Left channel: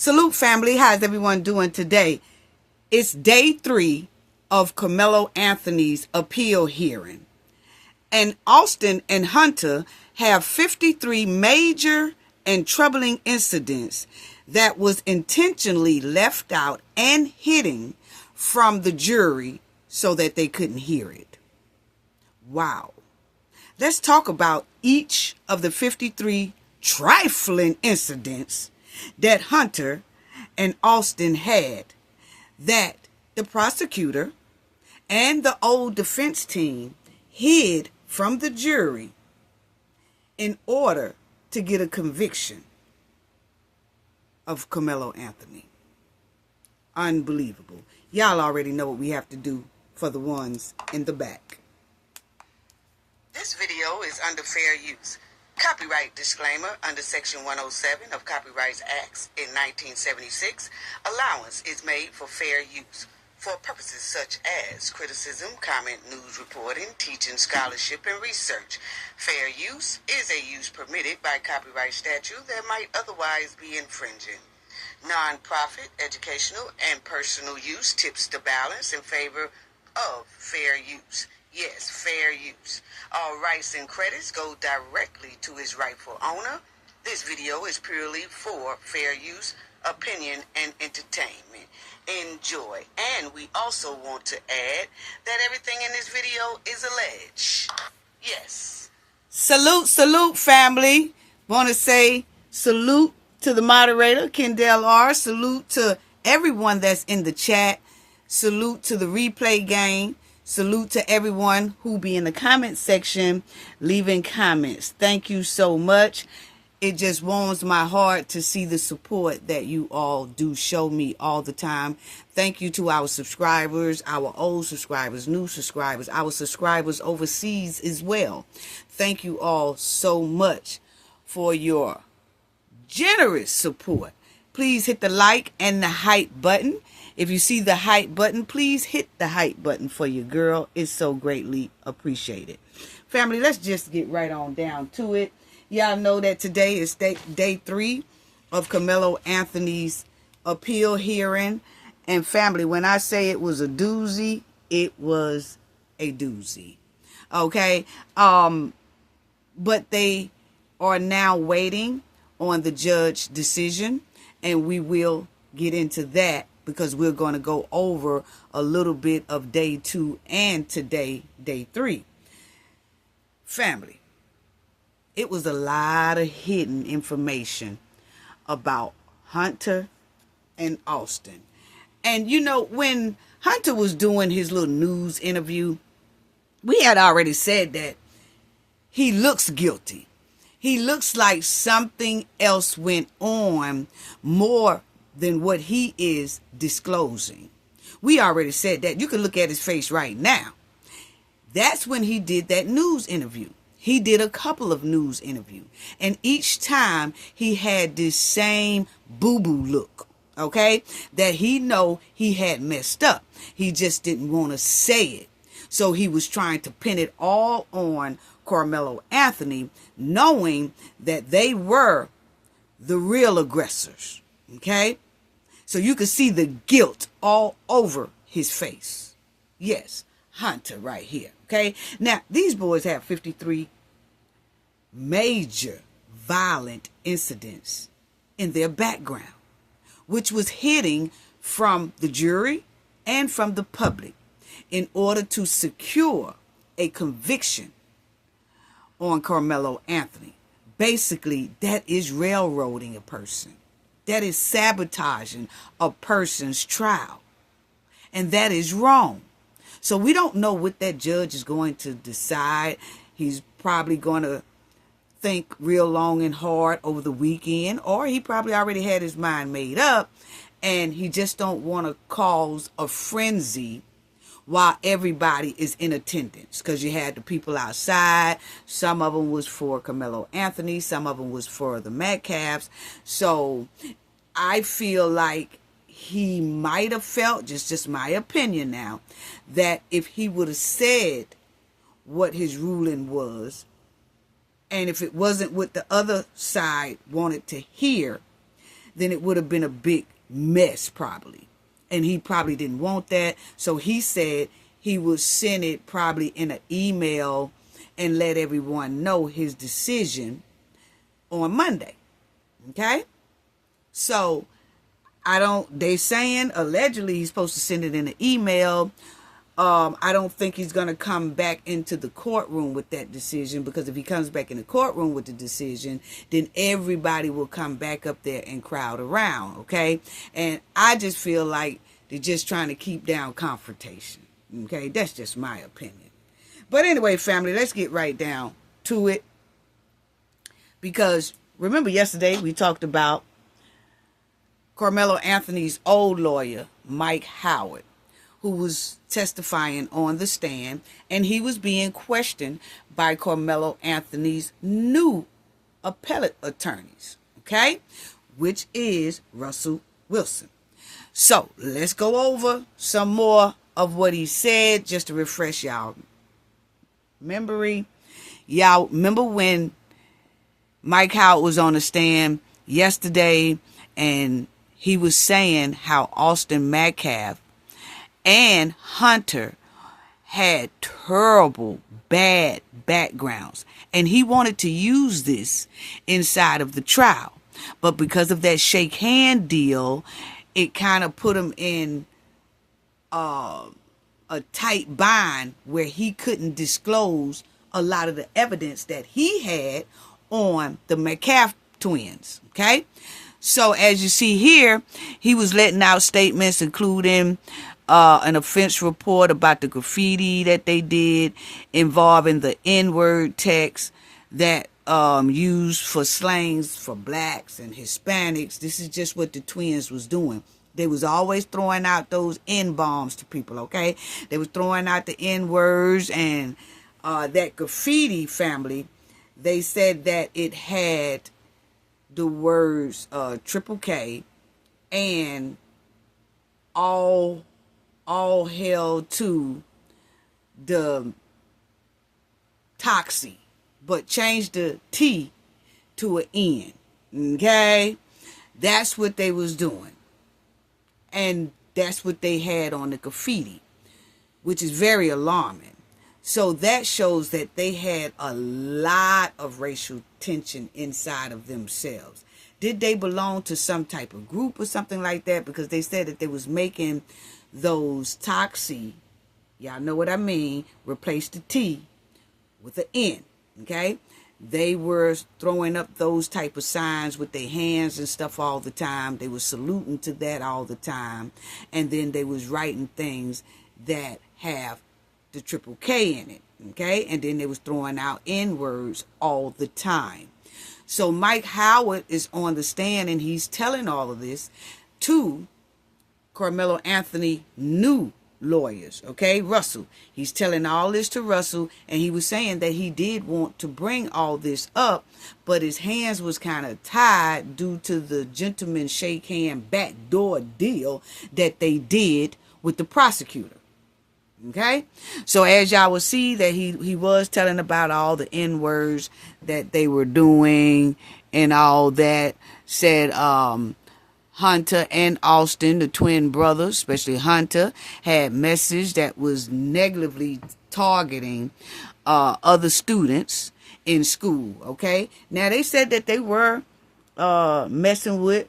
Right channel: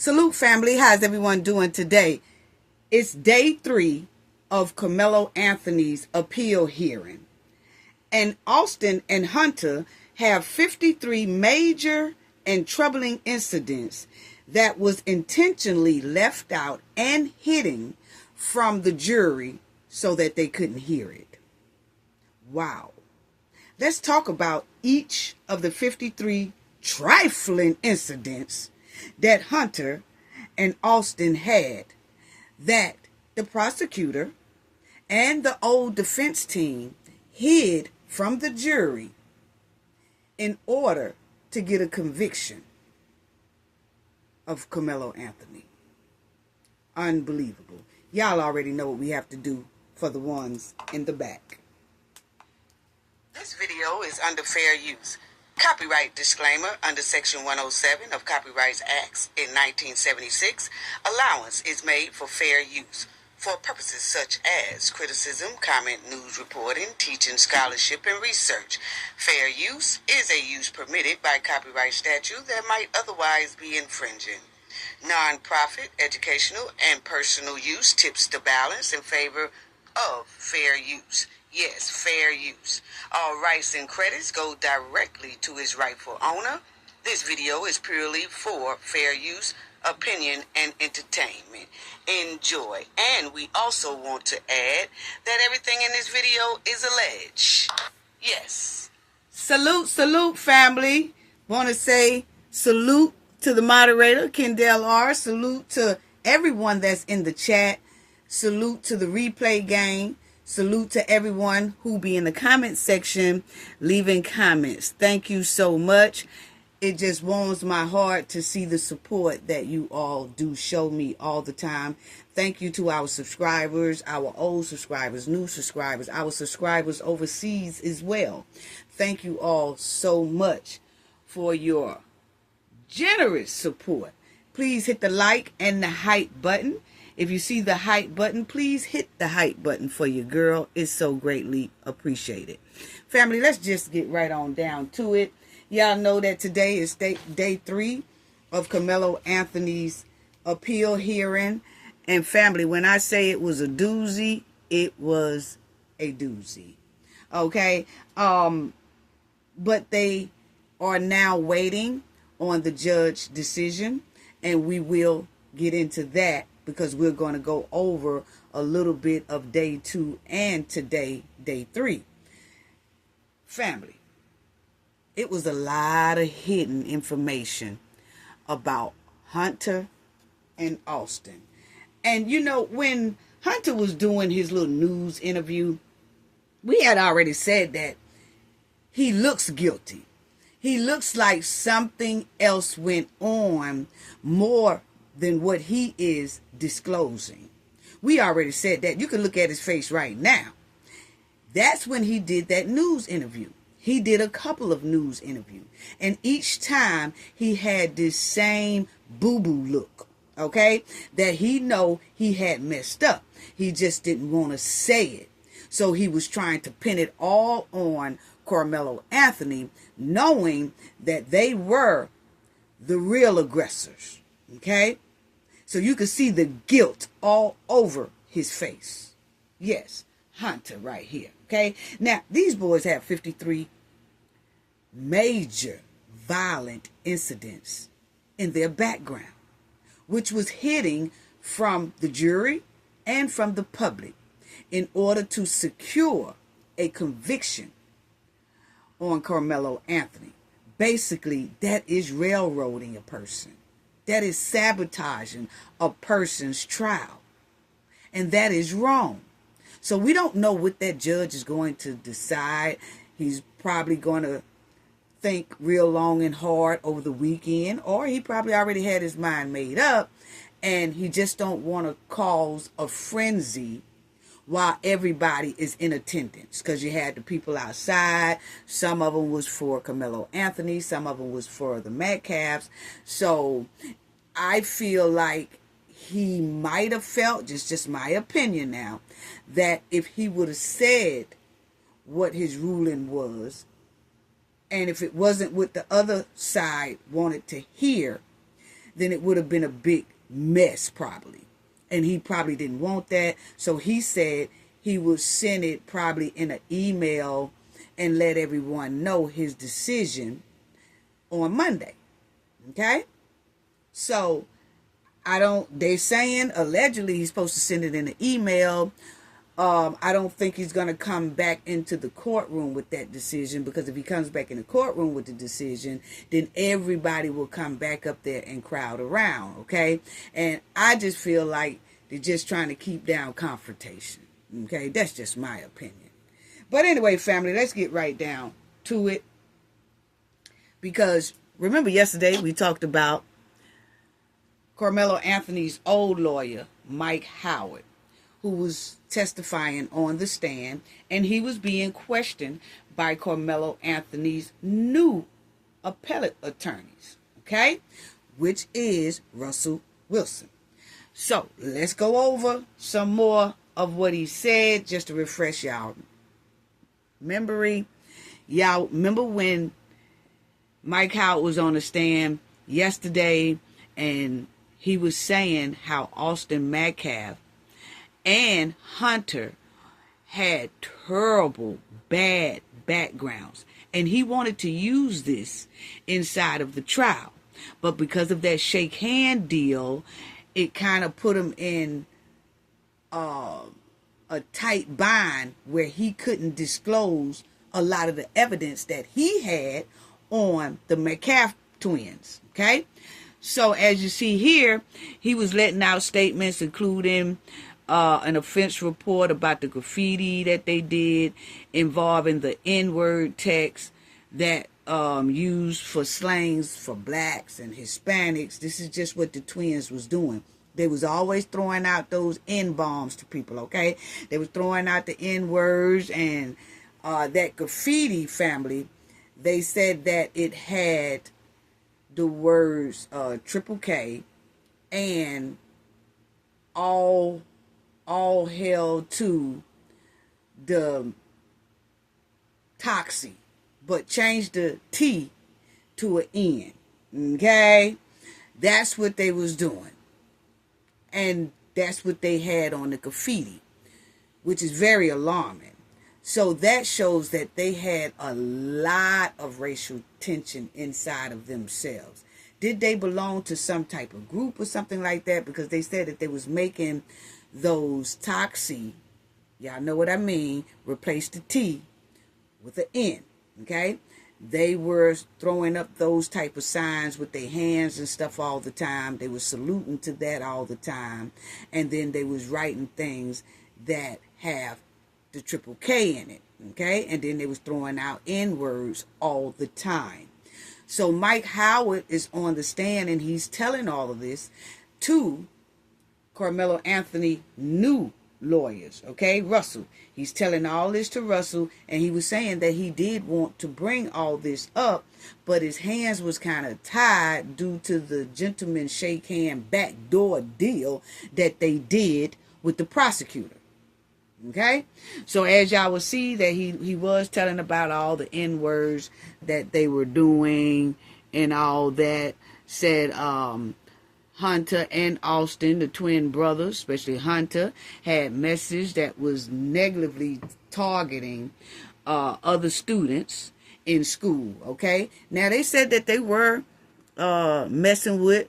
Salute, family. How's everyone doing today? It's day 3 of Karmelo Anothony's appeal hearing. And Austin and Hunter have 53 major and troubling incidents that was intentionally left out and hidden from the jury so that they couldn't hear it. Wow. Let's talk about each of the 53 trifling incidents that Hunter and Austin had that the prosecutor and the old defense team hid from the jury in order to get a conviction of Karmelo Anothony. Unbelievable. Y'all already know what we have to do for the ones in the back. This video is under fair use. Copyright disclaimer under Section 107 of Copyright Acts in 1976. Allowance is made for fair use for purposes such as criticism, comment, news reporting, teaching, scholarship, and research. Fair use is a use permitted by copyright statute that might otherwise be infringing. Non-profit, educational, and personal use tips the balance in favor of fair use. Yes, fair use. All rights and credits go directly to its rightful owner. This video is purely for fair use, opinion, and entertainment. Enjoy. And we also want to add that everything in this video is alleged. Yes. Salute, family. Want to say salute to the moderator, Kendall R. Salute to everyone that's in the chat. Salute to the replay gang. Salute to everyone who be in the comment section leaving comments. Thank you so much. It just warms my heart to see the support that you all do show me all the time. Thank you to our subscribers, our old subscribers, new subscribers, our subscribers overseas as well. Thank you all so much for your generous support. Please hit the like and the hype button. If you see the hype button, please hit the hype button for your girl. It's so greatly appreciated. Family, let's just get right on down to it. Y'all know that today is day 3 of Karmelo Anothony's appeal hearing. And family, when I say it was a doozy, it was a doozy. Okay? But they are now waiting on the judge's decision. And we will get into that, because we're going to go over a little bit of day 2 and today, day 3. Family, it was a lot of hidden information about Hunter and Austin. And, you know, when Hunter was doing his little news interview, we had already said that he looks guilty. He looks like something else went on more than what he is disclosing. We already said that. You can look at his face right now. That's when he did that news interview. He did a couple of news interviews. And each time he had this same boo-boo look, okay? That he know he had messed up. He just didn't want to say it. So he was trying to pin it all on Karmelo Anothony, knowing that they were the real aggressors, okay? So you can see the guilt all over his face. Yes, Hunter right here. Okay. Now, these boys have 53 major violent incidents in their background, which was hidden from the jury and from the public in order to secure a conviction on Karmelo Anothony. Basically, that is railroading a person. That is sabotaging a person's trial. And that is wrong. So we don't know what that judge is going to decide. He's probably going to think real long and hard over the weekend. Or he probably already had his mind made up. And he just don't want to cause a frenzy while everybody is in attendance. Because you had the people outside. Some of them was for Karmelo Anothony. Some of them was for the Metcalfs. So I feel like he might have felt, just my opinion now, that if he would have said what his ruling was, and if it wasn't what the other side wanted to hear, then it would have been a big mess probably. And he probably didn't want that. So he said he would send it probably in an email and let everyone know his decision on Monday. Okay? So they saying allegedly he's supposed to send it in an email. I don't think he's going to come back into the courtroom with that decision, because if he comes back in the courtroom with the decision, then everybody will come back up there and crowd around, okay? And I just feel like they're just trying to keep down confrontation, okay? That's just my opinion. But anyway, family, let's get right down to it. Because remember yesterday we talked about Karmelo Anthony's old lawyer, Mike Howard, who was testifying on the stand, and he was being questioned by Karmelo Anthony's new appellate attorneys, okay, which is Russell Wilson. So let's go over some more of what he said just to refresh y'all memory. Y'all remember when Mike Howard was on the stand yesterday and he was saying how Austin Metcalf and Hunter had terrible, bad backgrounds. And he wanted to use this inside of the trial. But because of that shake hand deal, it kind of put him in a tight bind where he couldn't disclose a lot of the evidence that he had on the Metcalf twins. Okay? So as you see here, he was letting out statements including an offense report about the graffiti that they did involving the N-word text that used for slangs for blacks and Hispanics. This is just what the twins was doing. They was always throwing out those N-bombs to people, okay? They was throwing out the N-words, and that graffiti, family, they said that it had the words triple K and all hail to the Toxie, but change the T to an N. Okay? That's what they was doing. And that's what they had on the graffiti, which is very alarming. So that shows that they had a lot of racial tension inside of themselves. Did they belong to some type of group or something like that? Because they said that they was making those Toxie, y'all know what I mean, replace the T with an N, okay? They were throwing up those type of signs with their hands and stuff all the time. They were saluting to that all the time. And then they was writing things that have the triple K in it, okay? And then they was throwing out N-words all the time. So Mike Howard is on the stand and he's telling all of this to Karmelo Anthony new lawyers, okay? Russell. He's telling all this to Russell, and he was saying that he did want to bring all this up, but his hands was kind of tied due to the gentleman shake hand backdoor deal that they did with the prosecutor. Okay? So as y'all will see that he was telling about all the N-words that they were doing and all that. Said Hunter and Austin, the twin brothers, especially Hunter, had message that was negatively targeting other students in school, okay? Now, they said that they were messing with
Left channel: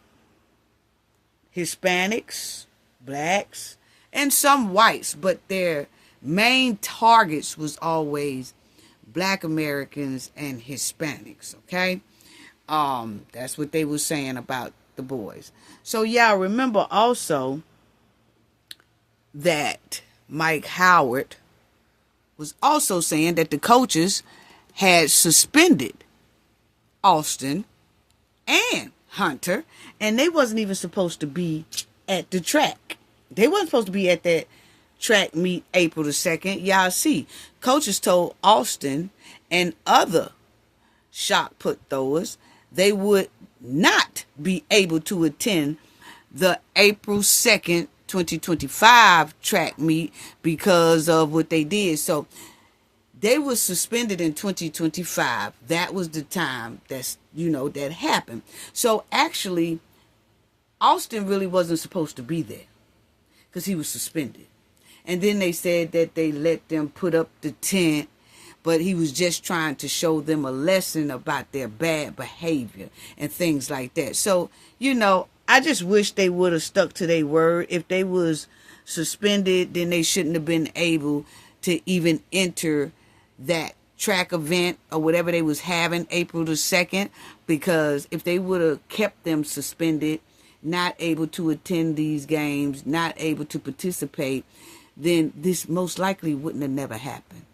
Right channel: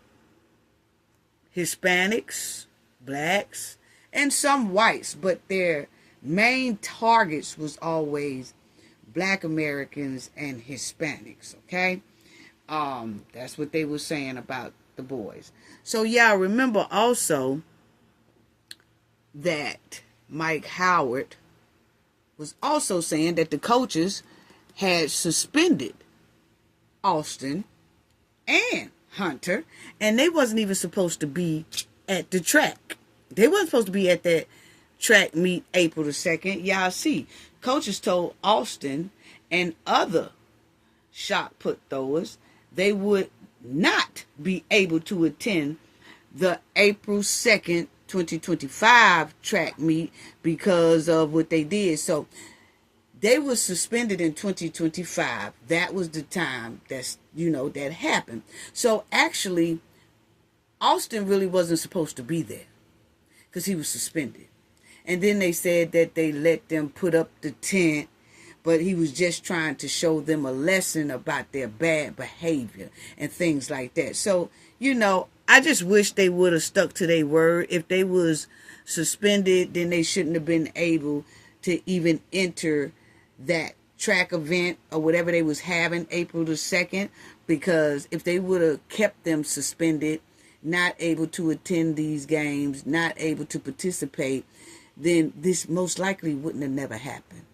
Hispanics, blacks, and some whites, but their main targets was always Black Americans and Hispanics, okay? That's what they were saying about the boys. So y'all remember also that Mike Howard was also saying that the coaches had suspended Austin and Hunter, and they wasn't even supposed to be at the track. They wasn't supposed to be at that track meet April the 2nd. Y'all see, coaches told Austin and other shot put throwers they would not be able to attend the April 2nd, 2025 track meet because of what they did. So they were suspended in 2025. That was the time that happened. So actually, Austin really wasn't supposed to be there because he was suspended. And then they said that they let them put up the tent, but he was just trying to show them a lesson about their bad behavior and things like that. So, I just wish they would have stuck to their word. If they was suspended, then they shouldn't have been able to even enter that track event or whatever they was having April the 2nd, because if they would have kept them suspended, not able to attend these games, not able to participate, then this most likely wouldn't have never happened.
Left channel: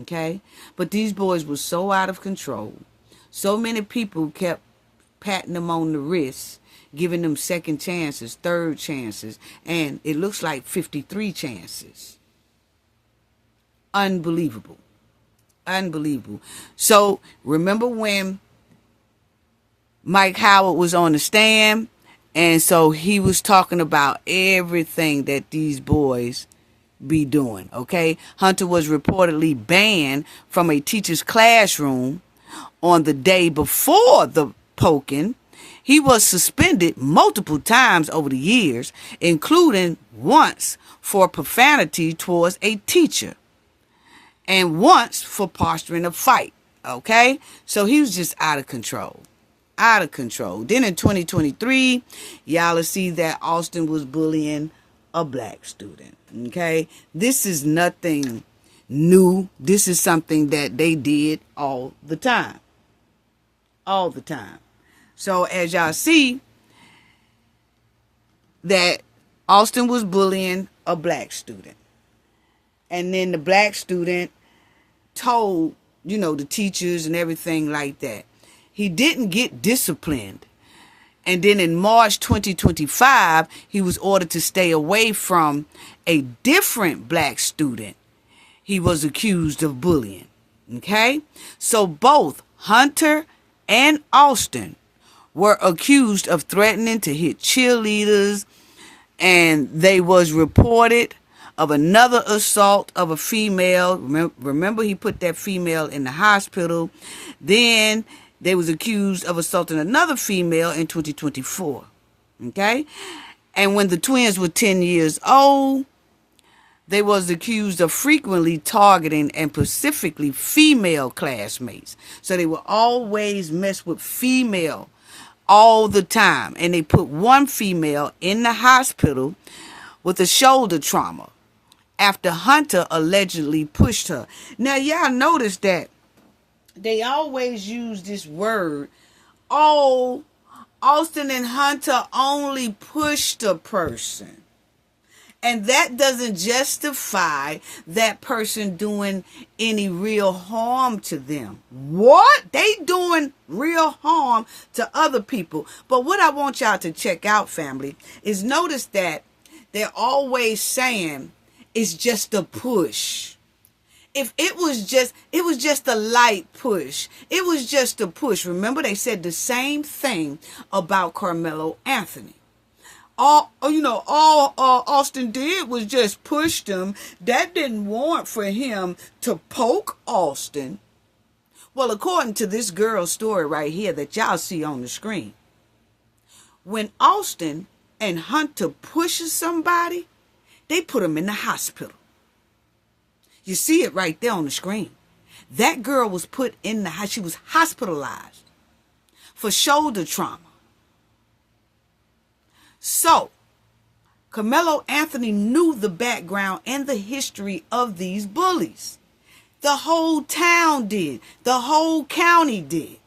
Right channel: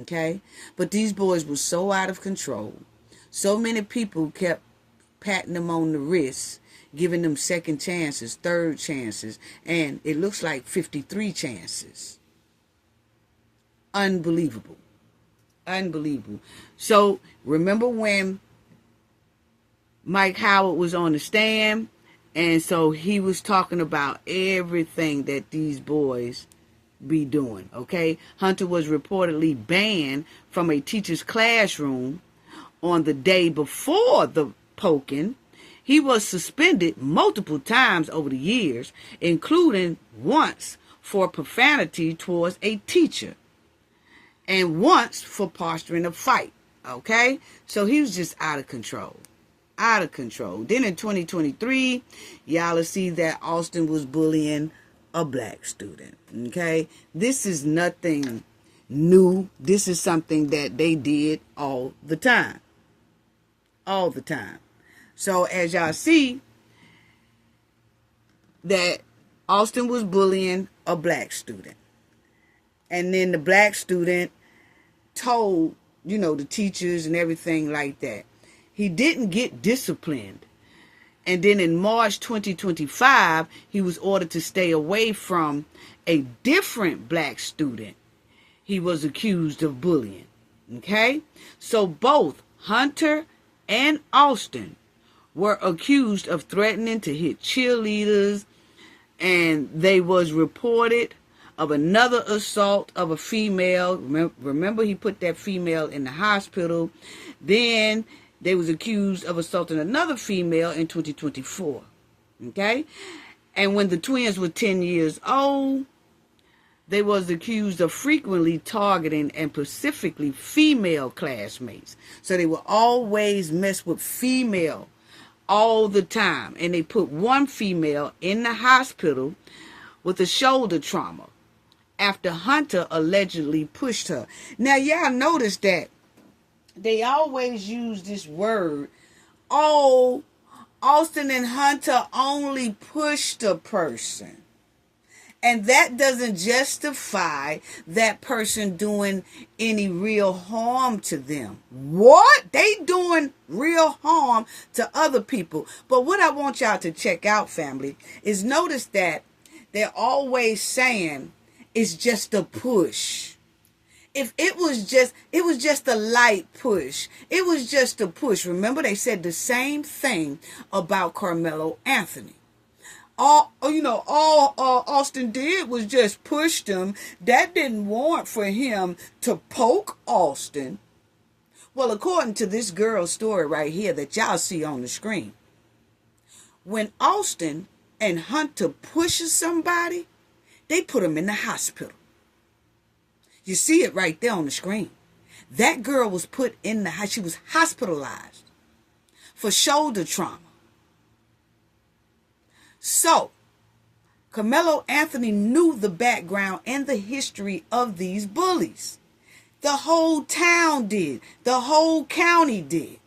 Okay? But these boys were so out of control. So many people kept patting them on the wrist, giving them second chances, third chances, and it looks like 53 chances. Unbelievable. Unbelievable. So remember when Mike Howard was on the stand, and so he was talking about everything that these boys be doing, okay? Hunter was reportedly banned from a teacher's classroom on the day before the poking. He was suspended multiple times over the years, including once for profanity towards a teacher and once for posturing a fight, okay? So he was just out of control. Out of control. Then in 2023, y'all will see that Austin was bullying a black student, okay? This is nothing new. This is something that they did all the time. All the time. So as y'all see, that Austin was bullying a black student. And then the black student told, the teachers and everything like that. He didn't get disciplined. And then in March 2025, he was ordered to stay away from a different black student he was accused of bullying. Okay? So both Hunter and Austin were accused of threatening to hit cheerleaders, and they was reported of another assault of a female. Remember, he put that female in the hospital. Then they was accused of assaulting another female in 2024. Okay? And when the twins were 10 years old, they was accused of frequently targeting and specifically female classmates. So they would always mess with female all the time. And they put one female in the hospital with a shoulder trauma after Hunter allegedly pushed her. Now, y'all notice that they always use this word, oh, Austin and Hunter only pushed a person. And that doesn't justify that person doing any real harm to them. What? They doing real harm to other people. But what I want y'all to check out, family, is notice that they're always saying it's just a push. If it was just a light push. It was just a push. Remember, they said the same thing about Karmelo Anothony. All Austin did was just push them. That didn't warrant for him to poke Austin. Well, according to this girl's story right here that y'all see on the screen, when Austin and Hunter pushes somebody, they put them in the hospital. You see it right there on the screen. That girl was put in the hospital. She was hospitalized for shoulder trauma. So, Karmelo Anothony knew the background and the history of these bullies. The whole town did. The whole county did.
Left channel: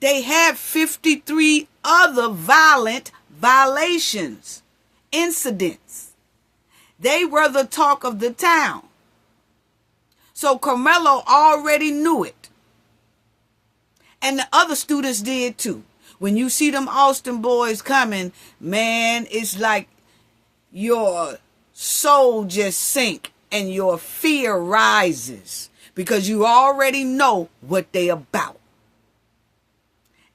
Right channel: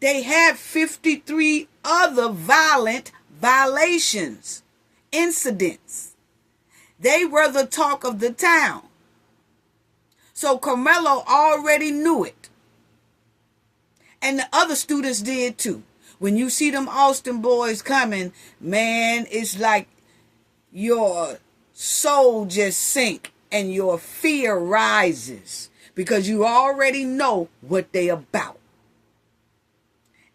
They had 53 other violent violations, incidents. They were the talk of the town. So Karmelo already knew it. And the other students did too. When you see them Austin boys coming, man, it's like your soul just sink and your fear rises because you already know what they about.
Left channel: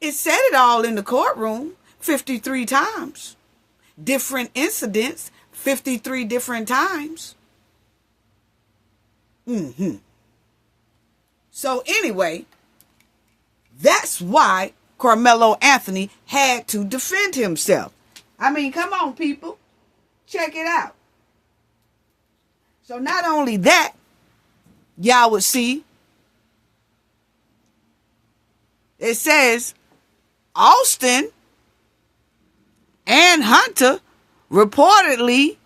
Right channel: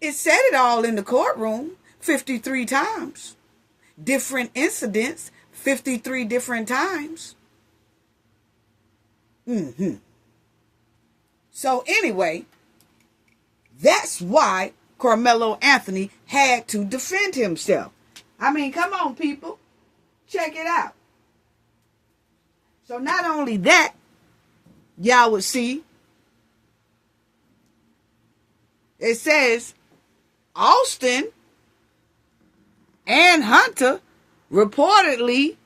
It said it all in the courtroom 53 times. Different incidents 53 different times. So anyway, that's why Karmelo Anothony had to defend himself. I mean, come on, people. Check it out. So not only that, y'all would see, it says Austin and Hunter reportedly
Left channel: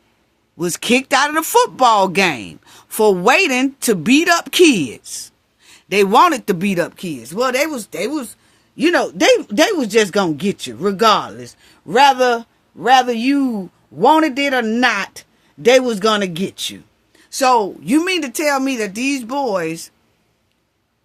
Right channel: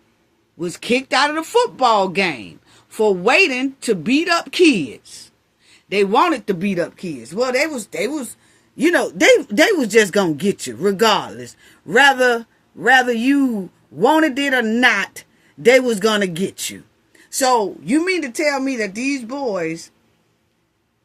was kicked out of the football game for waiting to beat up kids. They wanted to beat up kids. Well, they was, you know, they was just gonna get you regardless. Rather you wanted it or not, they was gonna get you. So you mean to tell me that these boys,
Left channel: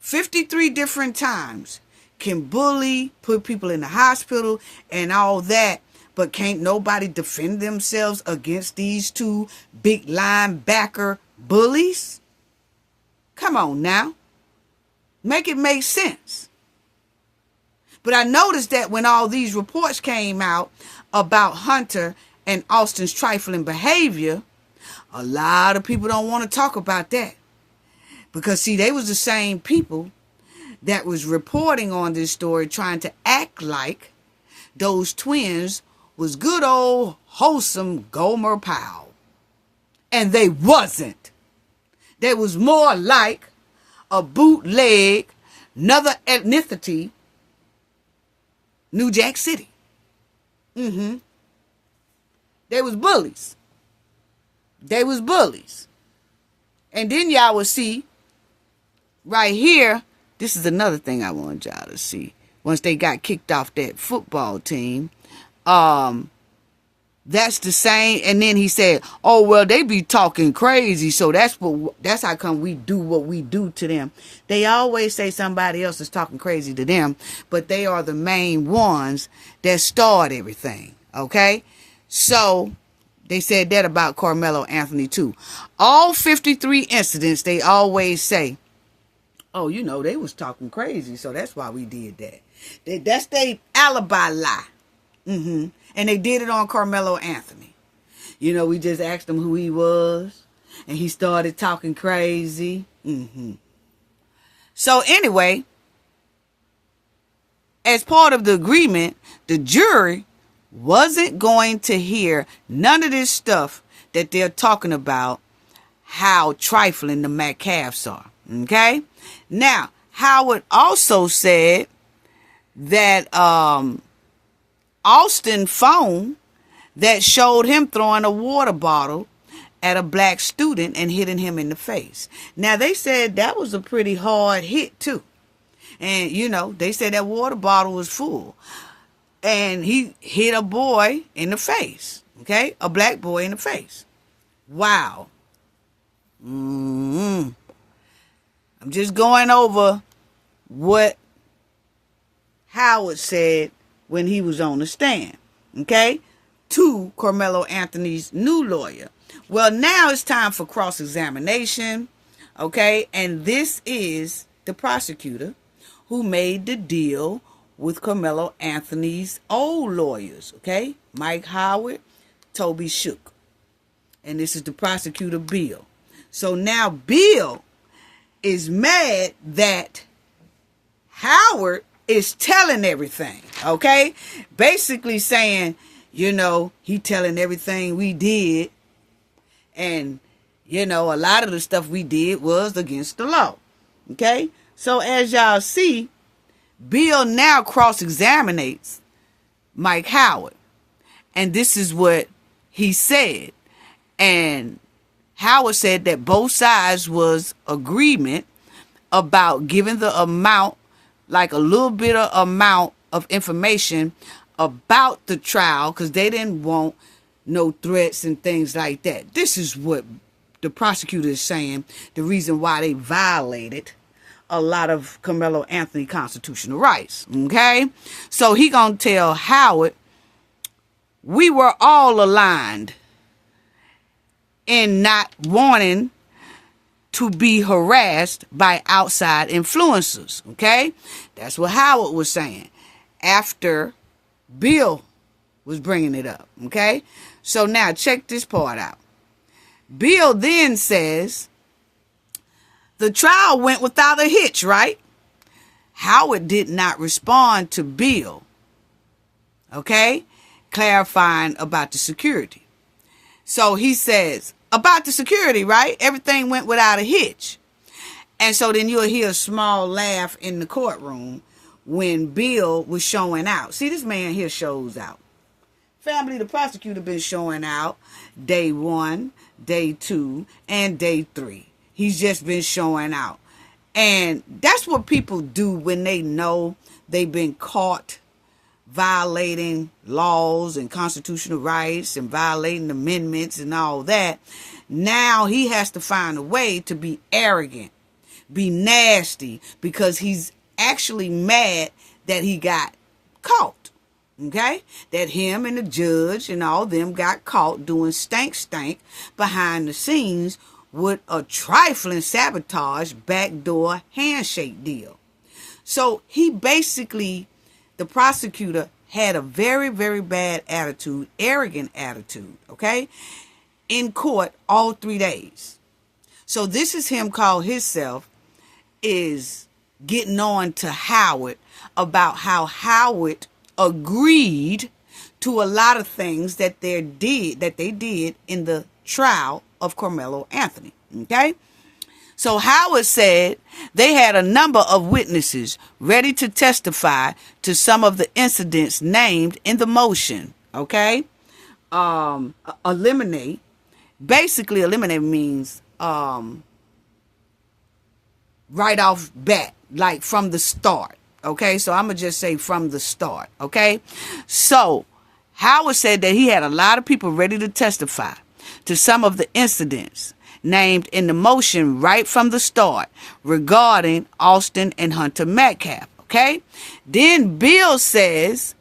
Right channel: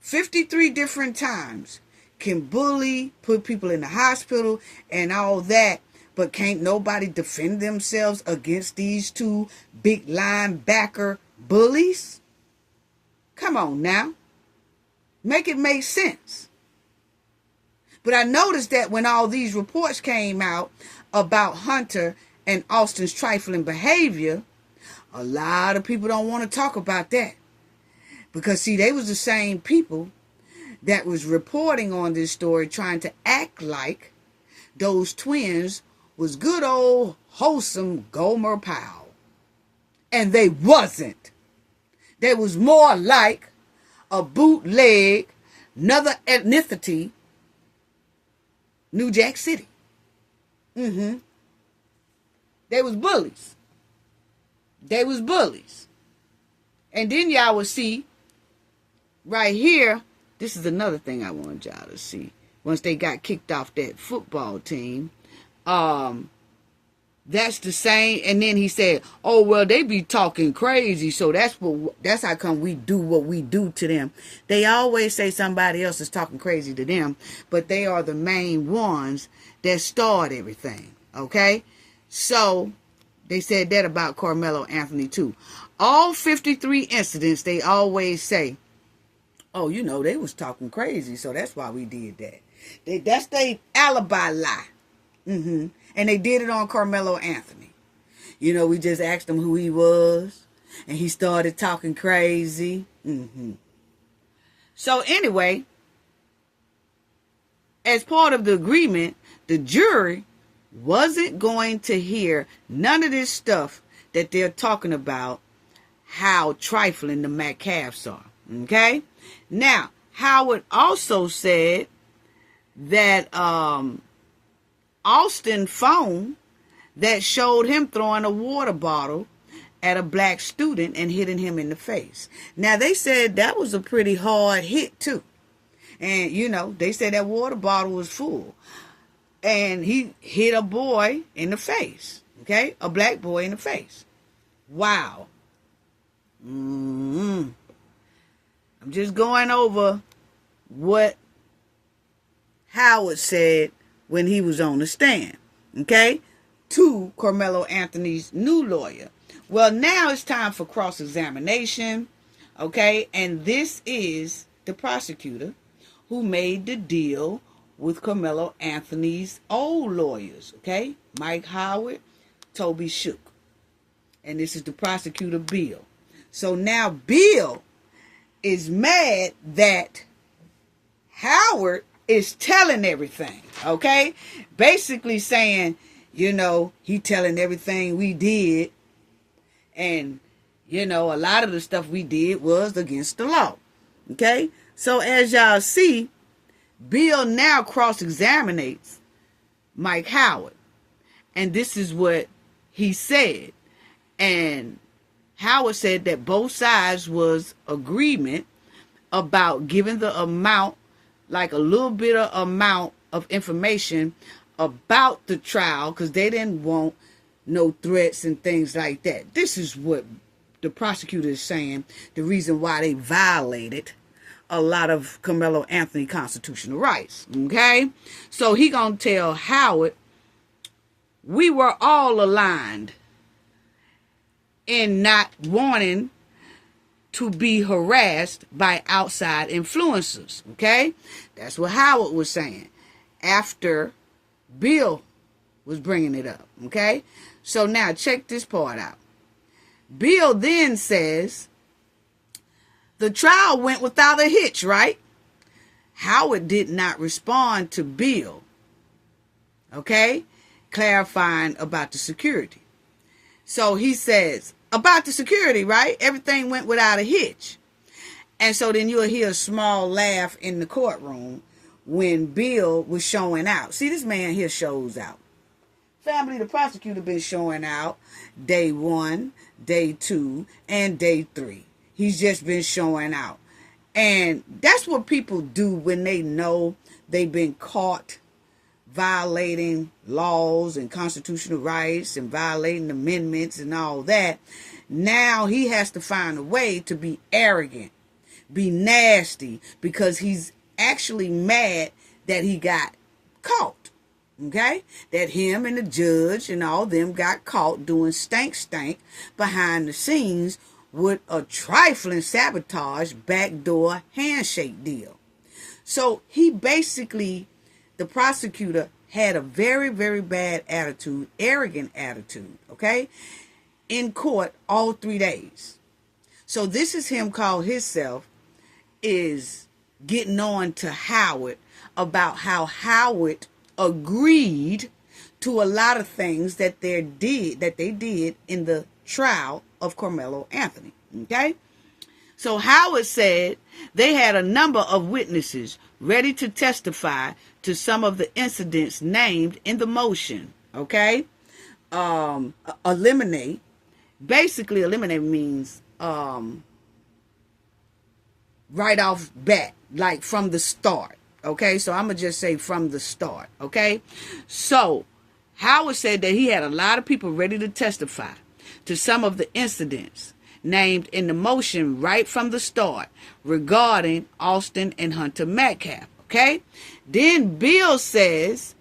53 different times, can bully, put people in the hospital and all that, but can't nobody defend themselves against these two big linebacker bullies? Come on now. Make it make sense. But I noticed that when all these reports came out about Hunter and Austin's trifling behavior, a lot of people don't want to talk about that. Because, see, they was the same people that was reporting on this story, trying to act like those twins was good old, wholesome Gomer Pyle. And they wasn't. They was more like a bootleg, another ethnicity, New Jack City. They was bullies. They was bullies. And then y'all will see right here, this is another thing I want y'all to see. Once they got kicked off that football team, that's the same. And then he said, oh, well, they be talking crazy. So that's how come we do what we do to them. They always say somebody else is talking crazy to them, but they are the main ones that start everything. Okay. So they said that about Karmelo Anothony too. All 53 incidents, they always say, oh, you know, they was talking crazy. So that's why we did that. That's their alibi lie. And they did it on Karmelo Anothony. You know, we just asked him who he was, and he started talking crazy. So anyway, as part of the agreement, the jury wasn't going to hear none of this stuff that they're talking about, how trifling the Metcalfs are. Okay? Now, Howard also said that Austin phone that showed him throwing a water bottle at a black student and hitting him in the face. Now, they said that was a pretty hard hit, too. And, you know, they said that water bottle was full. And he hit a boy in the face. Okay? A black boy in the face. Wow. I'm just going over what Howard said when he was on the stand, okay, to Karmelo Anothony's new lawyer. Well, now it's time for cross-examination, okay, and this is the prosecutor who made the deal with Karmelo Anothony's old lawyers, okay, Mike Howard, Toby Shook, and this is the prosecutor, Bill. So now Bill is mad that Howard is telling everything, okay? Basically saying, you know, he telling everything we did. And, you know, a lot of the stuff we did was against the law, okay? So as y'all see, Bill now cross-examinates Mike Howard. And this is what he said. And Howard said that both sides was agreement about giving the amount, like a little bit of amount of information about the trial, because they didn't want no threats and things like that. This is what the prosecutor is saying, the reason why they violated a lot of Karmelo Anothony constitutional rights, okay? So he gonna tell Howard, we were all aligned in not wanting to be harassed by outside influencers, okay? That's what Howard was saying after Bill was bringing it up, okay? So now check this part out. Bill then says, the trial went without a hitch, right? Howard did not respond to Bill, okay? clarifying about the security. So he says, about the security, right? Everything went without a hitch. And so then you'll hear a small laugh in the courtroom when Bill was showing out. See, this man here shows out. Family, the prosecutor been showing out day 1, day 2, and day 3. He's just been showing out. And that's what people do when they know they've been caught violating laws and constitutional rights and violating amendments and all that. Now he has to find a way to be arrogant, be nasty, because he's actually mad that he got caught. Okay? That him and the judge and all them got caught doing stank behind the scenes with a trifling sabotage backdoor handshake deal. So he basically, the prosecutor had a very, very bad attitude, arrogant attitude, okay, in court all 3 days. So this is him called himself is getting on to Howard about how Howard agreed to a lot of things that they did in the trial of Karmelo Anothony. Okay? So Howard said they had a number of witnesses ready to testify to some of the incidents named in the motion. Okay? Eliminate. Basically, eliminate means right off bat, like from the start. Okay? So I'm going to just say from the start. Okay? So Howard said that he had a lot of people ready to testify to some of the incidents named in the motion right from the start regarding Austin and Hunter Metcalf. Okay? Then Bill says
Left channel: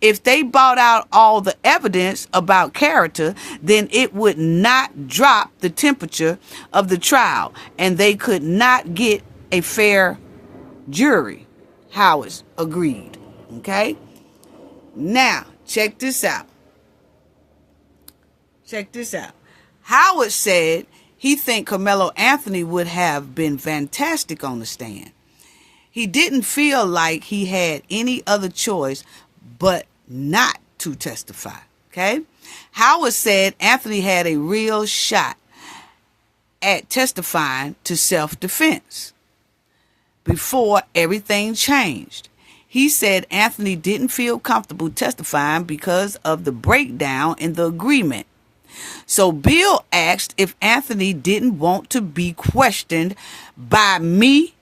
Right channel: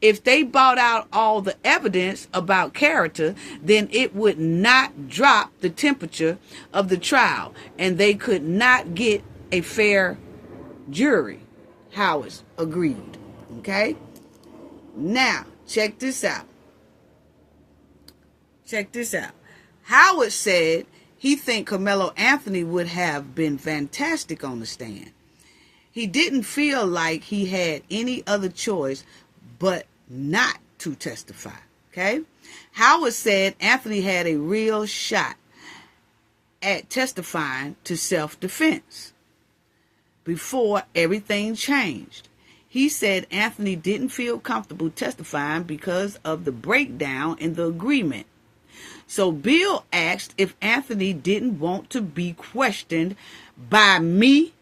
if they brought out all the evidence about character, then it would not drop the temperature of the trial and they could not get a fair jury. Howard agreed. Okay? Now, check this out. Check this out. Howard said he think Karmelo Anothony would have been fantastic on the stand. He didn't feel like he had any other choice but not to testify. Okay? Howard said Anthony had a real shot at testifying to self-defense before everything changed. He said Anthony didn't feel comfortable testifying because of the breakdown in the agreement. So Bill asked if Anthony didn't want to be questioned by me.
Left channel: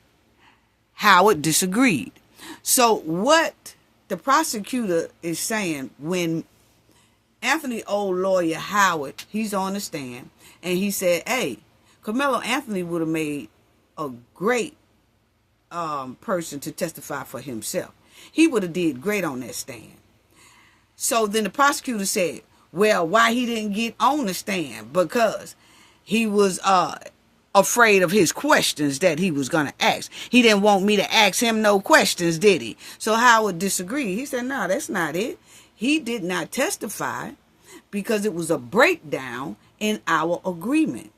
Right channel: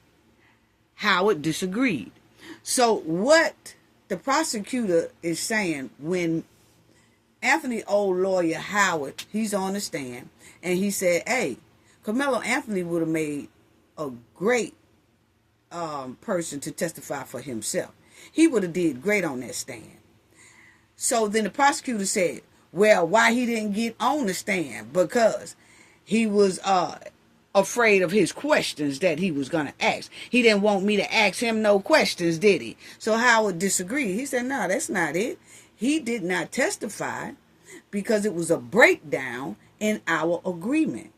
Howard disagreed. So what the prosecutor is saying, when Anthony old lawyer Howard, he's on the stand, and he said, hey, Karmelo Anothony would have made a great person to testify for himself. He would have did great on that stand. So then the prosecutor said, well, why he didn't get on the stand? Because he was afraid of his questions that he was going to ask. He didn't want me to ask him no questions, did he? So Howard disagreed. He said, no, that's not it. He did not testify because it was a breakdown in our agreement.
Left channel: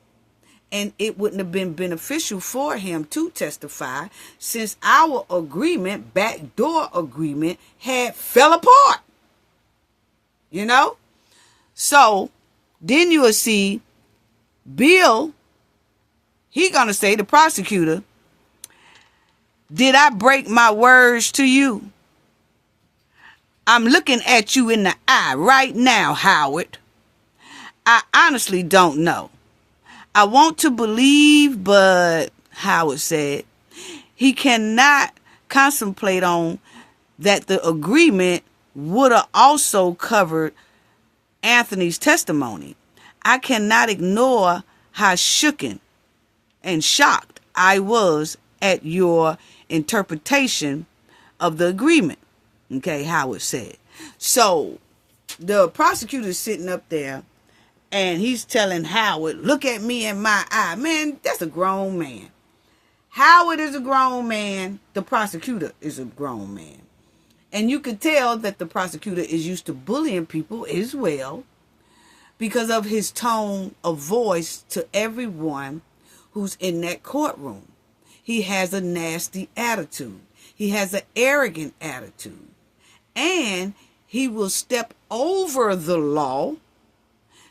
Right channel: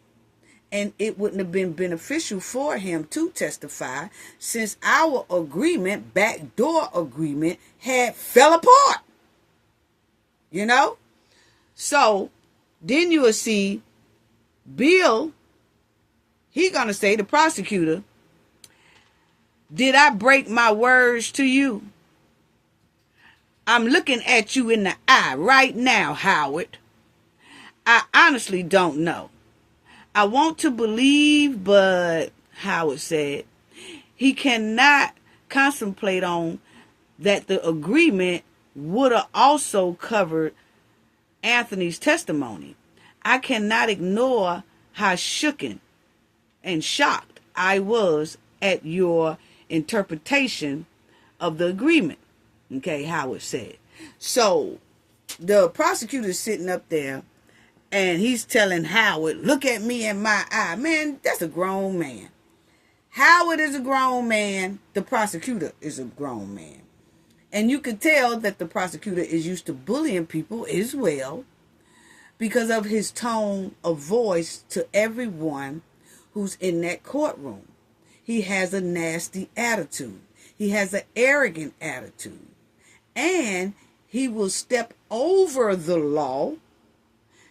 And it wouldn't have been beneficial for him to testify since our agreement, backdoor agreement, had fell apart. You know? So then you will see Bill, he going to say, the prosecutor, did I break my words to you? I'm looking at you in the eye right now, Howard. I honestly don't know. I want to believe, but Howard said, he cannot contemplate on that the agreement would have also covered Anthony's testimony. I cannot ignore how shooken and shocked I was at your interpretation of the agreement. Okay, Howard said. So the prosecutor is sitting up there and he's telling Howard, look at me in my eye. Man, that's a grown man. Howard is a grown man. The prosecutor is a grown man. And you can tell that the prosecutor is used to bullying people as well because of his tone of voice to everyone who's in that courtroom. He has a nasty attitude. He has an arrogant attitude. And he will step over the law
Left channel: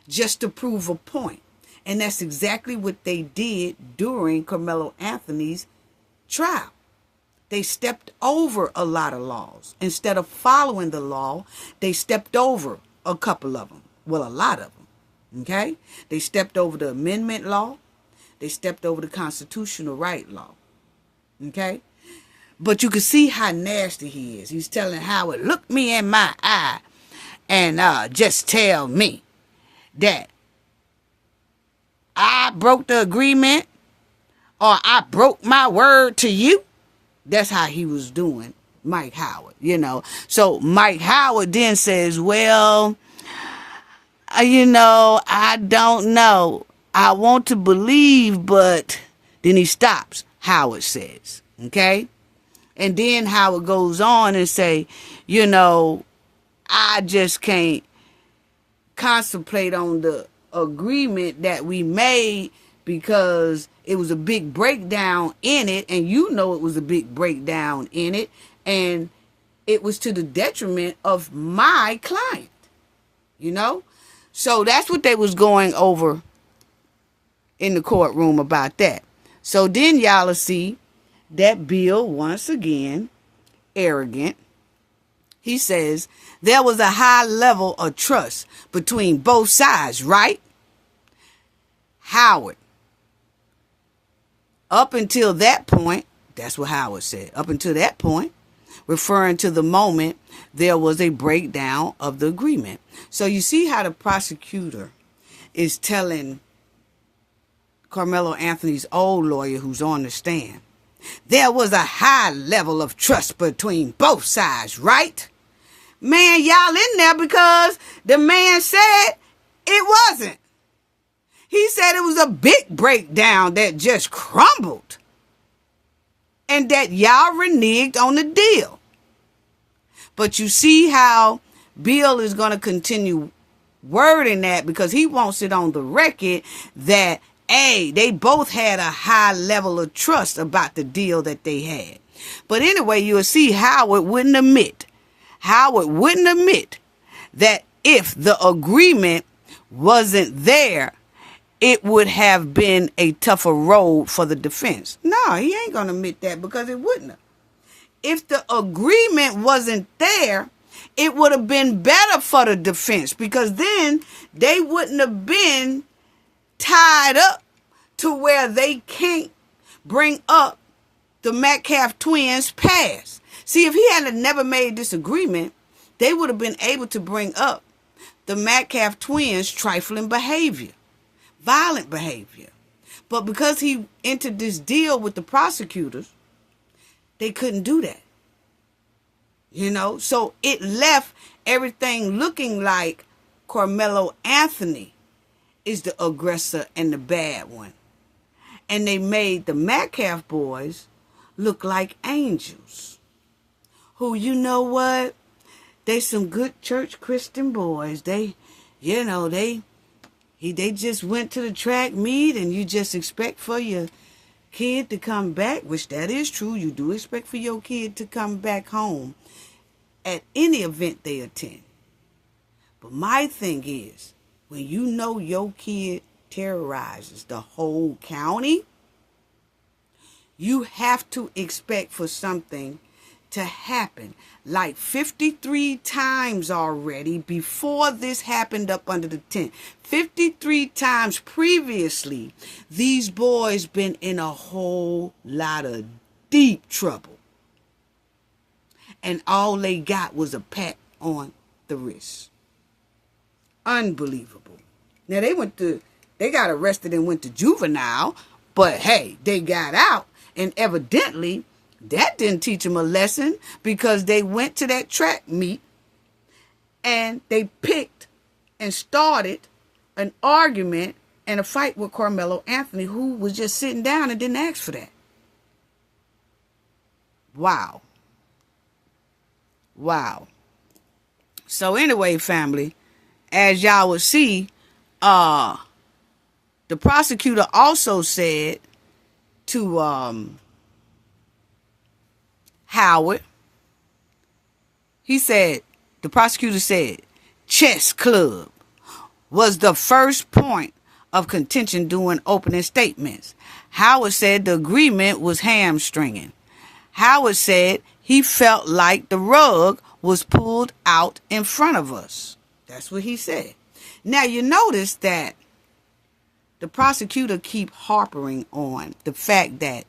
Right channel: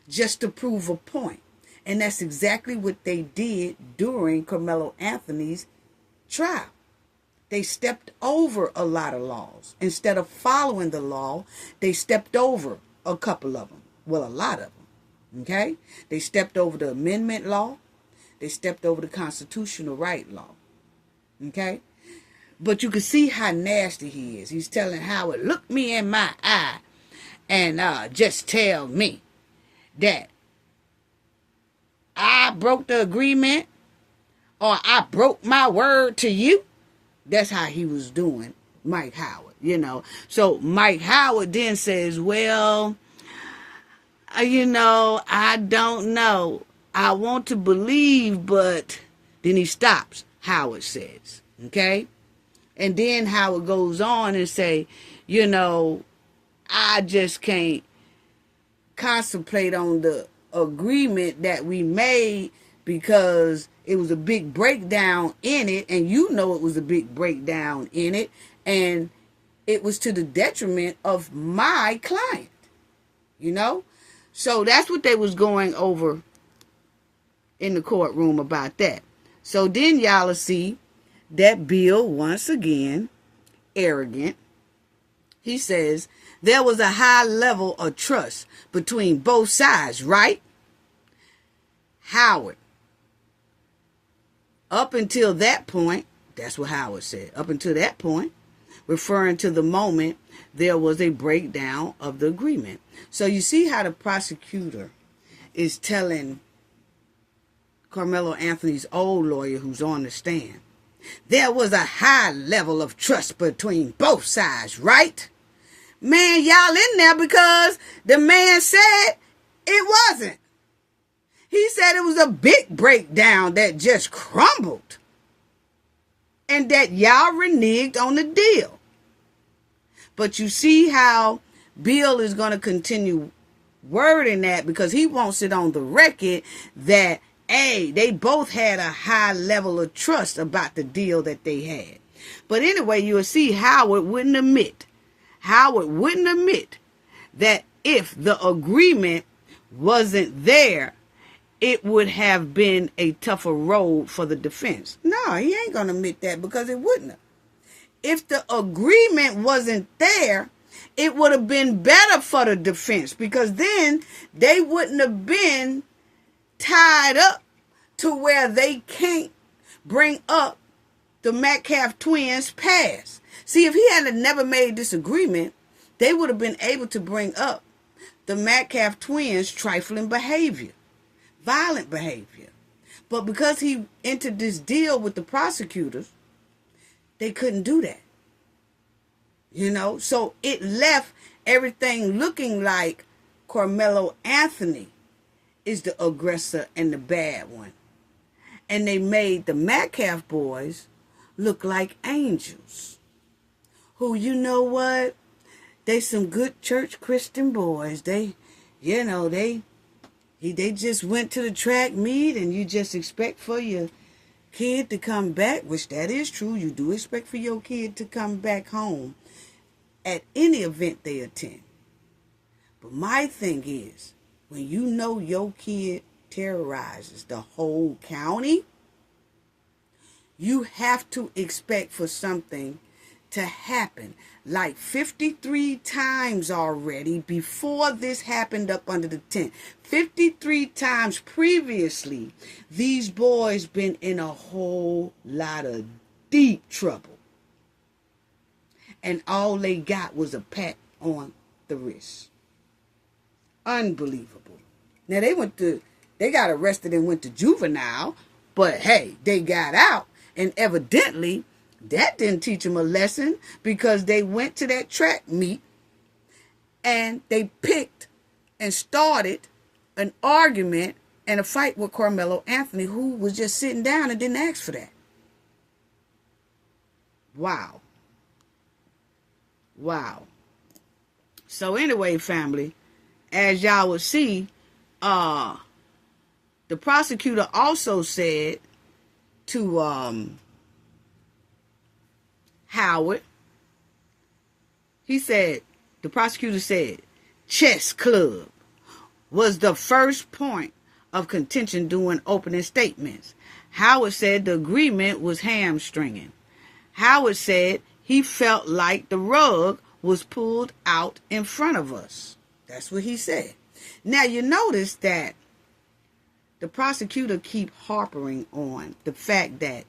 just to prove a point. And that's exactly what they did during Karmelo Anthony's trial. They stepped over a lot of laws. Instead of following the law, they stepped over a couple of them. Well, a lot of them. Okay? They stepped over the amendment law. They stepped over the constitutional right law. Okay? But you can see how nasty he is. He's telling Howard, look me in my eye and just tell me that I broke the agreement or I broke my word to you. That's how he was doing Mike Howard, you know. So Mike Howard then says, well, I don't know. I want to believe, but then he stops, Howard says, okay? And then Howard goes on and say, I just can't contemplate on the agreement that we made because it was a big breakdown in it, and it was a big breakdown in it, and it was to the detriment of my client, So that's what they was going over in the courtroom about that. So then y'all will see that Bill, once again, arrogant. He says, there was a high level of trust between both sides, right? Howard. Up until that point, that's what Howard said. Up until that point, referring to the moment there was a breakdown of the agreement. So you see how the prosecutor is telling Karmelo Anthony's old lawyer who's on the stand, there was a high level of trust between both sides, right? Man, y'all in there because the man said it wasn't. He said it was a big breakdown that just crumbled. And that y'all reneged on the deal. But you see how Bill is going to continue wording that because he wants it on the record that, hey, they both had a high level of trust about the deal that they had. But anyway, you'll see Howard wouldn't admit that if the agreement wasn't there, it would have been a tougher road for the defense. No, he ain't going to admit that because it wouldn't have. If the agreement wasn't there, it would have been better for the defense because then they wouldn't have been tied up to where they can't bring up the Metcalf twins' past. See, if he had never made this agreement, they would have been able to bring up the Metcalf twins' trifling behavior, violent behavior. But because he entered this deal with the prosecutors, they couldn't do that. So it left everything looking like Karmelo Anthony is the aggressor and the bad one. And they made the Metcalf boys look like angels. Who, what? They some good church Christian boys. They just went to the track meet and you just expect for your kid to come back, which that is true. You do expect for your kid to come back home at any event they attend. But my thing is, when your kid terrorizes the whole county, you have to expect for something to happen. Like 53 times already before this happened up under the tent. 53 times previously, these boys been in a whole lot of deep trouble. And all they got was a pat on the wrist. Unbelievable. Now they got arrested and went to juvenile, but hey, they got out. And evidently, that didn't teach them a lesson because they went to that track meet and they picked and started an argument and a fight with Karmelo Anthony, who was just sitting down and didn't ask for that. Wow. So anyway, family, as y'all would see, the prosecutor also said to Howard, he said, the prosecutor said, chess club was the first point of contention during opening statements. Howard said the agreement was hamstringing. Howard said he felt like the rug was pulled out in front of us. That's what he said. Now you notice that the prosecutor keep harping on the fact that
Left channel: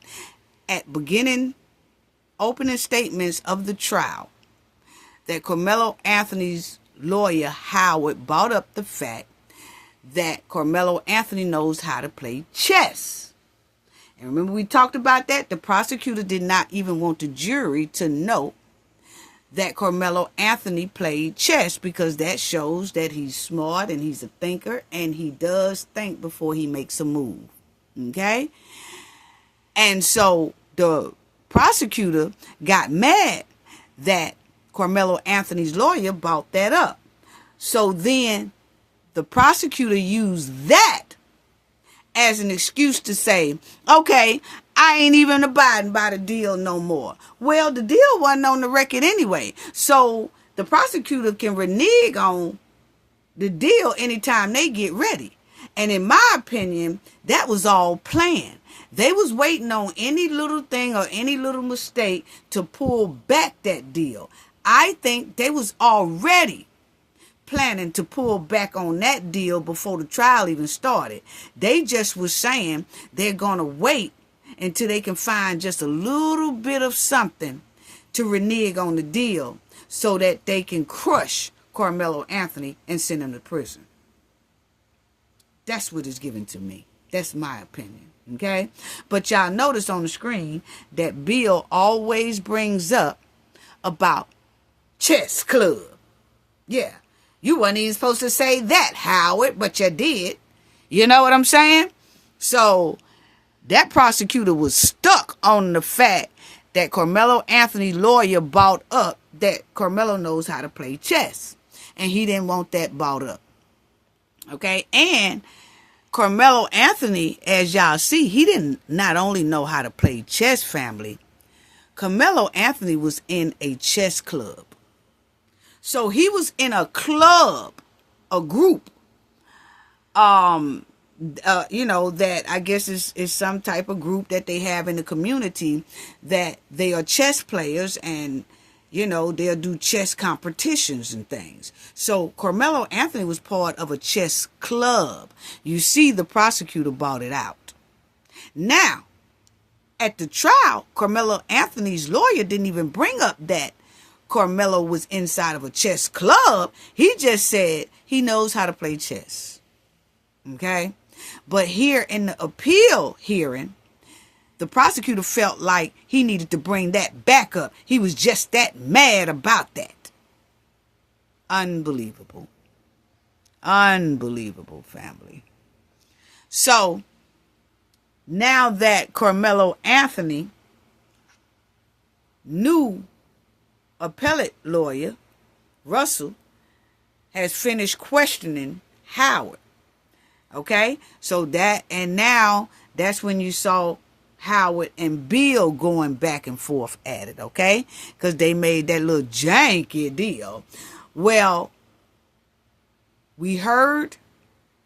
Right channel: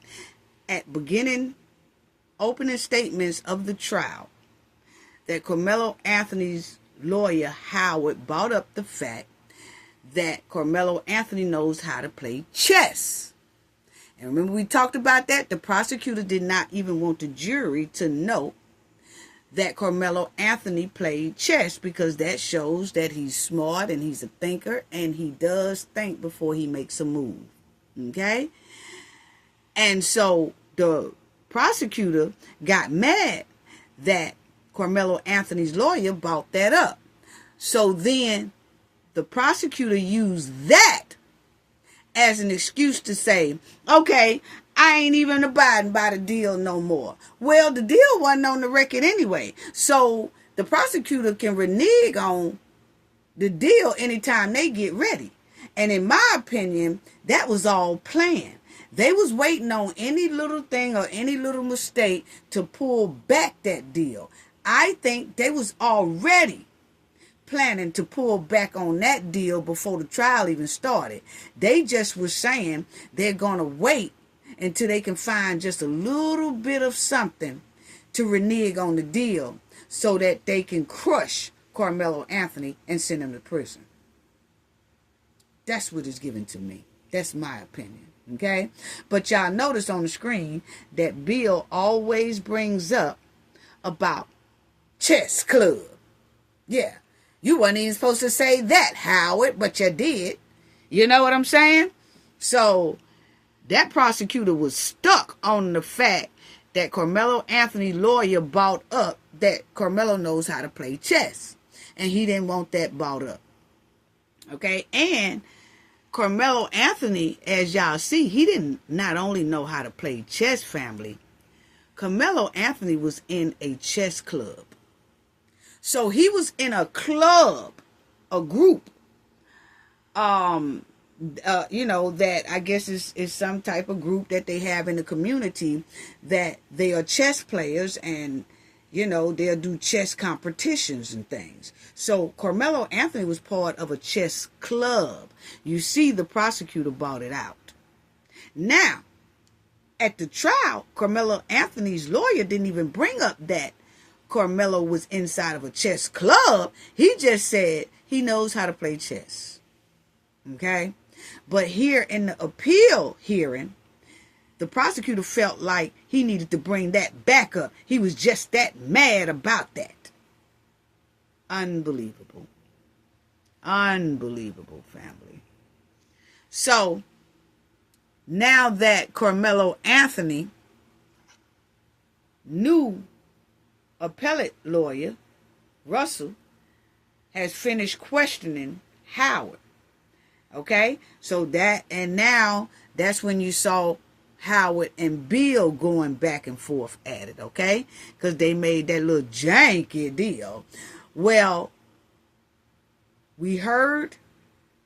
at beginning opening statements of the trial, that Karmelo Anthony's lawyer Howard brought up the fact that Karmelo Anthony knows how to play chess. And remember we talked about that? The prosecutor did not even want the jury to know that Karmelo Anthony played chess because that shows that he's smart and he's a thinker and he does think before he makes a move. Okay? And so the prosecutor got mad that Karmelo Anthony's lawyer brought that up. So then the prosecutor used that as an excuse to say, okay, I ain't even abiding by the deal no more. Well, the deal wasn't on the record anyway. So the prosecutor can renege on the deal anytime they get ready. And in my opinion, that was all planned. They was waiting on any little thing or any little mistake to pull back that deal. I think they was already planning to pull back on that deal before the trial even started. They just was saying they're going to wait until they can find just a little bit of something to renege on the deal so that they can crush Karmelo Anthony and send him to prison. That's what is given to me. That's my opinion. Okay? But y'all notice on the screen that Bill always brings up about chess club. Yeah. You wasn't even supposed to say that, Howard, but you did. You know what I'm saying? So that prosecutor was stuck on the fact that Karmelo Anthony's lawyer brought up that Karmelo knows how to play chess. And he didn't want that brought up. Okay? And Karmelo Anthony, as y'all see, he didn't not only know how to play chess, family. Karmelo Anthony was in a chess club. So he was in a club, a group, that I guess is some type of group that they have in the community that they are chess players and, they'll do chess competitions and things. So Karmelo Anthony was part of a chess club. You see, the prosecutor brought it out. Now, at the trial, Karmelo Anthony's lawyer didn't even bring up that Karmelo was inside of a chess club. He just said he knows how to play chess. Okay? But here in the appeal hearing, the prosecutor felt like he needed to bring that back up. He was just that mad about that. Unbelievable. Unbelievable, family. So, now that Karmelo Anthony knew appellate lawyer Russell has finished questioning Howard. Okay? So now that's when you saw Howard and Bill going back and forth at it, okay? Because they made that little janky deal. Well, we heard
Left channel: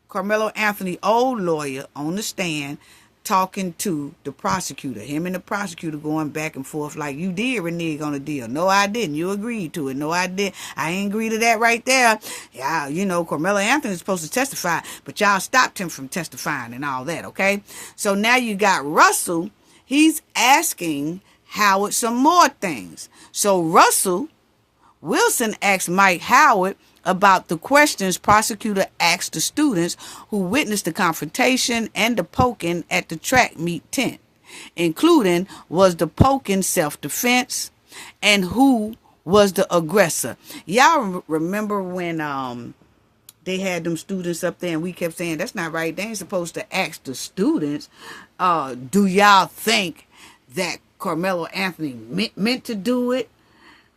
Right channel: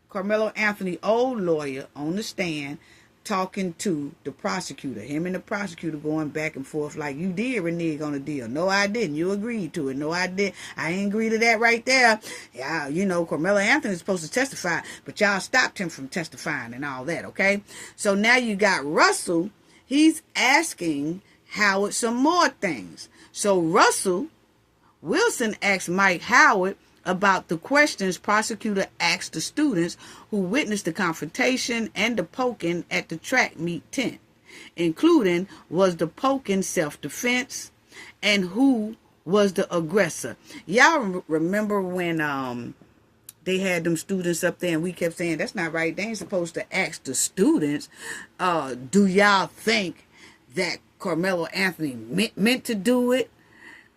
Karmelo Anthony, old lawyer, on the stand talking to the prosecutor. Him and the prosecutor going back and forth like, you did renege on the deal. No, I didn't. You agreed to it. No, I did. I ain't agree to that right there. Yeah, Karmelo Anthony is supposed to testify, but y'all stopped him from testifying and all that, okay? So now you got Russell. He's asking Howard some more things. So Russell Wilson asked Mike Howard about the questions prosecutor asked the students who witnessed the confrontation and the poking at the track meet tent, including was the poking self-defense and who was the aggressor. Y'all remember when they had them students up there and we kept saying, that's not right. They ain't supposed to ask the students, do y'all think that Karmelo Anthony meant to do it?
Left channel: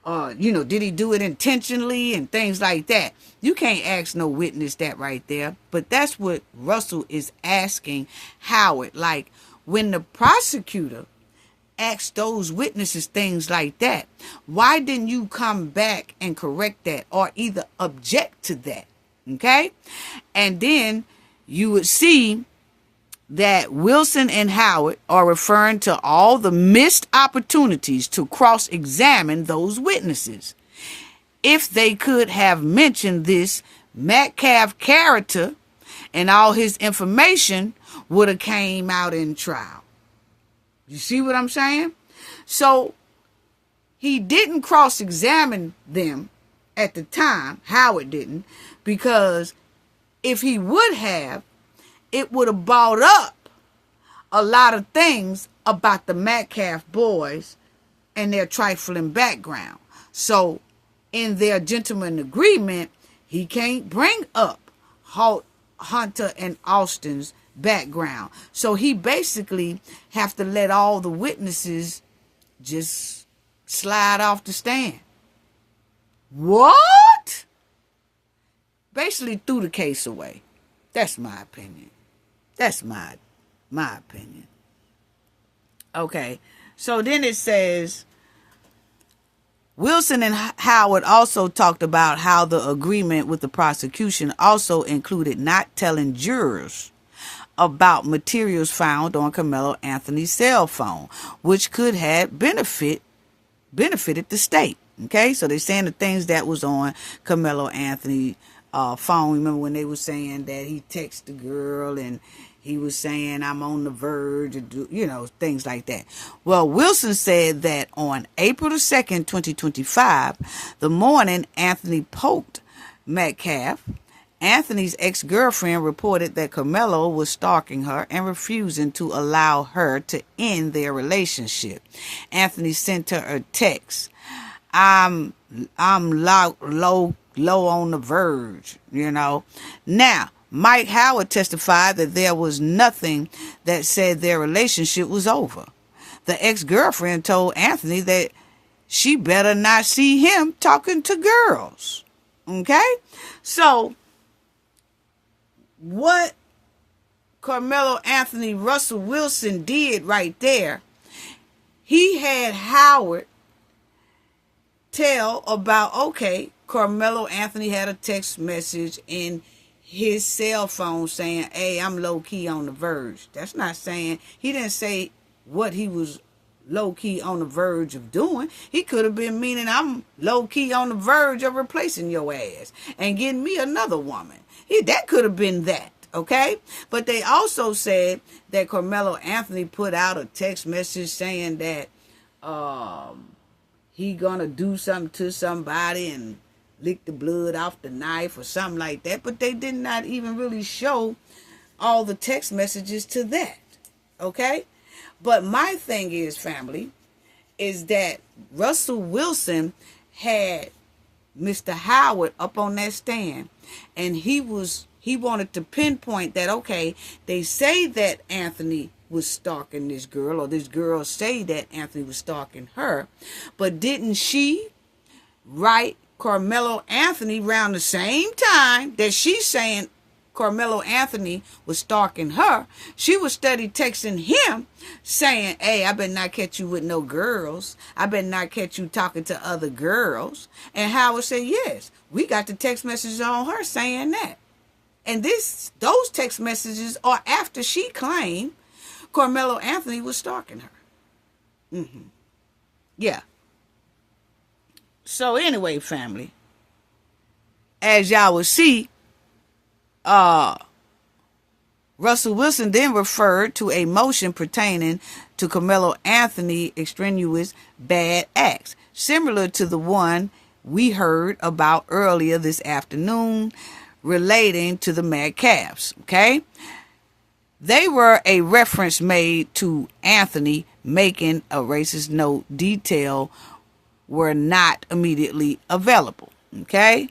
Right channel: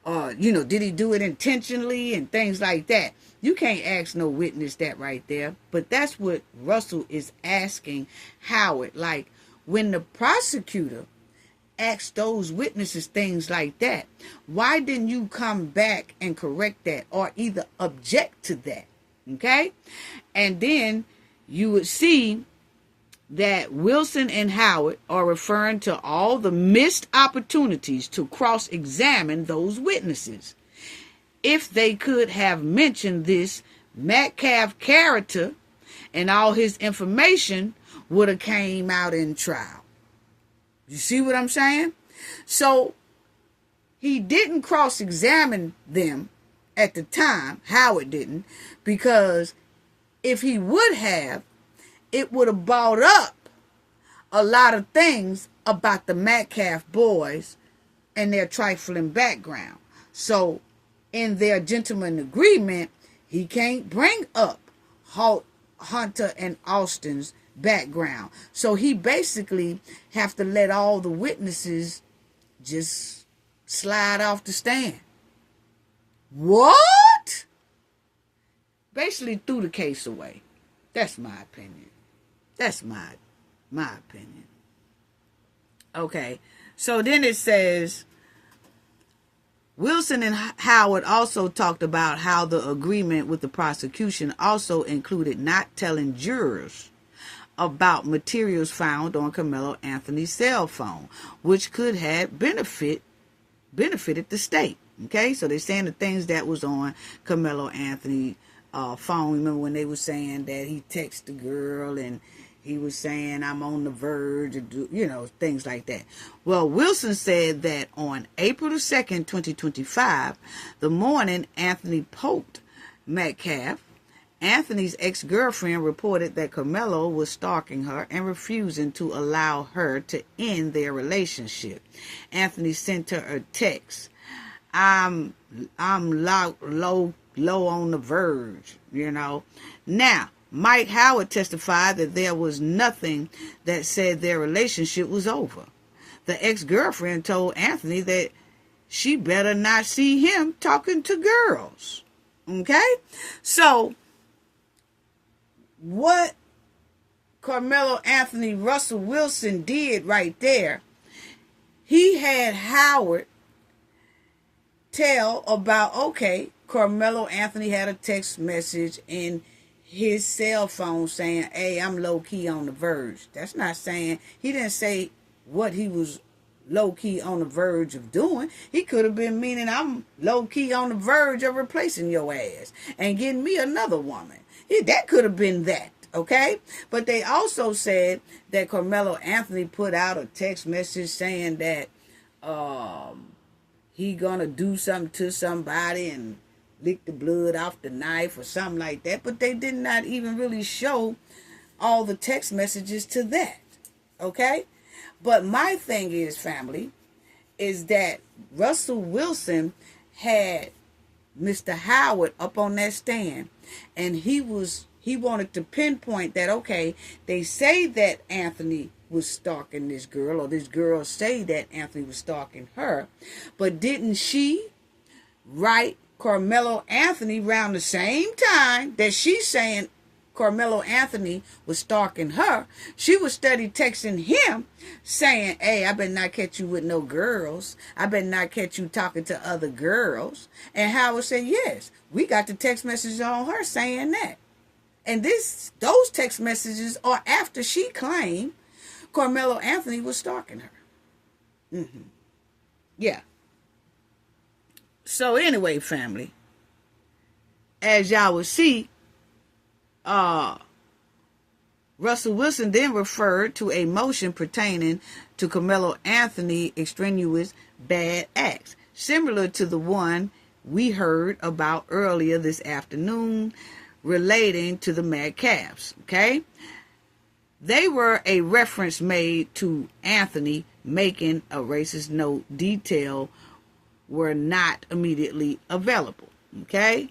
Did he do it intentionally and things like that? You can't ask no witness that right there. But that's what Russell is asking Howard. Like, when the prosecutor ask those witnesses things like that? Why didn't you come back and correct that or either object to that? Okay? And then you would see that Wilson and Howard are referring to all the missed opportunities to cross-examine those witnesses. If they could have mentioned this, Metcalf character and all his information would have came out in trial. You see what I'm saying? So he didn't cross-examine them at the time. Howard didn't, because if he would have, it would have brought up a lot of things about the Metcalf boys and their trifling background. So in their gentleman agreement, he can't bring up Hunter and Austin's background. So he basically have to let all the witnesses just slide off the stand. What? Basically threw the case away. That's my opinion. That's my opinion. Okay. So then it says, Wilson and Howard also talked about how the agreement with the prosecution also included not telling jurors about materials found on Karmelo Anthony's cell phone, which could have benefited the state. Okay, so they're saying the things that was on Karmelo Anthony's phone. Remember when they were saying that he texted the girl and he was saying, I'm on the verge of, things like that. Well, Wilson said that on April the 2nd, 2025, the morning Anthony poked Metcalf, Anthony's ex-girlfriend reported that Karmelo was stalking her and refusing to allow her to end their relationship. Anthony sent her a text. I'm low on the verge, Now, Mike Howard testified that there was nothing that said their relationship was over. The ex-girlfriend told Anthony that she better not see him talking to girls. Okay? So, what Karmelo Anthony Russell Wilson did right there, he had Howard tell about, okay, Karmelo Anthony had a text message in his cell phone saying, hey, I'm low-key on the verge. That's not saying, he didn't say what he was low-key on the verge of doing. He could have been meaning, I'm low-key on the verge of replacing your ass and getting me another woman. That could have been that, okay? But they also said that Karmelo Anthony put out a text message saying that he gonna do something to somebody and lick the blood off the knife or something like that. But they did not even really show all the text messages to that, okay? But my thing is, family, is that Russell Wilson had Mr. Howard up on that stand, and he wanted to pinpoint that, okay, they say that Anthony was stalking this girl, or this girl say that Anthony was stalking her, but didn't she write Karmelo Anthony around the same time that she's saying Karmelo Anthony was stalking her? She was steady texting him saying, hey, I better not catch you with no girls. I better not catch you talking to other girls. And Howard said, yes, we got the text messages on her saying that. And those text messages are after she claimed Karmelo Anthony was stalking her. Yeah. So anyway, family, as y'all will see, Russell Wilson then referred to a motion pertaining to Karmelo Anthony extraneous bad acts, similar to the one we heard about earlier this afternoon relating to the Metcalfs, okay? They were a reference made to Anthony making a racist note. Detail were not immediately available, okay?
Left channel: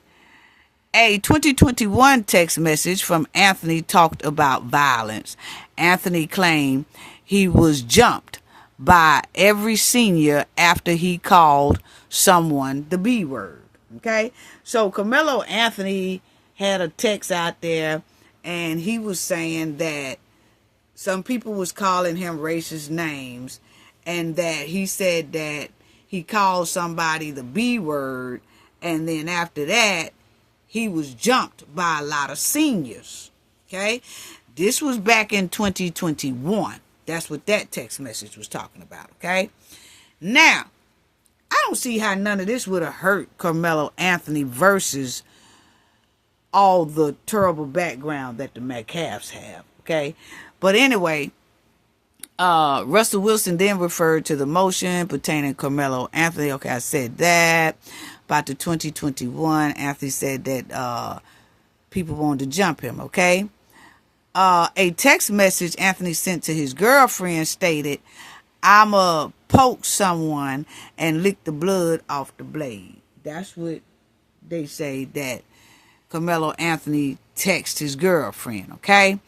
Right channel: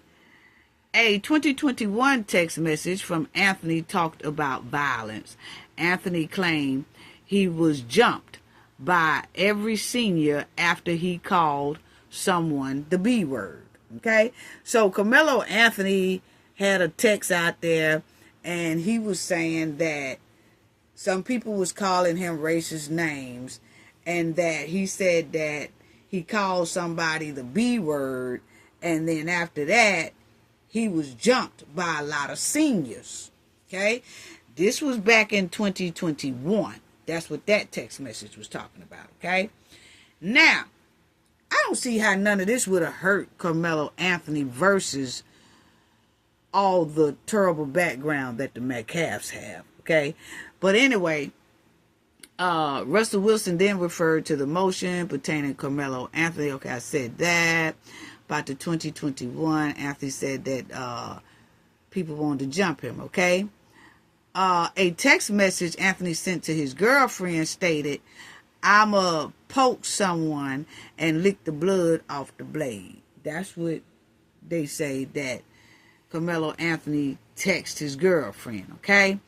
A 2021 text message from Anthony talked about violence. Anthony claimed he was jumped by every senior after he called someone the B word, okay? So Karmelo Anthony had a text out there, and he was saying that some people was calling him racist names, and that he said that he called somebody the B word, and then after that, he was jumped by a lot of seniors. Okay? This was back in 2021. That's what that text message was talking about. Okay? Now, I don't see how none of this would have hurt Karmelo Anothony versus all the terrible background that the Metcalfs have. Okay? But anyway, Russell Wilson then referred to the motion pertaining to Karmelo Anothony. Okay, I said that. About the 2021, Anthony said that people wanted to jump him, okay? A text message Anthony sent to his girlfriend stated, "I'ma poke someone and lick the blood off the blade." That's what they say that Karmelo Anothony texted his girlfriend, okay?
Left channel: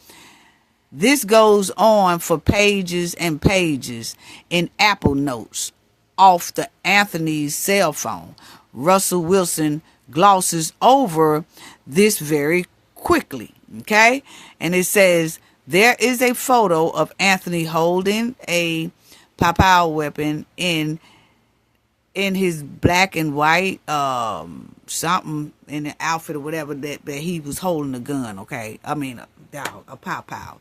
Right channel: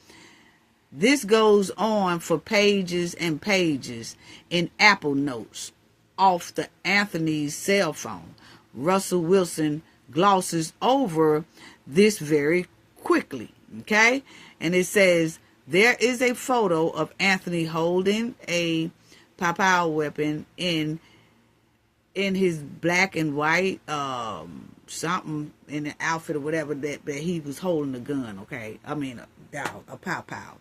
This goes on for pages and pages in Apple Notes off the Anthony's cell phone. Russell Wilson glosses over this very quickly, okay? And it says, there is a photo of Anthony holding a pow weapon in his black and white something in the outfit or whatever that he was holding a gun, okay? I mean, a pow.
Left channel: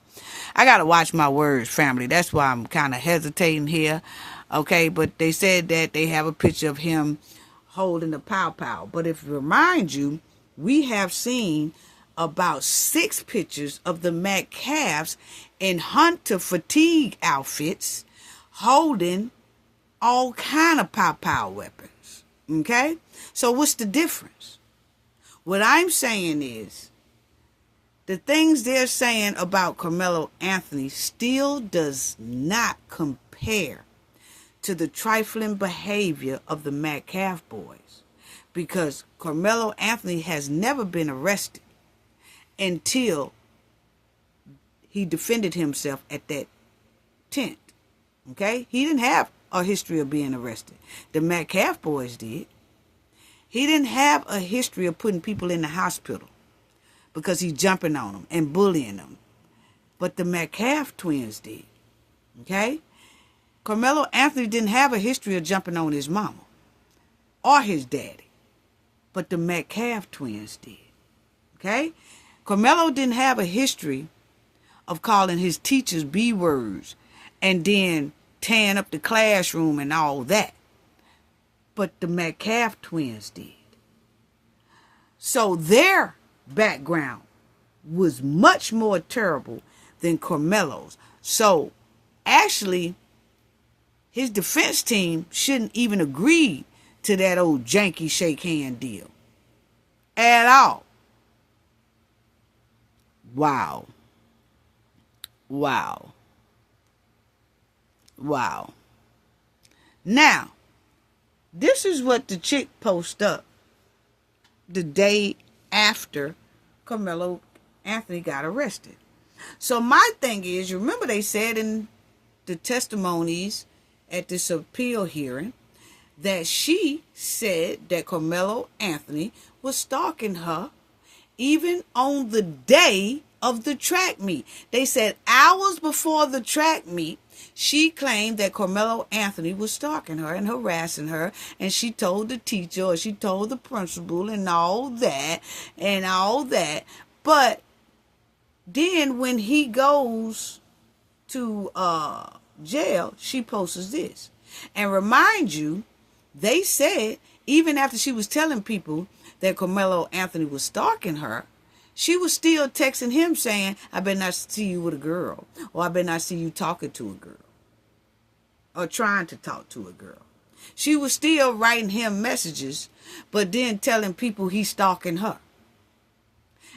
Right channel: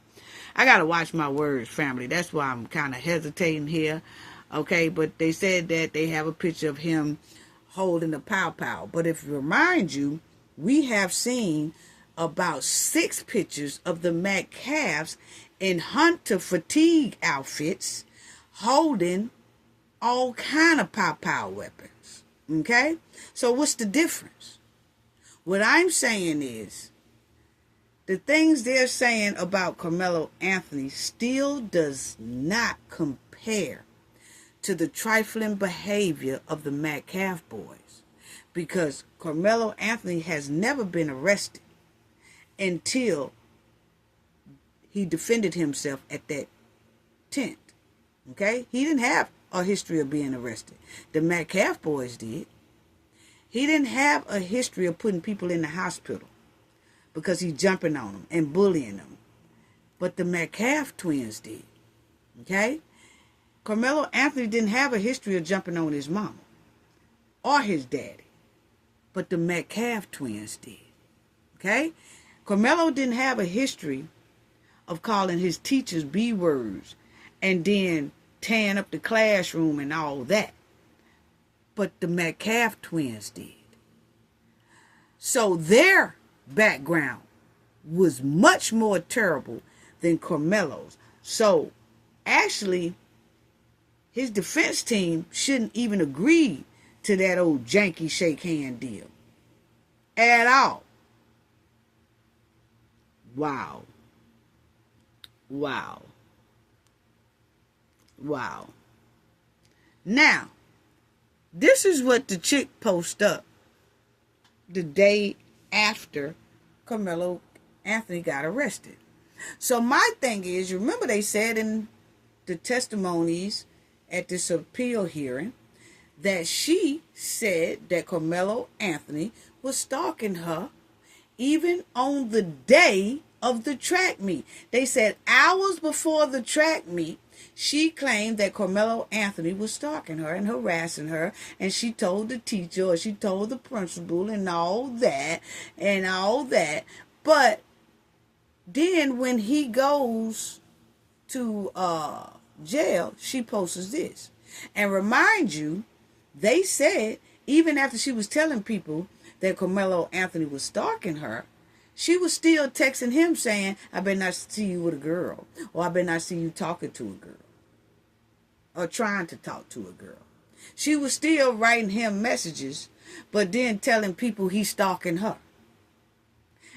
I got to watch my words, family. That's why I'm kind of hesitating here, okay? But they said that they have a picture of him holding a pow. But if it reminds you, we have seen about 6 pictures of the Metcalfs in hunter fatigue outfits holding all kind of pow weapons, okay? So what's the difference? What I'm saying is, the things they're saying about Karmelo Anothony still does not compare to the trifling behavior of the Metcalf boys, because Karmelo Anothony has never been arrested until he defended himself at that tent, okay? He didn't have a history of being arrested. The Metcalf boys did. He didn't have a history of putting people in the hospital because he's jumping on them and bullying them. But the Metcalf twins did. Okay? Karmelo Anothony didn't have a history of jumping on his mama or his daddy. But the Metcalf twins did. Okay? Karmelo didn't have a history of calling his teachers B words and then tearing up the classroom and all that. But the Metcalf twins did. So their background was much more terrible than Karmelo's. So actually, his defense team shouldn't even agree to that old janky shake hand deal at all. Wow. Now, this is what the chick posted up the day after Karmelo Anothony got arrested. So my thing is, you remember they said in the testimonies at this appeal hearing that she said that Karmelo Anothony was stalking her even on the day of the track meet. They said hours before the track meet, she claimed that Karmelo Anothony was stalking her and harassing her, and she told the teacher or she told the principal and all that. But then when he goes to jail, she posts this. And remind you, they said even after she was telling people that Karmelo Anothony was stalking her, she was still texting him saying, "I better not see you with a girl," or "I better not see you talking to a girl," or trying to talk to a girl. She was still writing him messages, but then telling people he's stalking her.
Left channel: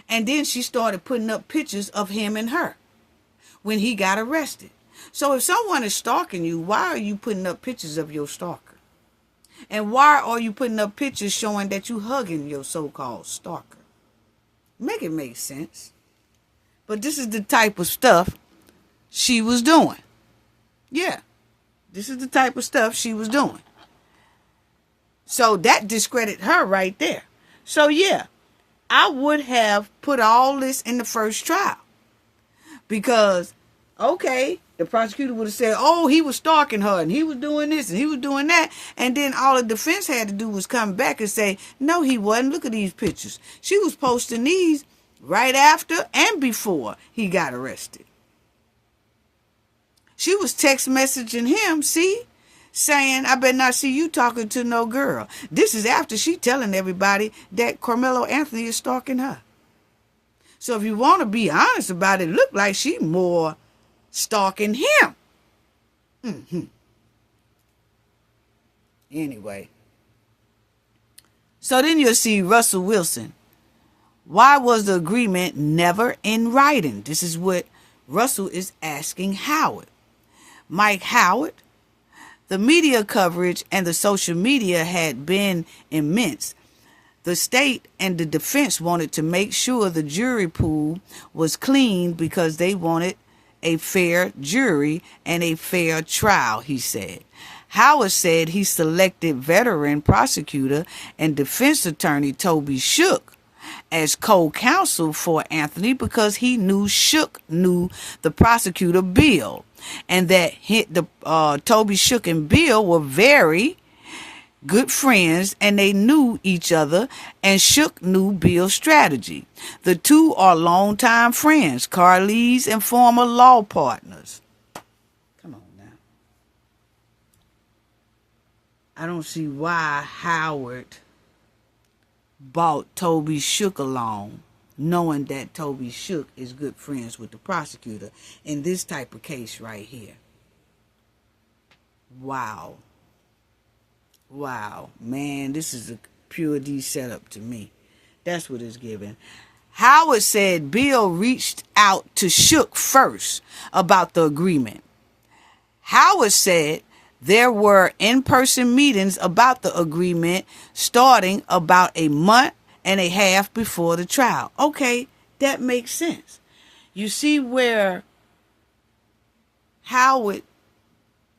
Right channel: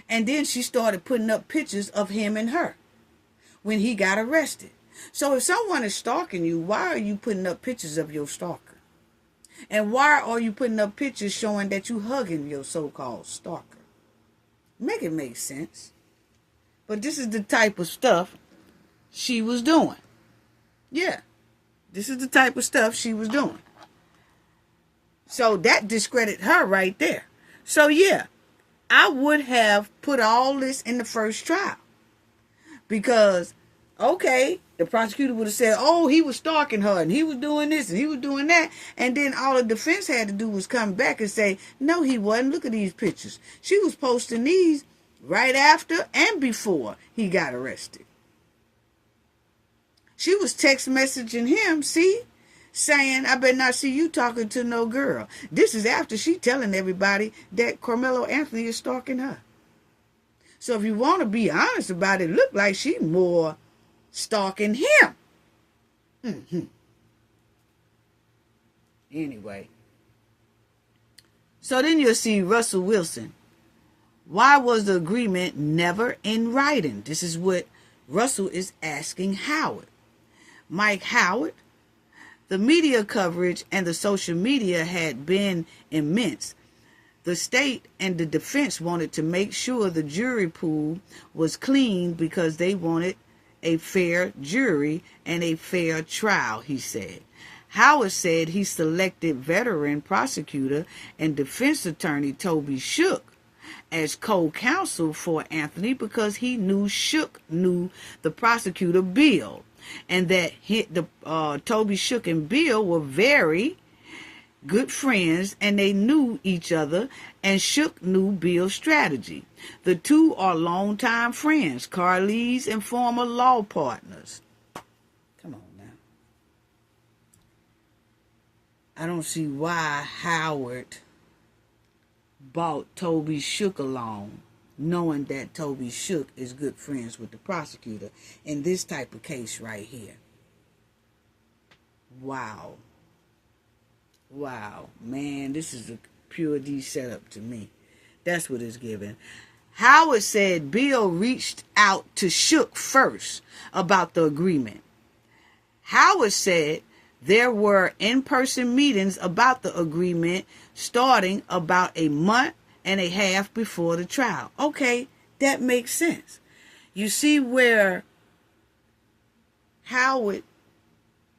And then she started putting up pictures of him and her when he got arrested. So if someone is stalking you, why are you putting up pictures of your stalker? And why are you putting up pictures showing that you hugging your so-called stalker? Make it make sense. But this is the type of stuff she was doing. Yeah. This is the type of stuff she was doing. So that discredited her right there. So yeah, I would have put all this in the first trial. Because Okay, the prosecutor would have said, oh, he was stalking her and he was doing this and he was doing that. And then all the defense had to do was come back and say, no, he wasn't. Look at these pictures. She was posting these right after and before he got arrested. She was text messaging him, see, saying, I better not see you talking to no girl. This is after she telling everybody that Karmelo Anothony is stalking her. So if you want to be honest about it, it looked like she more stalking him. Anyway. So then you'll see Russell Wilson. Why was the agreement never in writing? This is what Russell is asking Howard. Mike Howard, the media coverage and the social media had been immense. The state and the defense wanted to make sure the jury pool was clean because they wanted a fair jury and a fair trial, he said. Howard said he selected veteran prosecutor and defense attorney Toby Shook as co-counsel for Anothony because he knew Shook knew the prosecutor Bill, and that Toby Shook and Bill were very good friends and they knew each other, and Shook knew Bill's strategy. The two are longtime friends, colleagues, and former law partners. Come on now. I don't see why Howard brought Toby Shook along, knowing that Toby Shook is good friends with the prosecutor in this type of case right here. Wow. Wow, man, this is a pure D setup to me. That's what it's giving. Howard said Bill reached out to Shook first about the agreement. Howard said there were in-person meetings about the agreement starting about a month and a half before the trial. Okay, that makes sense. You see where Howard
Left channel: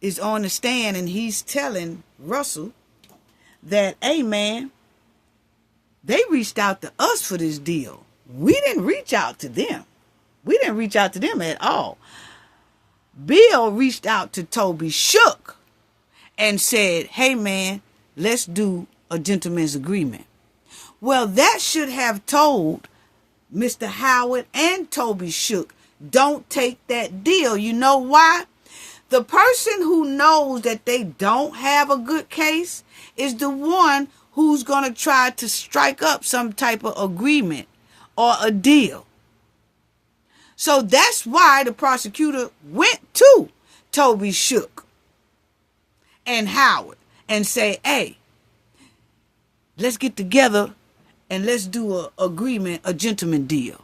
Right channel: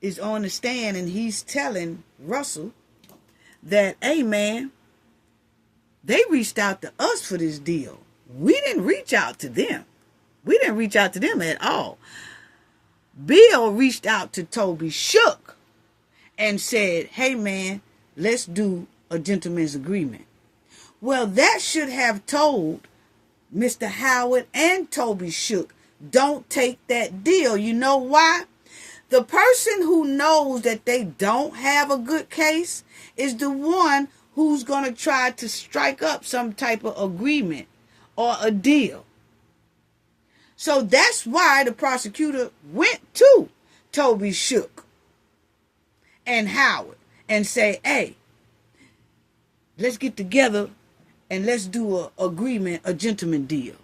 is on the stand and he's telling Russell that, hey man, they reached out to us for this deal. We didn't reach out to them. We didn't reach out to them at all. Bill reached out to Toby Shook and said, hey man, let's do a gentleman's agreement. Well, that should have told Mr. Howard and Toby Shook, don't take that deal. You know why? The person who knows that they don't have a good case is the one who's going to try to strike up some type of agreement or a deal. So that's why the prosecutor went to Toby Shook and Howard and say, hey, let's get together and let's do an agreement, a gentleman deal.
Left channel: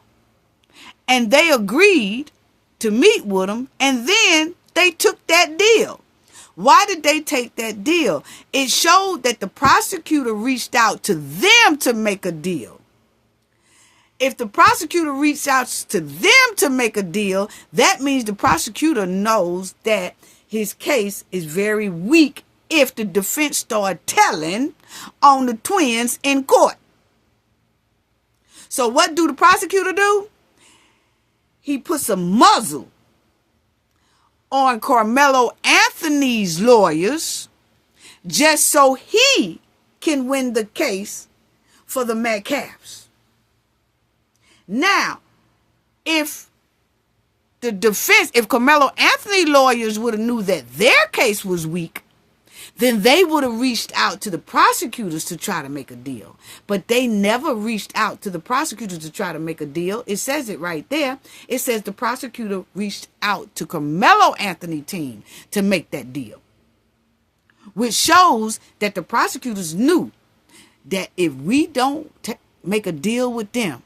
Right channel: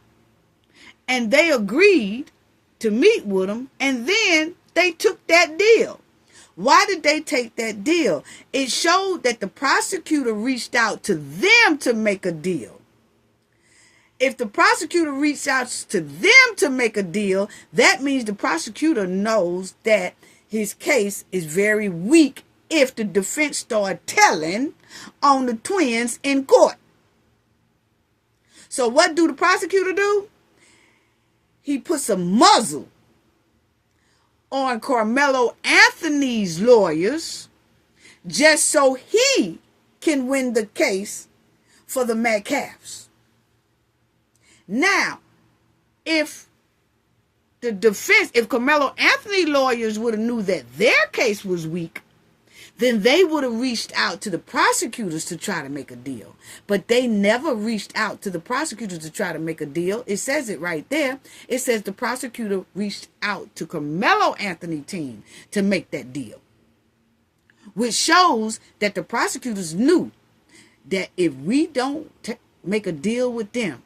And they agreed to meet with him, and then they took that deal. Why did they take that deal? It showed that the prosecutor reached out to them to make a deal. If the prosecutor reached out to them to make a deal, that means the prosecutor knows that his case is very weak if the defense start telling on the twins in court. So what do the prosecutor do? He puts a muzzle on Karmelo Anothony's lawyers just so he can win the case for the Metcalfs. Now, if the defense, if Karmelo Anothony lawyers would have knew that their case was weak, then they would have reached out to the prosecutors to try to make a deal. But they never reached out to the prosecutors to try to make a deal. It says it right there. It says the prosecutor reached out to Karmelo Anothony team to make that deal, which shows that the prosecutors knew that if we don't make a deal with them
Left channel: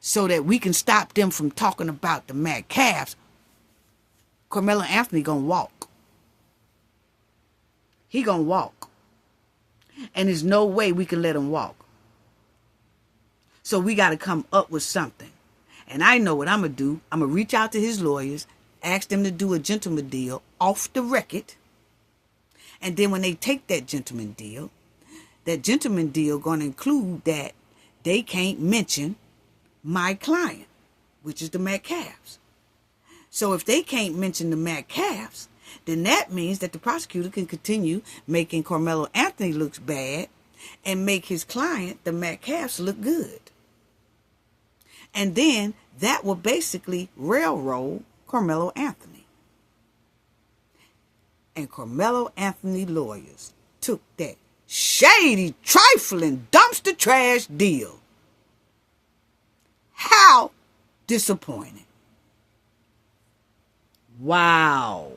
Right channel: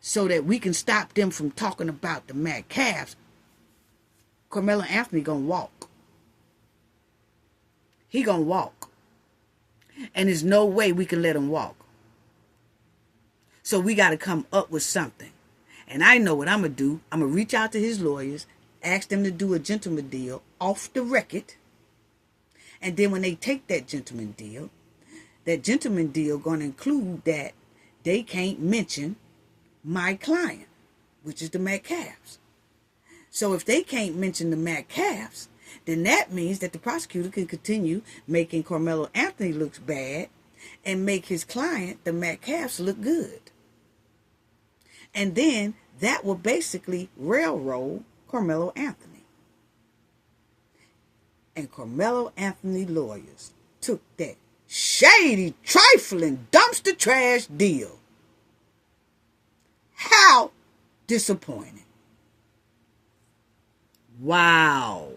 so that we can stop them from talking about the Metcalfs, Karmelo Anothony gonna walk. He gonna walk. And there's no way we can let him walk. So we got to come up with something. And I know what I'm going to do. I'm going to reach out to his lawyers, ask them to do a gentleman deal off the record. And then when they take that gentleman deal going to include that they can't mention my client, which is the Metcalfs. So if they can't mention the Metcalfs, then that means that the prosecutor can continue making Karmelo Anothony look bad and make his client, the Metcalfs, look good. And then that will basically railroad Karmelo Anothony. And Karmelo Anothony lawyers took that shady, trifling, dumpster trash deal. How disappointing. Wow.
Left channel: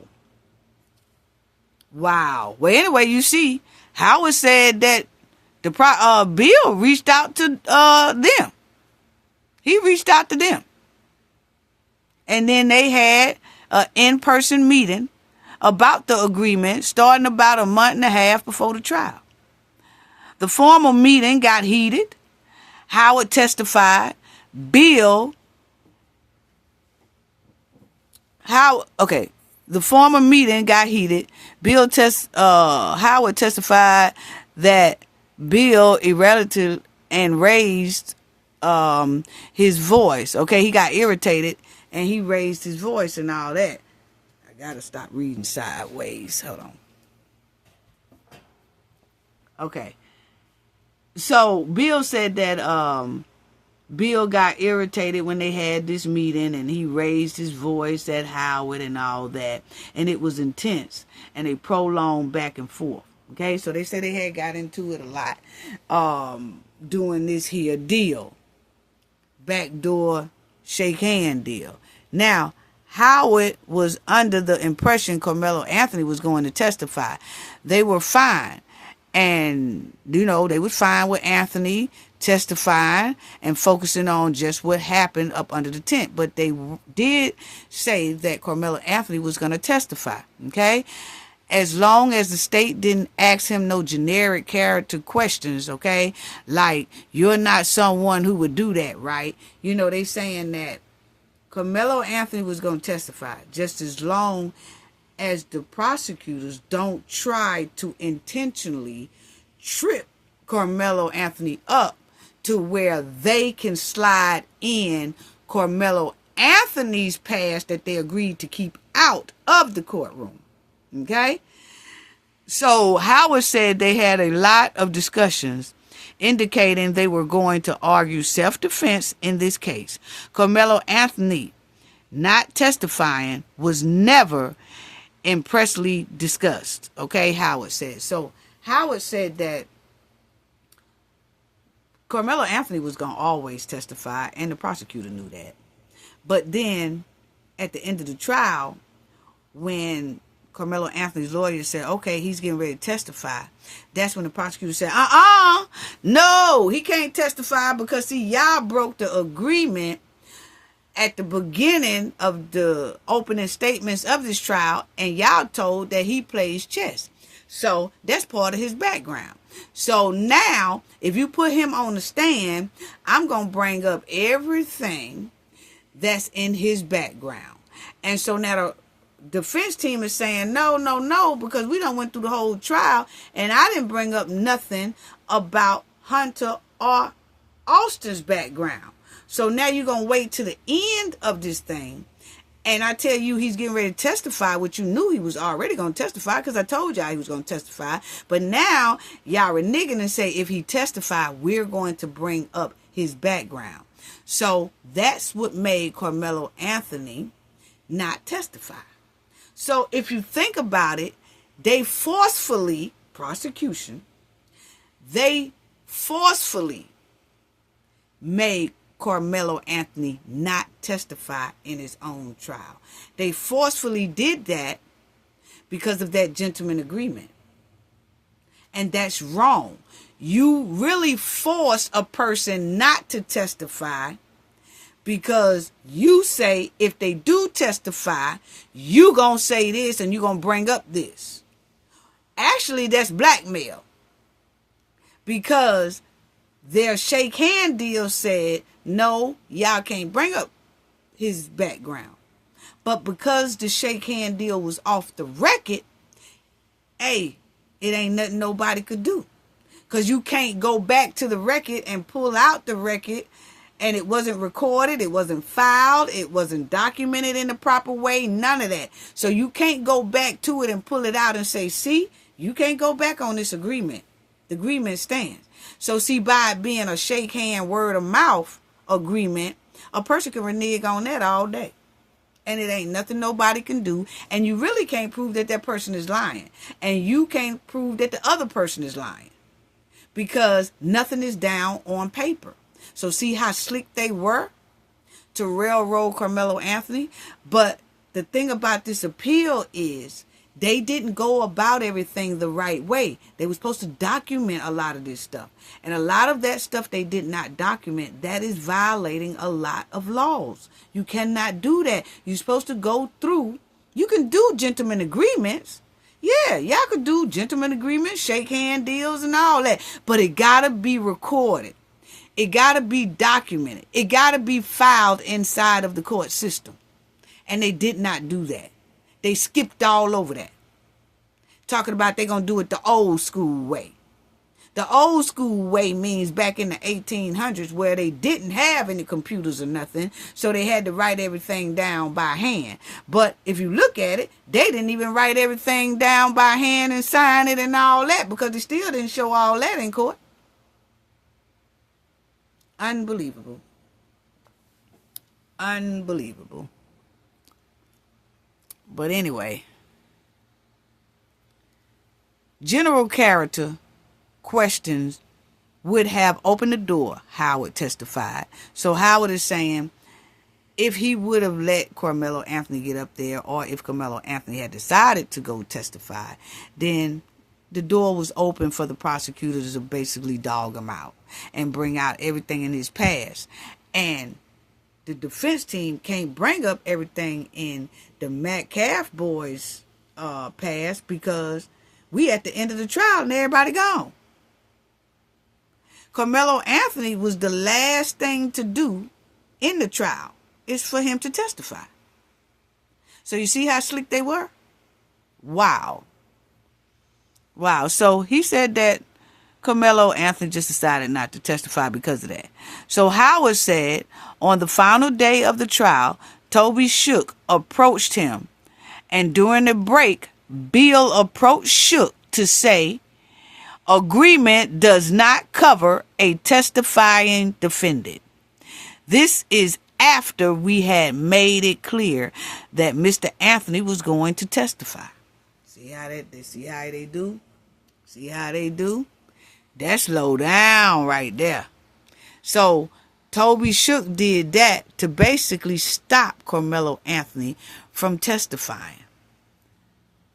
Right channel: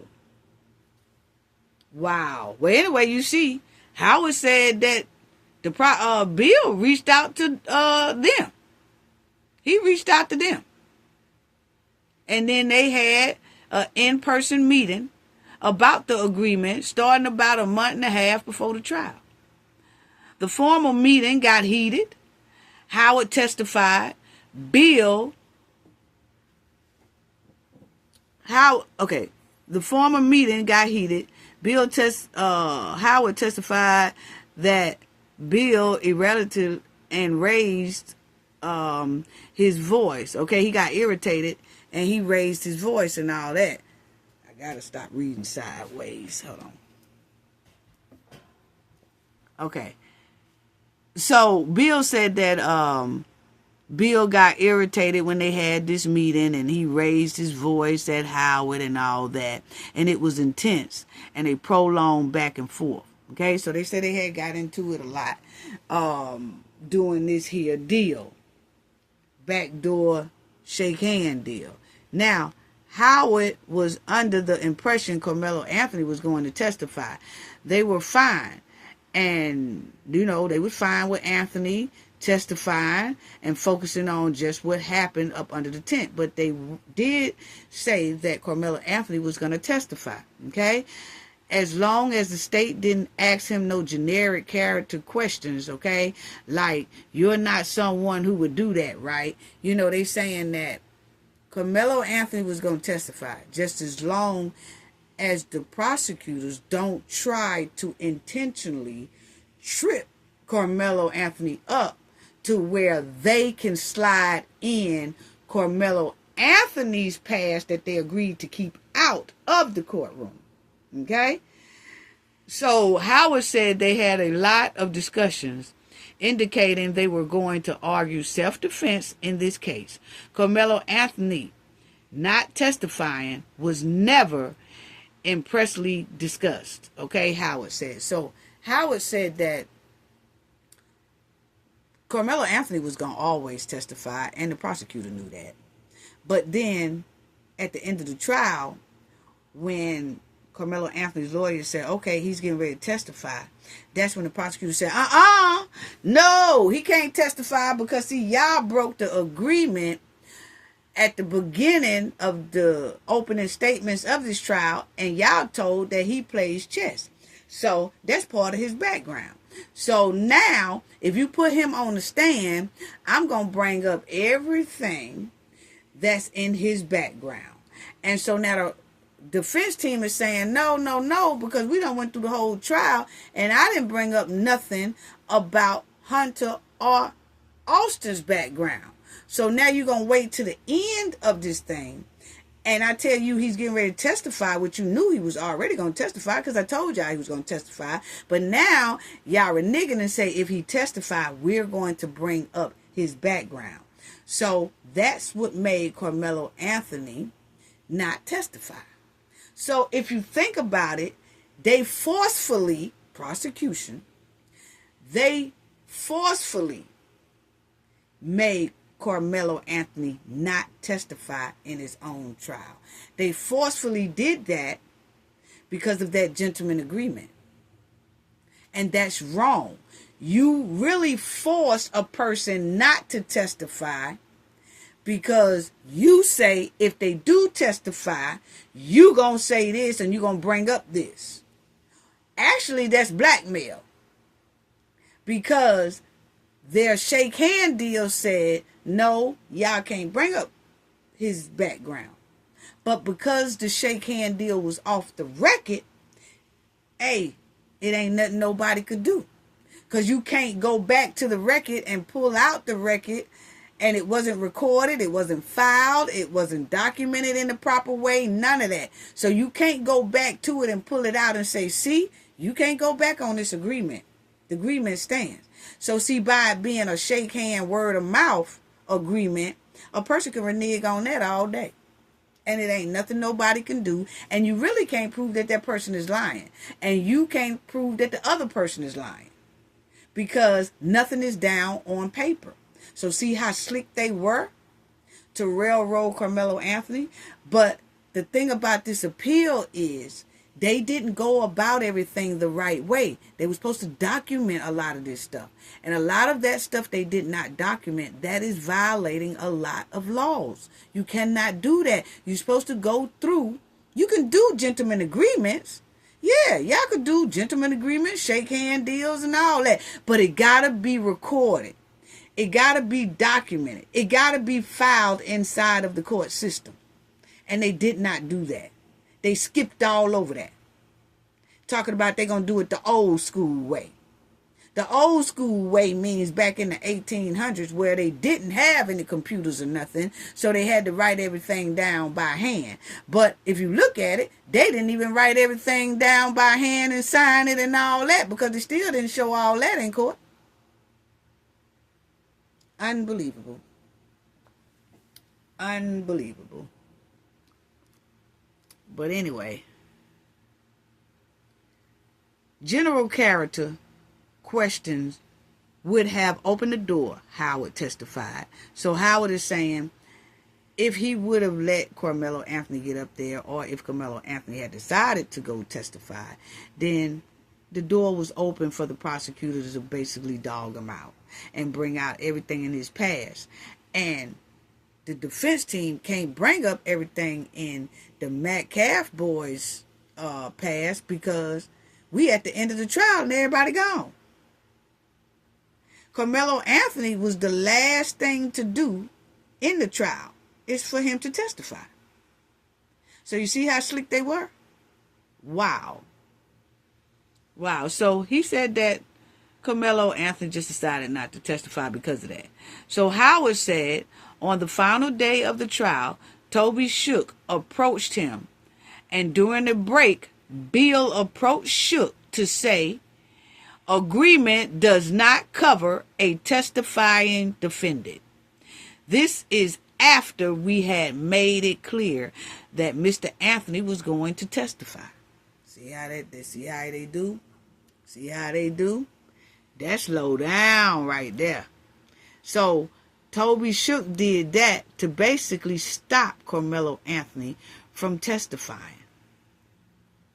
Wow. Well, anyway, you see, Howard said that the Bill reached out to them. He reached out to them. And then they had an in-person meeting about the agreement starting about a month and a half before the trial. The formal meeting got heated. Howard testified. The former meeting got heated. Howard testified that Bill irritated and raised his voice. Okay, he got irritated and he raised his voice and all that. I gotta stop reading sideways. Hold on. Okay. So Bill said that Bill got irritated when they had this meeting and he raised his voice at Howard and all that. And it was intense and they prolonged back and forth. Okay, so they said they had got into it a lot doing this here deal. Backdoor shake hand deal. Now, Howard was under the impression Karmelo Anothony was going to testify. They were fine. And, they was fine with Anthony testifying and focusing on just what happened up under the tent. But they did say that Karmelo Anothony was going to testify, okay? As long as the state didn't ask him no generic character questions, okay? Like, you're not someone who would do that, right? They saying that Karmelo Anothony was going to testify just as long as the prosecutors don't try to intentionally trip Karmelo Anothony up to where they can slide in Karmelo Anthony's past that they agreed to keep out of the courtroom. Okay? So Howard said they had a lot of discussions indicating they were going to argue self-defense in this case. Karmelo Anothony not testifying was never impressively discussed. Okay, Howard said. So Howard said that Karmelo Anothony was going to always testify, and the prosecutor knew that. But then, at the end of the trial, when Karmelo Anothony's lawyer said, okay, he's getting ready to testify, that's when the prosecutor said, no, he can't testify because, see, y'all broke the agreement at the beginning of the opening statements of this trial, and y'all told that he plays chess. So that's part of his background. So now, if you put him on the stand, I'm going to bring up everything that's in his background. And so now the defense team is saying, no, because we done went through the whole trial, and I didn't bring up nothing about Hunter or Austin's background. So now you're going to wait to the end of this thing. And I tell you, he's getting ready to testify, which you knew he was already going to testify because I told y'all he was going to testify. But now y'all reneging and say if he testify, we're going to bring up his background. So that's what made Karmelo Anothony not testify. So if you think about it, they forcefully made Karmelo Anothony not testify in his own trial. They forcefully did that because of that gentleman agreement. And that's wrong. You really force a person not to testify because you say if they do testify, you gonna say this and you gonna bring up this. Actually, that's blackmail. Because their shake hand deal said, no, y'all can't bring up his background. But because the shake hand deal was off the record, hey, it ain't nothing nobody could do. Because you can't go back to the record and pull out the record And it wasn't recorded, it wasn't filed, it wasn't documented in the proper way, none of that. So you can't go back to it and pull it out and say, see, you can't go back on this agreement. The agreement stands. So see, by it being a shake hand, word of mouth agreement, a person can renege on that all day. And it ain't nothing nobody can do. And you really can't prove that that person is lying. And you can't prove that the other person is lying. Because nothing is down on paper. So see how slick they were to railroad Karmelo Anothony? But the thing about this appeal is they didn't go about everything the right way. They were supposed to document a lot of this stuff. And a lot of that stuff they did not document. That is violating a lot of laws. You cannot do that. You're supposed to go through. You can do gentleman agreements. Yeah, y'all could do gentleman agreements, shake hand deals and all that. But it got to be recorded. It got to be documented. It got to be filed inside of the court system. And they did not do that. They skipped all over that. Talking about they're going to do it the old school way. The old school way means back in the 1800s where they didn't have any computers or nothing. So they had to write everything down by hand. But if you look at it, they didn't even write everything down by hand and sign it and all that because they still didn't show all that in court. Unbelievable. Unbelievable. But anyway, general character questions would have opened the door, Howard testified. So Howard is saying if he would have let Karmelo Anothony get up there, or if Karmelo Anothony had decided to go testify, then the door was open for the prosecutors to basically dog him out and bring out everything in his past. And the defense team can't bring up everything in the Metcalf boys' past because we at the end of the trial and everybody gone. Karmelo Anothony was the last thing to do in the trial is for him to testify. So you see how slick they were? Wow. Wow. So he said that Karmelo Anothony just decided not to testify because of that. So Howard said on the final day of the trial, Toby Shook approached him. And during the break, Bill approached Shook to say, agreement does not cover a testifying defendant. This is after we had made it clear that Mr. Anothony was going to testify. See how they do? See how they do? That's low down right there. So Toby Shook did that to basically stop Karmelo Anothony from testifying.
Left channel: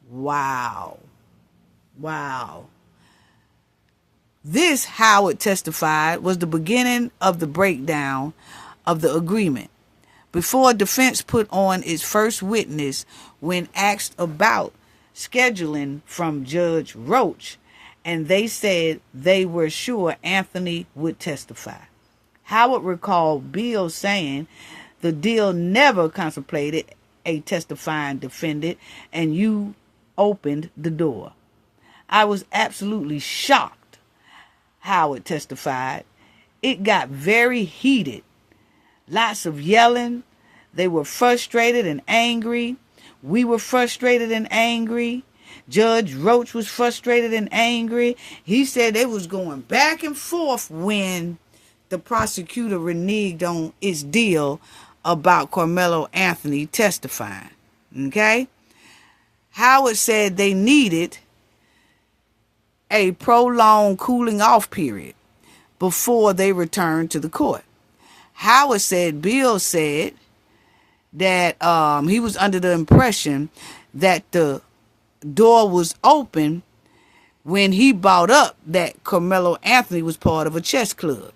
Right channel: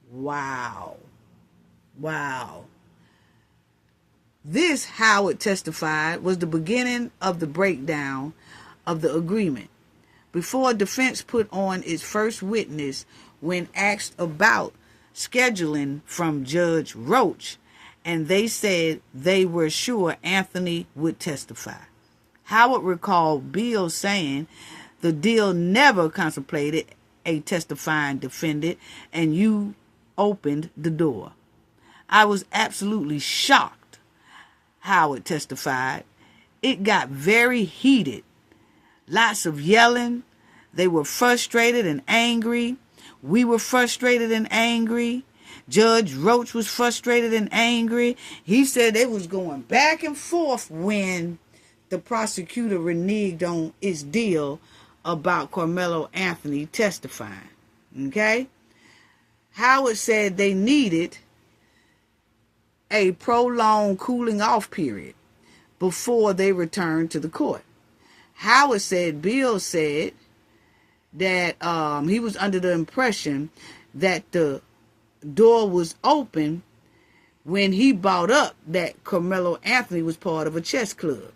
Wow. Wow. This, Howard testified, was the beginning of the breakdown of the agreement. Before defense put on its first witness when asked about scheduling from Judge Roach, and they said they were sure Anothony would testify. Howard recalled Bill saying the deal never contemplated a testifying defendant, and you opened the door. I was absolutely shocked, Howard testified. It got very heated. Lots of yelling. They were frustrated and angry. We were frustrated and angry. Judge Roach was frustrated and angry. He said it was going back and forth when the prosecutor reneged on its deal about Karmelo Anothony testifying. Okay? Howard said they needed a prolonged cooling off period before they returned to the court. Howard said Bill said that he was under the impression that the door was open when he brought up that Karmelo Anothony was part of a chess club.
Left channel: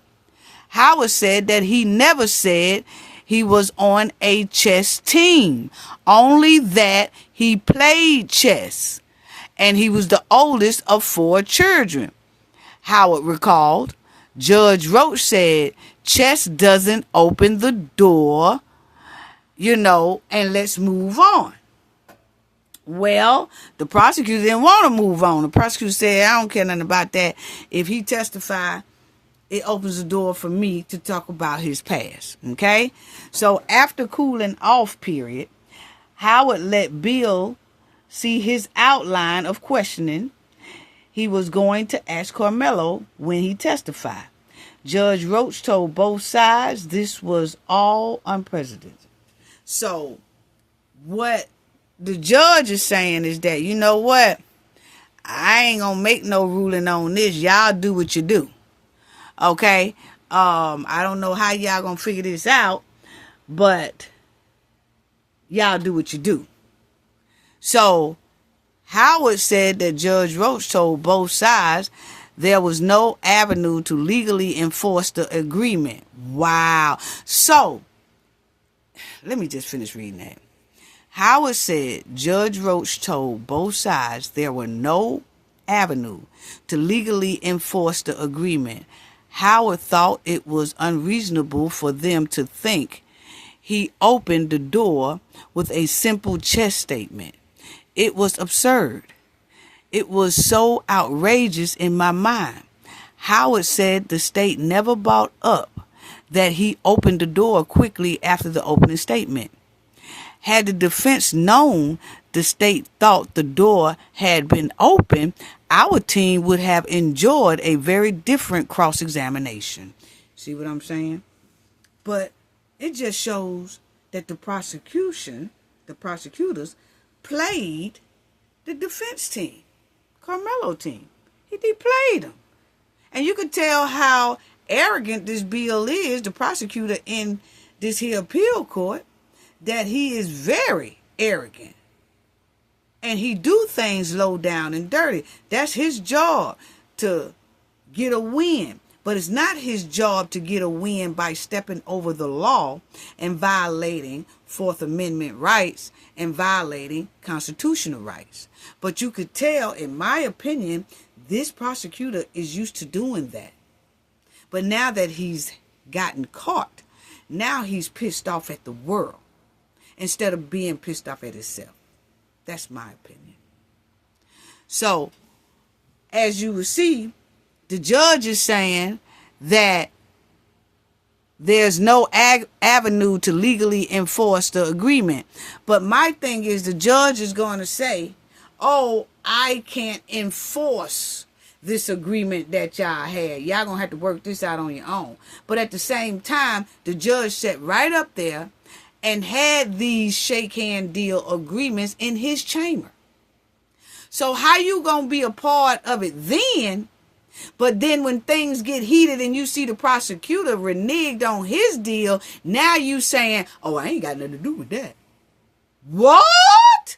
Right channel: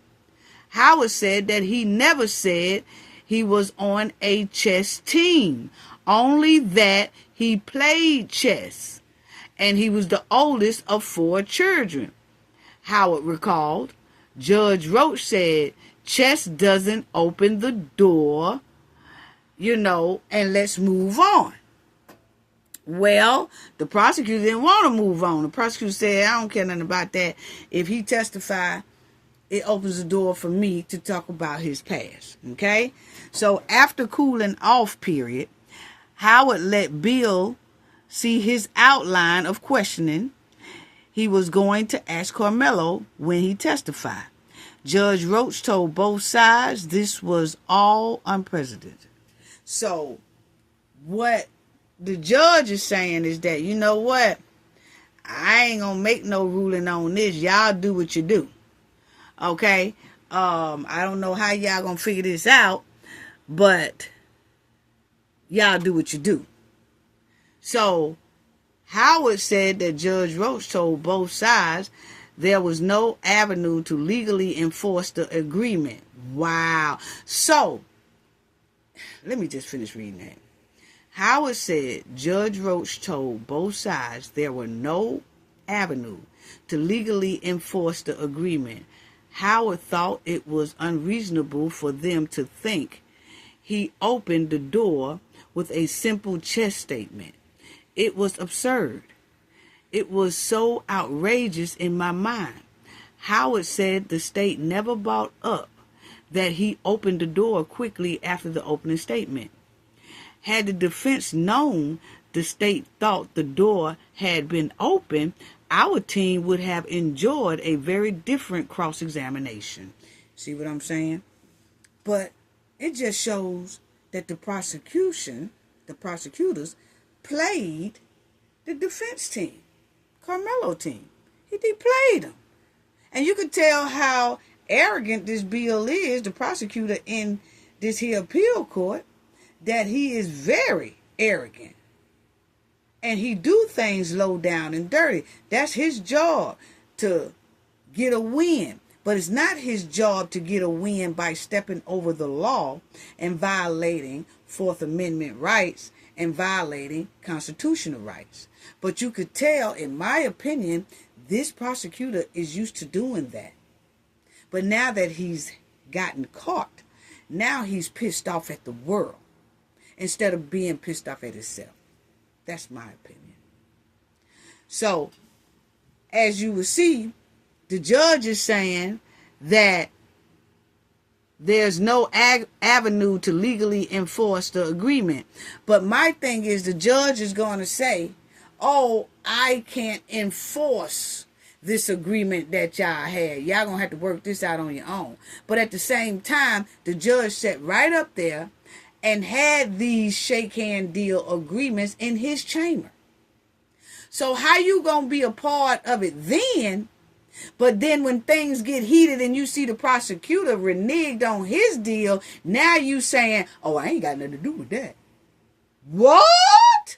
Howard said that he never said he was on a chess team, only that he played chess, and he was the oldest of 4 children. Howard recalled, Judge Roach said, chess doesn't open the door, and let's move on. Well, the prosecutor didn't want to move on. The prosecutor said, I don't care nothing about that. If he testify, it opens the door for me to talk about his past. Okay? So after cooling off period, Howard let Bill see his outline of questioning he was going to ask Karmelo when he testified. Judge Roach told both sides this was all unprecedented. So what the judge is saying is that, you know what? I ain't gonna make no ruling on this. Y'all do what you do. Okay? I don't know how y'all gonna figure this out, but y'all do what you do. So Howard said that Judge Roach told both sides there was no avenue to legally enforce the agreement. Wow. So, let me just finish reading that. Howard said Judge Roach told both sides there were no avenue to legally enforce the agreement. Howard thought it was unreasonable for them to think he opened the door with a simple chest statement. It was absurd. It was so outrageous in my mind. Howard said the state never brought up that he opened the door quickly after the opening statement. Had the defense known the state thought the door had been open, our team would have enjoyed a very different cross-examination. See what I'm saying? But it just shows that the prosecutors, played the defense team, Karmelo team. He played them. And you could tell how arrogant this Bill is, the prosecutor in this here appeal court, that he is very arrogant. And he do things low down and dirty. That's his job, to get a win. But it's not his job to get a win by stepping over the law and violating Fourth Amendment rights and violating constitutional rights. But you could tell, in my opinion, this prosecutor is used to doing that. But now that he's gotten caught, now he's pissed off at the world instead of being pissed off at himself. That's my opinion. So, as you will see, the judge is saying that there's no avenue to legally enforce the agreement. But my thing is, the judge is going to say, oh, I can't enforce this agreement that y'all had. Y'all going to have to work this out on your own. But at the same time, the judge sat right up there and had these shake hand deal agreements in his chamber. So how you going to be a part of it then? But then when things get heated and you see the prosecutor reneged on his deal, now you saying, oh, I ain't got nothing to do with that. What?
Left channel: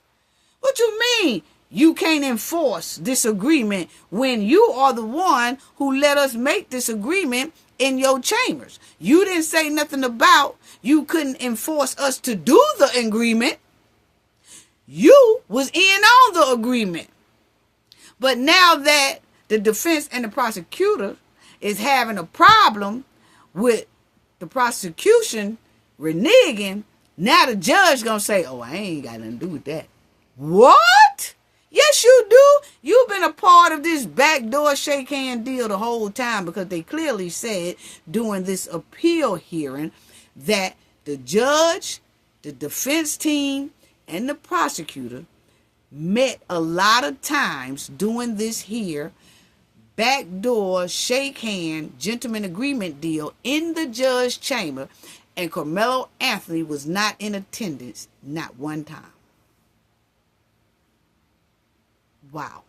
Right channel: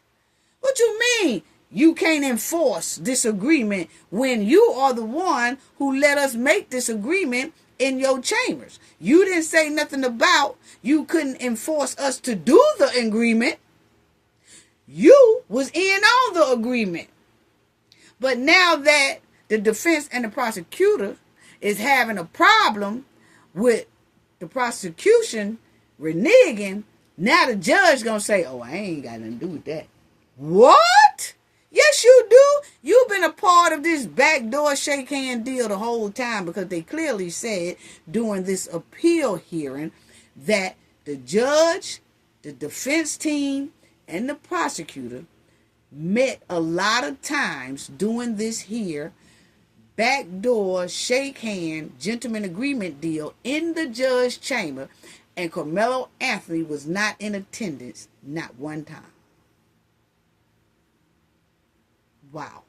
What you mean you can't enforce this agreement when you are the one who let us make this agreement in your chambers? You didn't say nothing about you couldn't enforce us to do the agreement. You was in on the agreement. But now that the defense and the prosecutor is having a problem with the prosecution reneging, now the judge gonna say, oh, I ain't got nothing to do with that. What? Yes, you do. You've been a part of this backdoor shake hand deal the whole time, because they clearly said during this appeal hearing that the judge, the defense team, and the prosecutor met a lot of times doing this here backdoor shake hand gentleman agreement deal in the judge's chamber, and Karmelo Anothony was not in attendance not one time. Wow.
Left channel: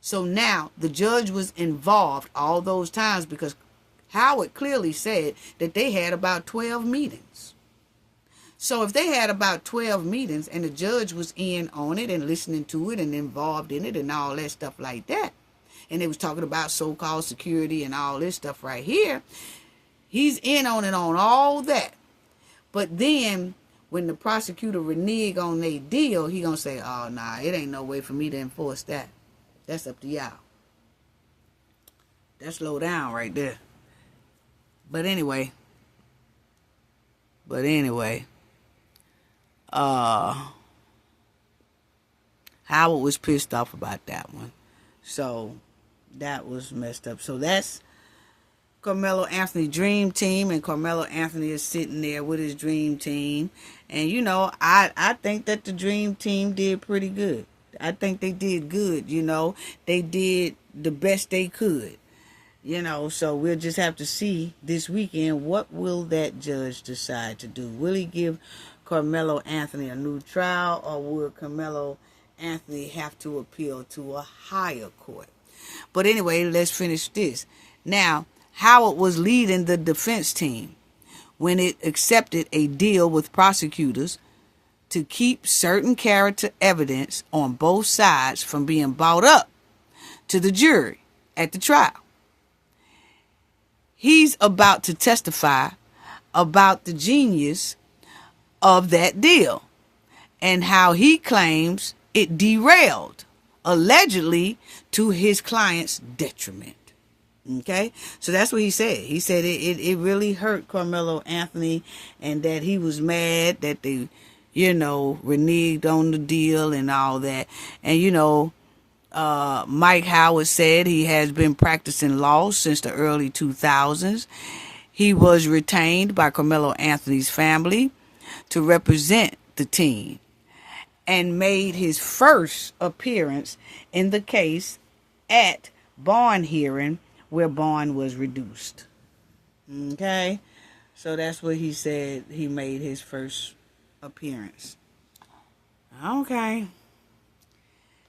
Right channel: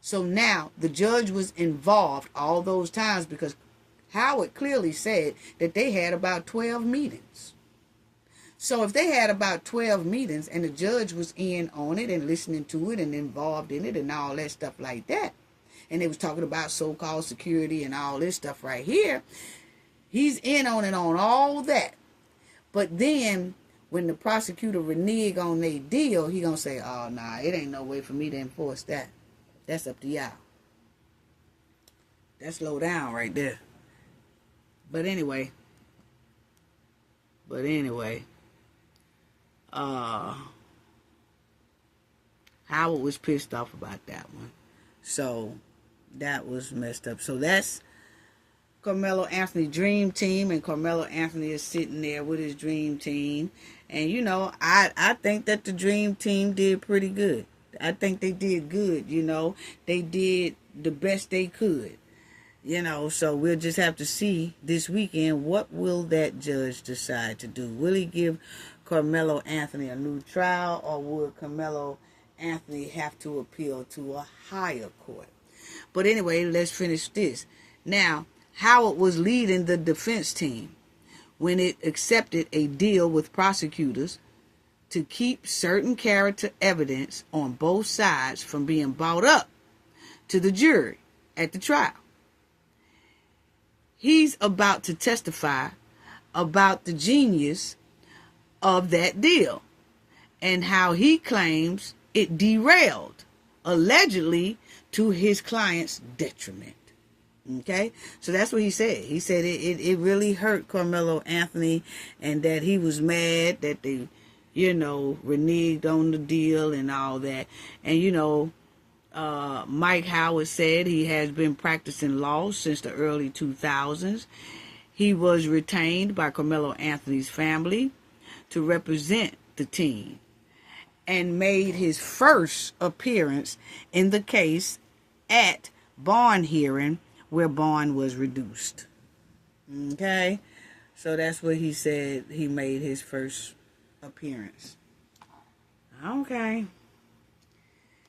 So now the judge was involved all those times, because Howard clearly said that they had about 12 meetings. So if they had about 12 meetings and the judge was in on it and listening to it and involved in it and all that stuff like that, and they was talking about so-called security and all this stuff right here, he's in on it on all that. But then when the prosecutor renege on their deal, he gonna say, oh, nah, it ain't no way for me to enforce that. That's up to y'all. That's low down right there. But anyway, Howard was pissed off about that one. So that was messed up. So that's Karmelo Anthony dream team, and Karmelo Anthony is sitting there with his dream team. And you know, I think that the dream team did pretty good. I think they did good. You know, they did the best they could. You know, so we'll just have to see this weekend, what will that judge decide to do? Will he give Karmelo Anthony a new trial, or will Karmelo Anthony have to appeal to a higher court? But anyway, let's finish this. Now, Howard was leading the defense team when it accepted a deal with prosecutors to keep certain character evidence on both sides from being brought up to the jury at the trial. He's about to testify about the genius of that deal and how he claims it derailed, allegedly to his client's detriment. Okay, so that's what he said. He said it really hurt Karmelo Anthony, and that he was mad that they, you know, reneged on the deal and all that. And, you know, Mike Howard said he has been practicing law since the early 2000s. He was retained by Karmelo Anthony's family to represent the team and made his first appearance in the case at bond hearing, where bond was reduced. Okay, so that's what he said. He made his first appearance. Okay.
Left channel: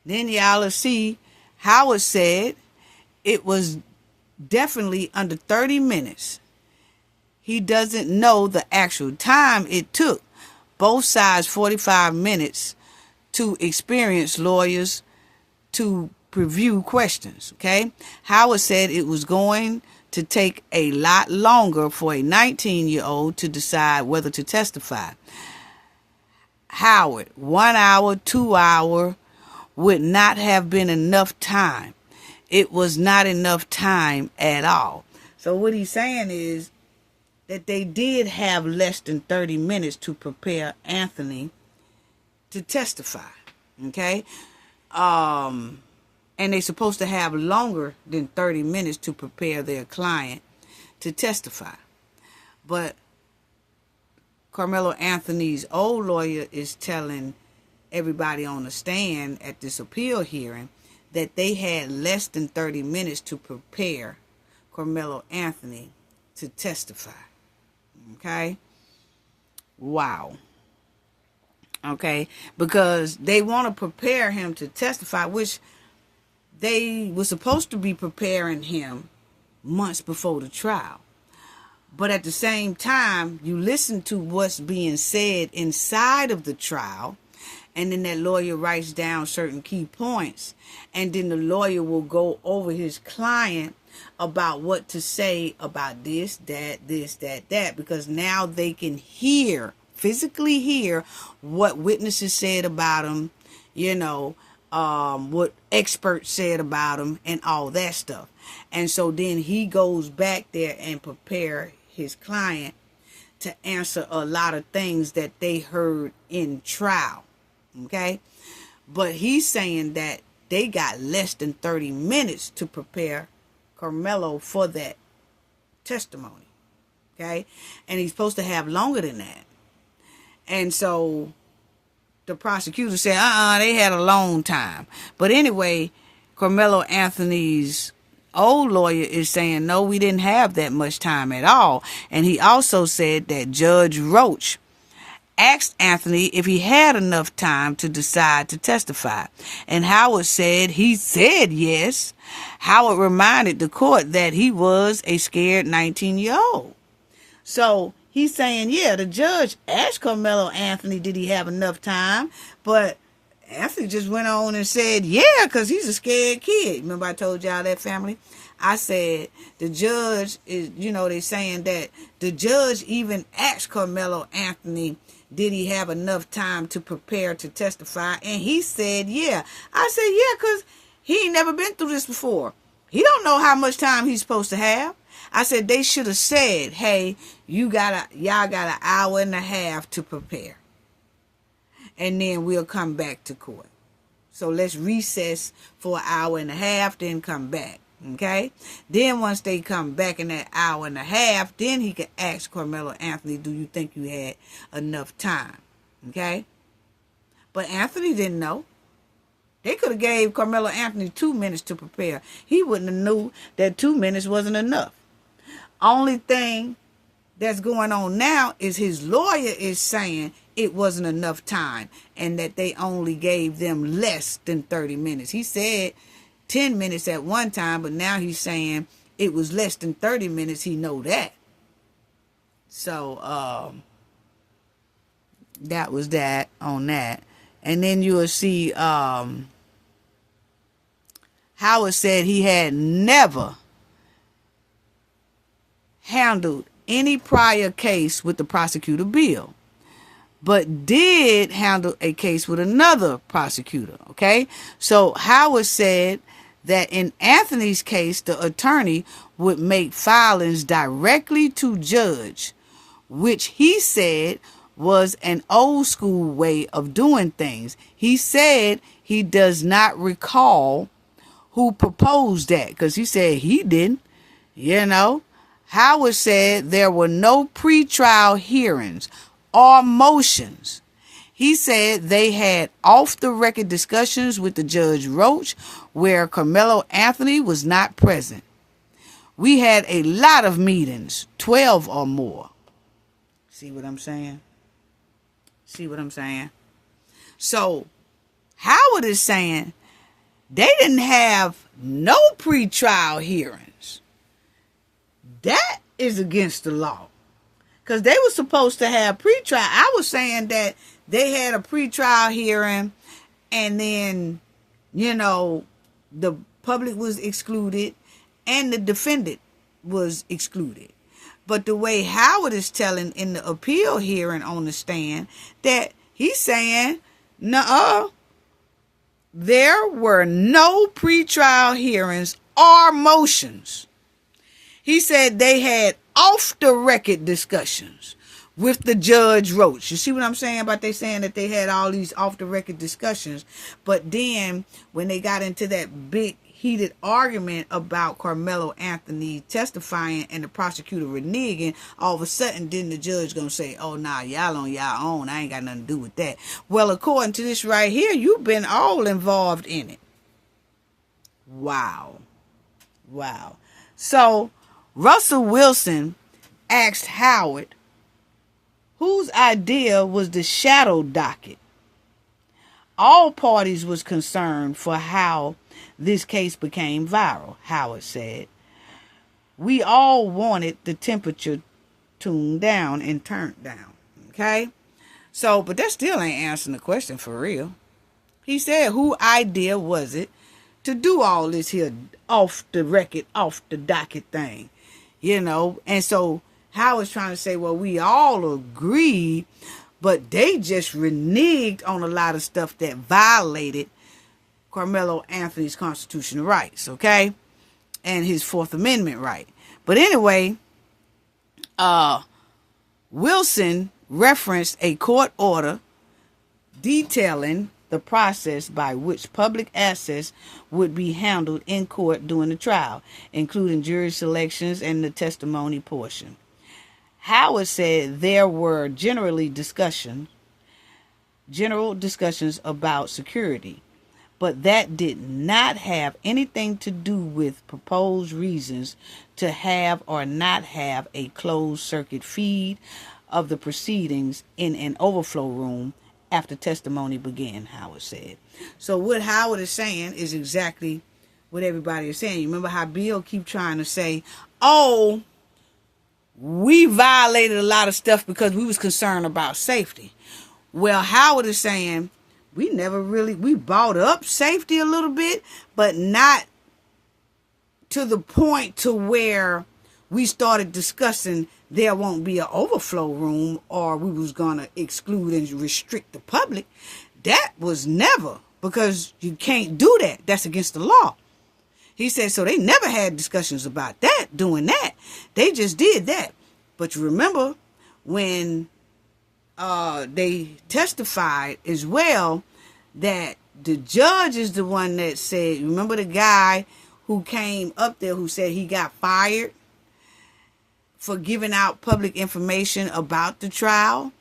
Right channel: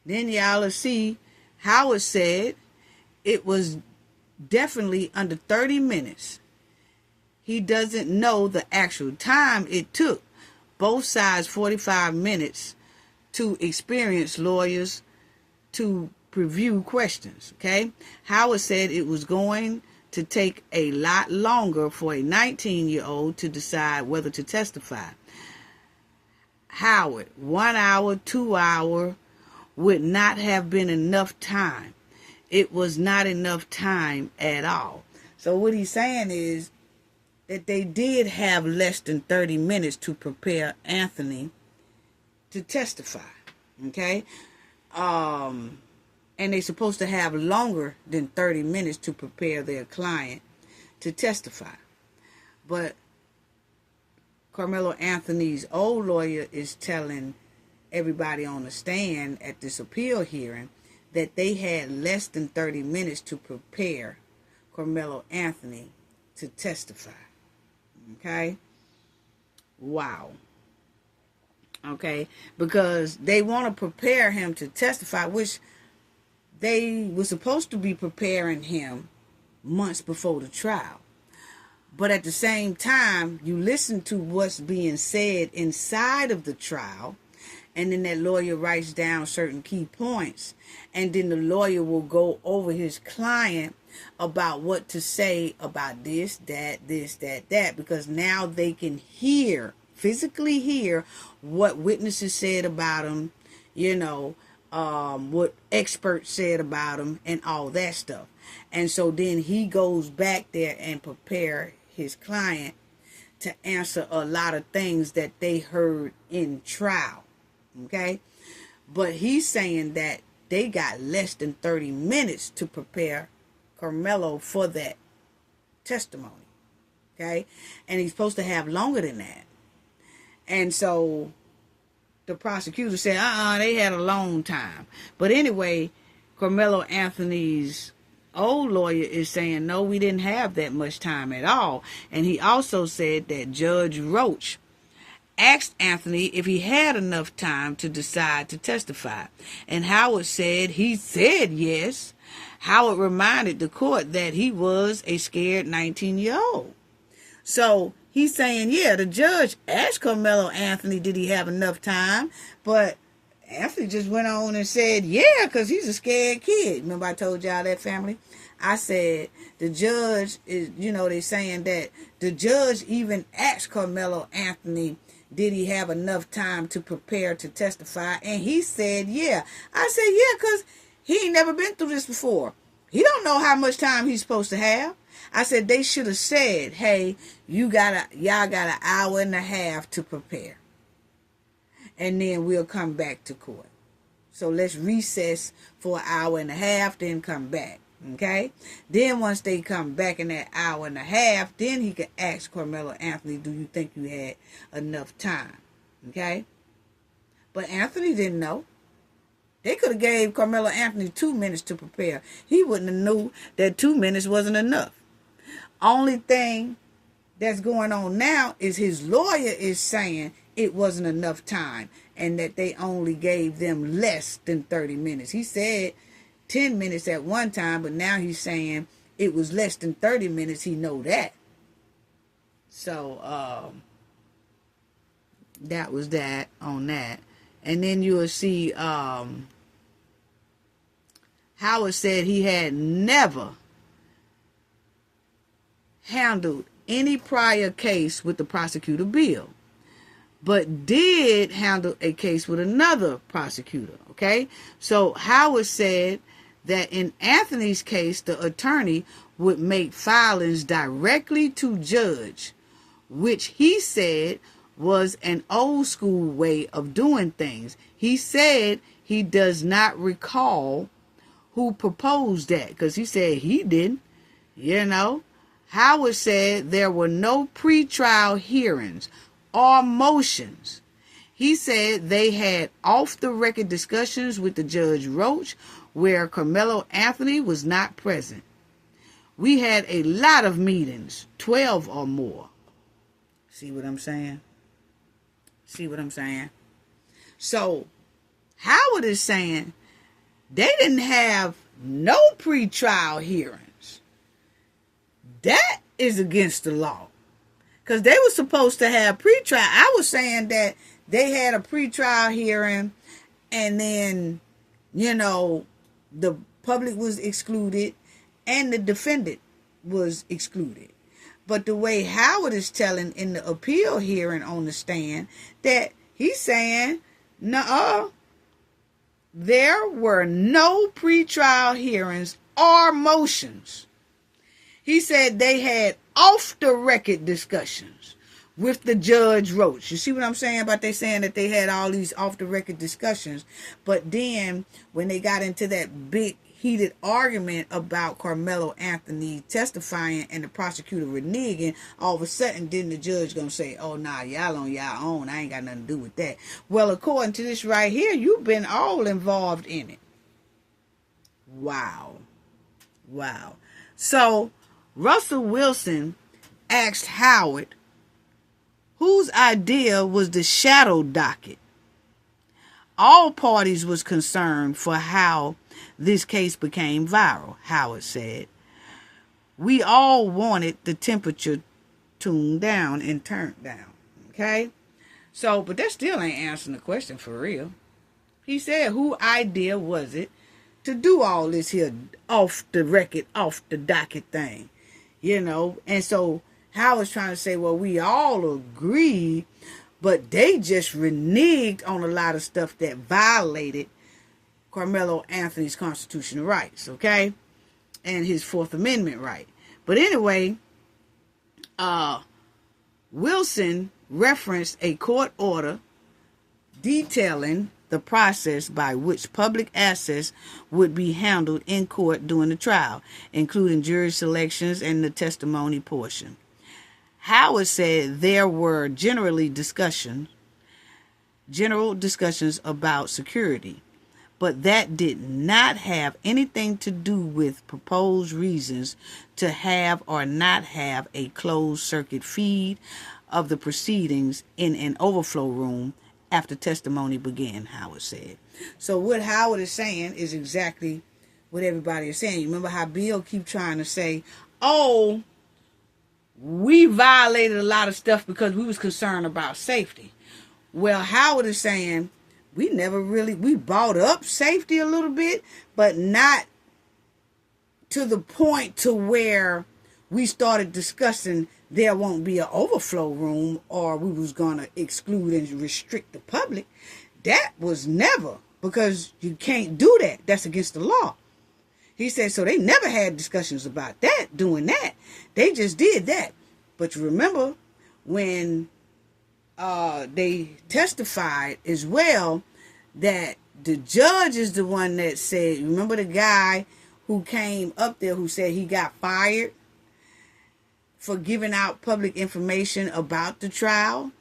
Then y'all will see Howard said it was definitely under 30 minutes. He doesn't know the actual time it took both sides 45 minutes to experienced lawyers to review questions. Okay, Howard said it was going to take a lot longer for a 19-year-old to decide whether to testify. Howard, 1 hour, 2 hour would not have been enough time. It was not enough time at all. So what he's saying is that they did have less than 30 minutes to prepare Anthony to testify. Okay, and they're supposed to have longer than 30 minutes to prepare their client to testify. But Karmelo Anthony's old lawyer is telling everybody on the stand at this appeal hearing that they had less than 30 minutes to prepare Karmelo Anthony to testify. Okay? Wow. Okay? Because they want to prepare him to testify, which they were supposed to be preparing him months before the trial. But at the same time, you listen to what's being said inside of the trial, and then that lawyer writes down certain key points, and then the lawyer will go over his client about what to say about this, that, because now they can hear, physically hear what witnesses said about him, you know, what experts said about him and all that stuff. And so then he goes back there and prepare his client to answer a lot of things that they heard in trial. Okay? But he's saying that they got less than 30 minutes to prepare Karmelo for that testimony. Okay? And he's supposed to have longer than that. And so the prosecutor said, they had a long time. But anyway, Karmelo Anthony's old lawyer is saying, no, we didn't have that much time at all. And he also said that Judge Roach asked Anthony if he had enough time to decide to testify. And Howard said he said yes. Howard reminded the court that he was a scared 19-year-old. So he's saying, yeah, the judge asked Karmelo Anthony, did he have enough time? But Anthony just went on and said, yeah, because he's a scared kid. Remember I told y'all that, family? I said the judge is, you know, they're saying that the judge even asked Karmelo Anthony, did he have enough time to prepare to testify? And he said, yeah. I said, yeah, because he ain't never been through this before. He don't know how much time he's supposed to have. I said they should have said, hey, y'all got an hour and a half to prepare. And then we'll come back to court. So let's recess for an hour and a half, then come back. Okay? Then once they come back in that hour and a half, then he could ask Karmelo Anthony, do you think you had enough time? Okay? But Anthony didn't know. They could have gave Karmelo Anthony 2 minutes to prepare. He wouldn't have knew that 2 minutes wasn't enough. Only thing that's going on now is his lawyer is saying it wasn't enough time and that they only gave them less than 30 minutes. He said 10 minutes at one time, but now he's saying it was less than 30 minutes. He know that. So that was that on that. And then you will see Howard said he had never handled any prior case with the prosecutor Bill, but did handle a case with another prosecutor. Okay, so Howard said that in Anthony's case, the attorney would make filings directly to judge, which he said was an old school way of doing things. He said he does not recall who proposed that, because he said he didn't, you know. Howard said there were no pretrial hearings or motions. He said they had off-the-record discussions with the Judge Roach where Karmelo Anthony was not present. We had a lot of meetings, 12 or more. See what I'm saying? See what I'm saying? So Howard is saying they didn't have no pretrial hearings. That is against the law. Because they were supposed to have pretrial. I was saying that they had a pretrial hearing and then, you know, the public was excluded and the defendant was excluded. But the way Howard is telling in the appeal hearing on the stand, that he's saying, nuh-uh, there were no pretrial hearings or motions. He said they had off-the-record discussions with the Judge Roach. You see what I'm saying about they saying that they had all these off-the-record discussions, but then when they got into that big heated argument about Karmelo Anthony testifying and the prosecutor reneging, all of a sudden then the judge gonna say, oh nah, y'all on y'all own, I ain't got nothing to do with that. Well, according to this right here, you've been all involved in it. Wow. So Russell Wilson asked Howard whose idea was the shadow docket. All parties was concerned for how this case became viral, Howard said. We all wanted the temperature tuned down and turned down. Okay? So, but that still ain't answering the question for real. He said, whose idea was it to do all this here off the record, off the docket thing? You know, and so Howard's trying to say, well, we all agreed, but they just reneged on a lot of stuff that violated Karmelo Anthony's constitutional rights, okay? And his Fourth Amendment right. But anyway, Wilson referenced a court order detailing the process by which public access would be handled in court during the trial, including jury selections and the testimony portion. Howard said there were general discussions about security, but that did not have anything to do with proposed reasons to have or not have a closed circuit feed of the proceedings in an overflow room after testimony began, Howard said. So what Howard is saying is exactly what everybody is saying. You remember how Bill keep trying to say, oh, we violated a lot of stuff because we was concerned about safety. Well, Howard is saying we brought up safety a little bit, but not to the point to where we started discussing there won't be an overflow room or we was going to exclude and restrict the public. That was never, because you can't do that. That's against the law. He said, so they never had discussions about that, doing that. They just did that. But you remember when they testified as well, that the judge is the one that said, remember the guy who came up there who said he got fired for giving out public information about the trial.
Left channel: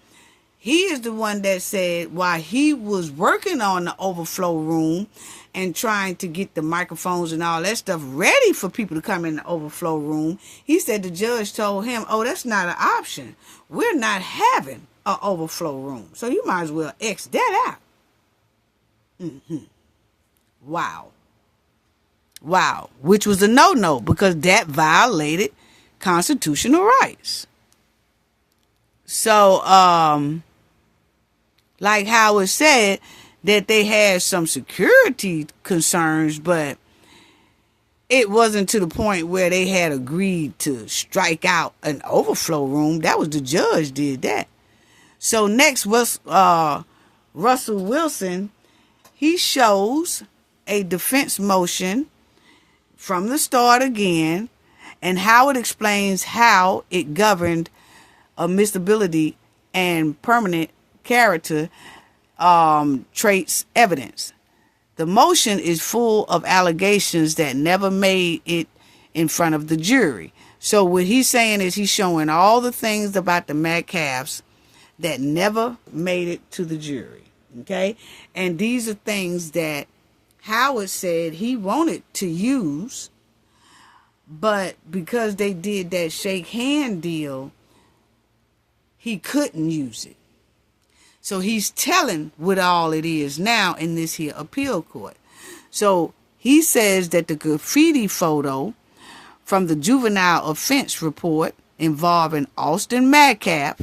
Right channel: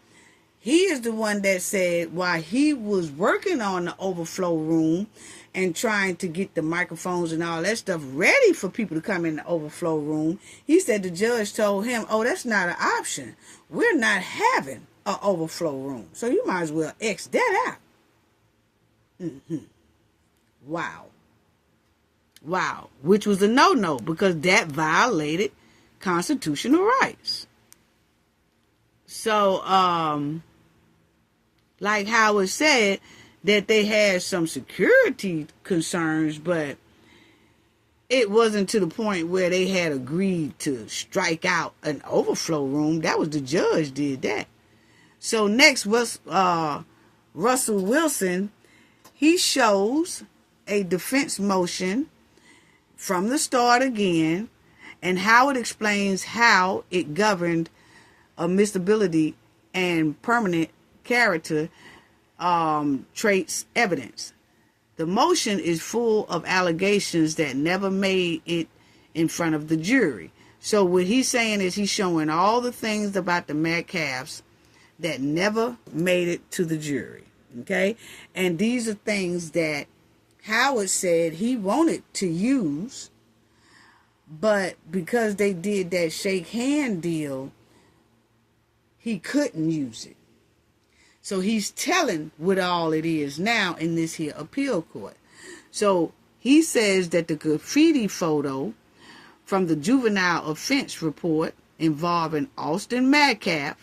He is the one that said while he was working on the overflow room and trying to get the microphones and all that stuff ready for people to come in the overflow room, he said the judge told him, oh, that's not an option. We're not having an overflow room. So you might as well X that out. Wow. Wow. Which was a no-no because that violated constitutional rights. So, like Howard said, that they had some security concerns, but it wasn't to the point where they had agreed to strike out an overflow room. That was the judge did that. So next was Russell Wilson. He shows a defense motion from the start again, and Howard explains how it governed admissibility and permanent character traits evidence. The motion is full of allegations that never made it in front of the jury. So what he's saying is he's showing all the things about the Metcalfs that never made it to the jury. Okay? And these are things that Howard said he wanted to use, but because they did that shake hand deal, he couldn't use it. So he's telling what all it is now in this here appeal court. So he says that the graffiti photo from the juvenile offense report involving Austin Metcalf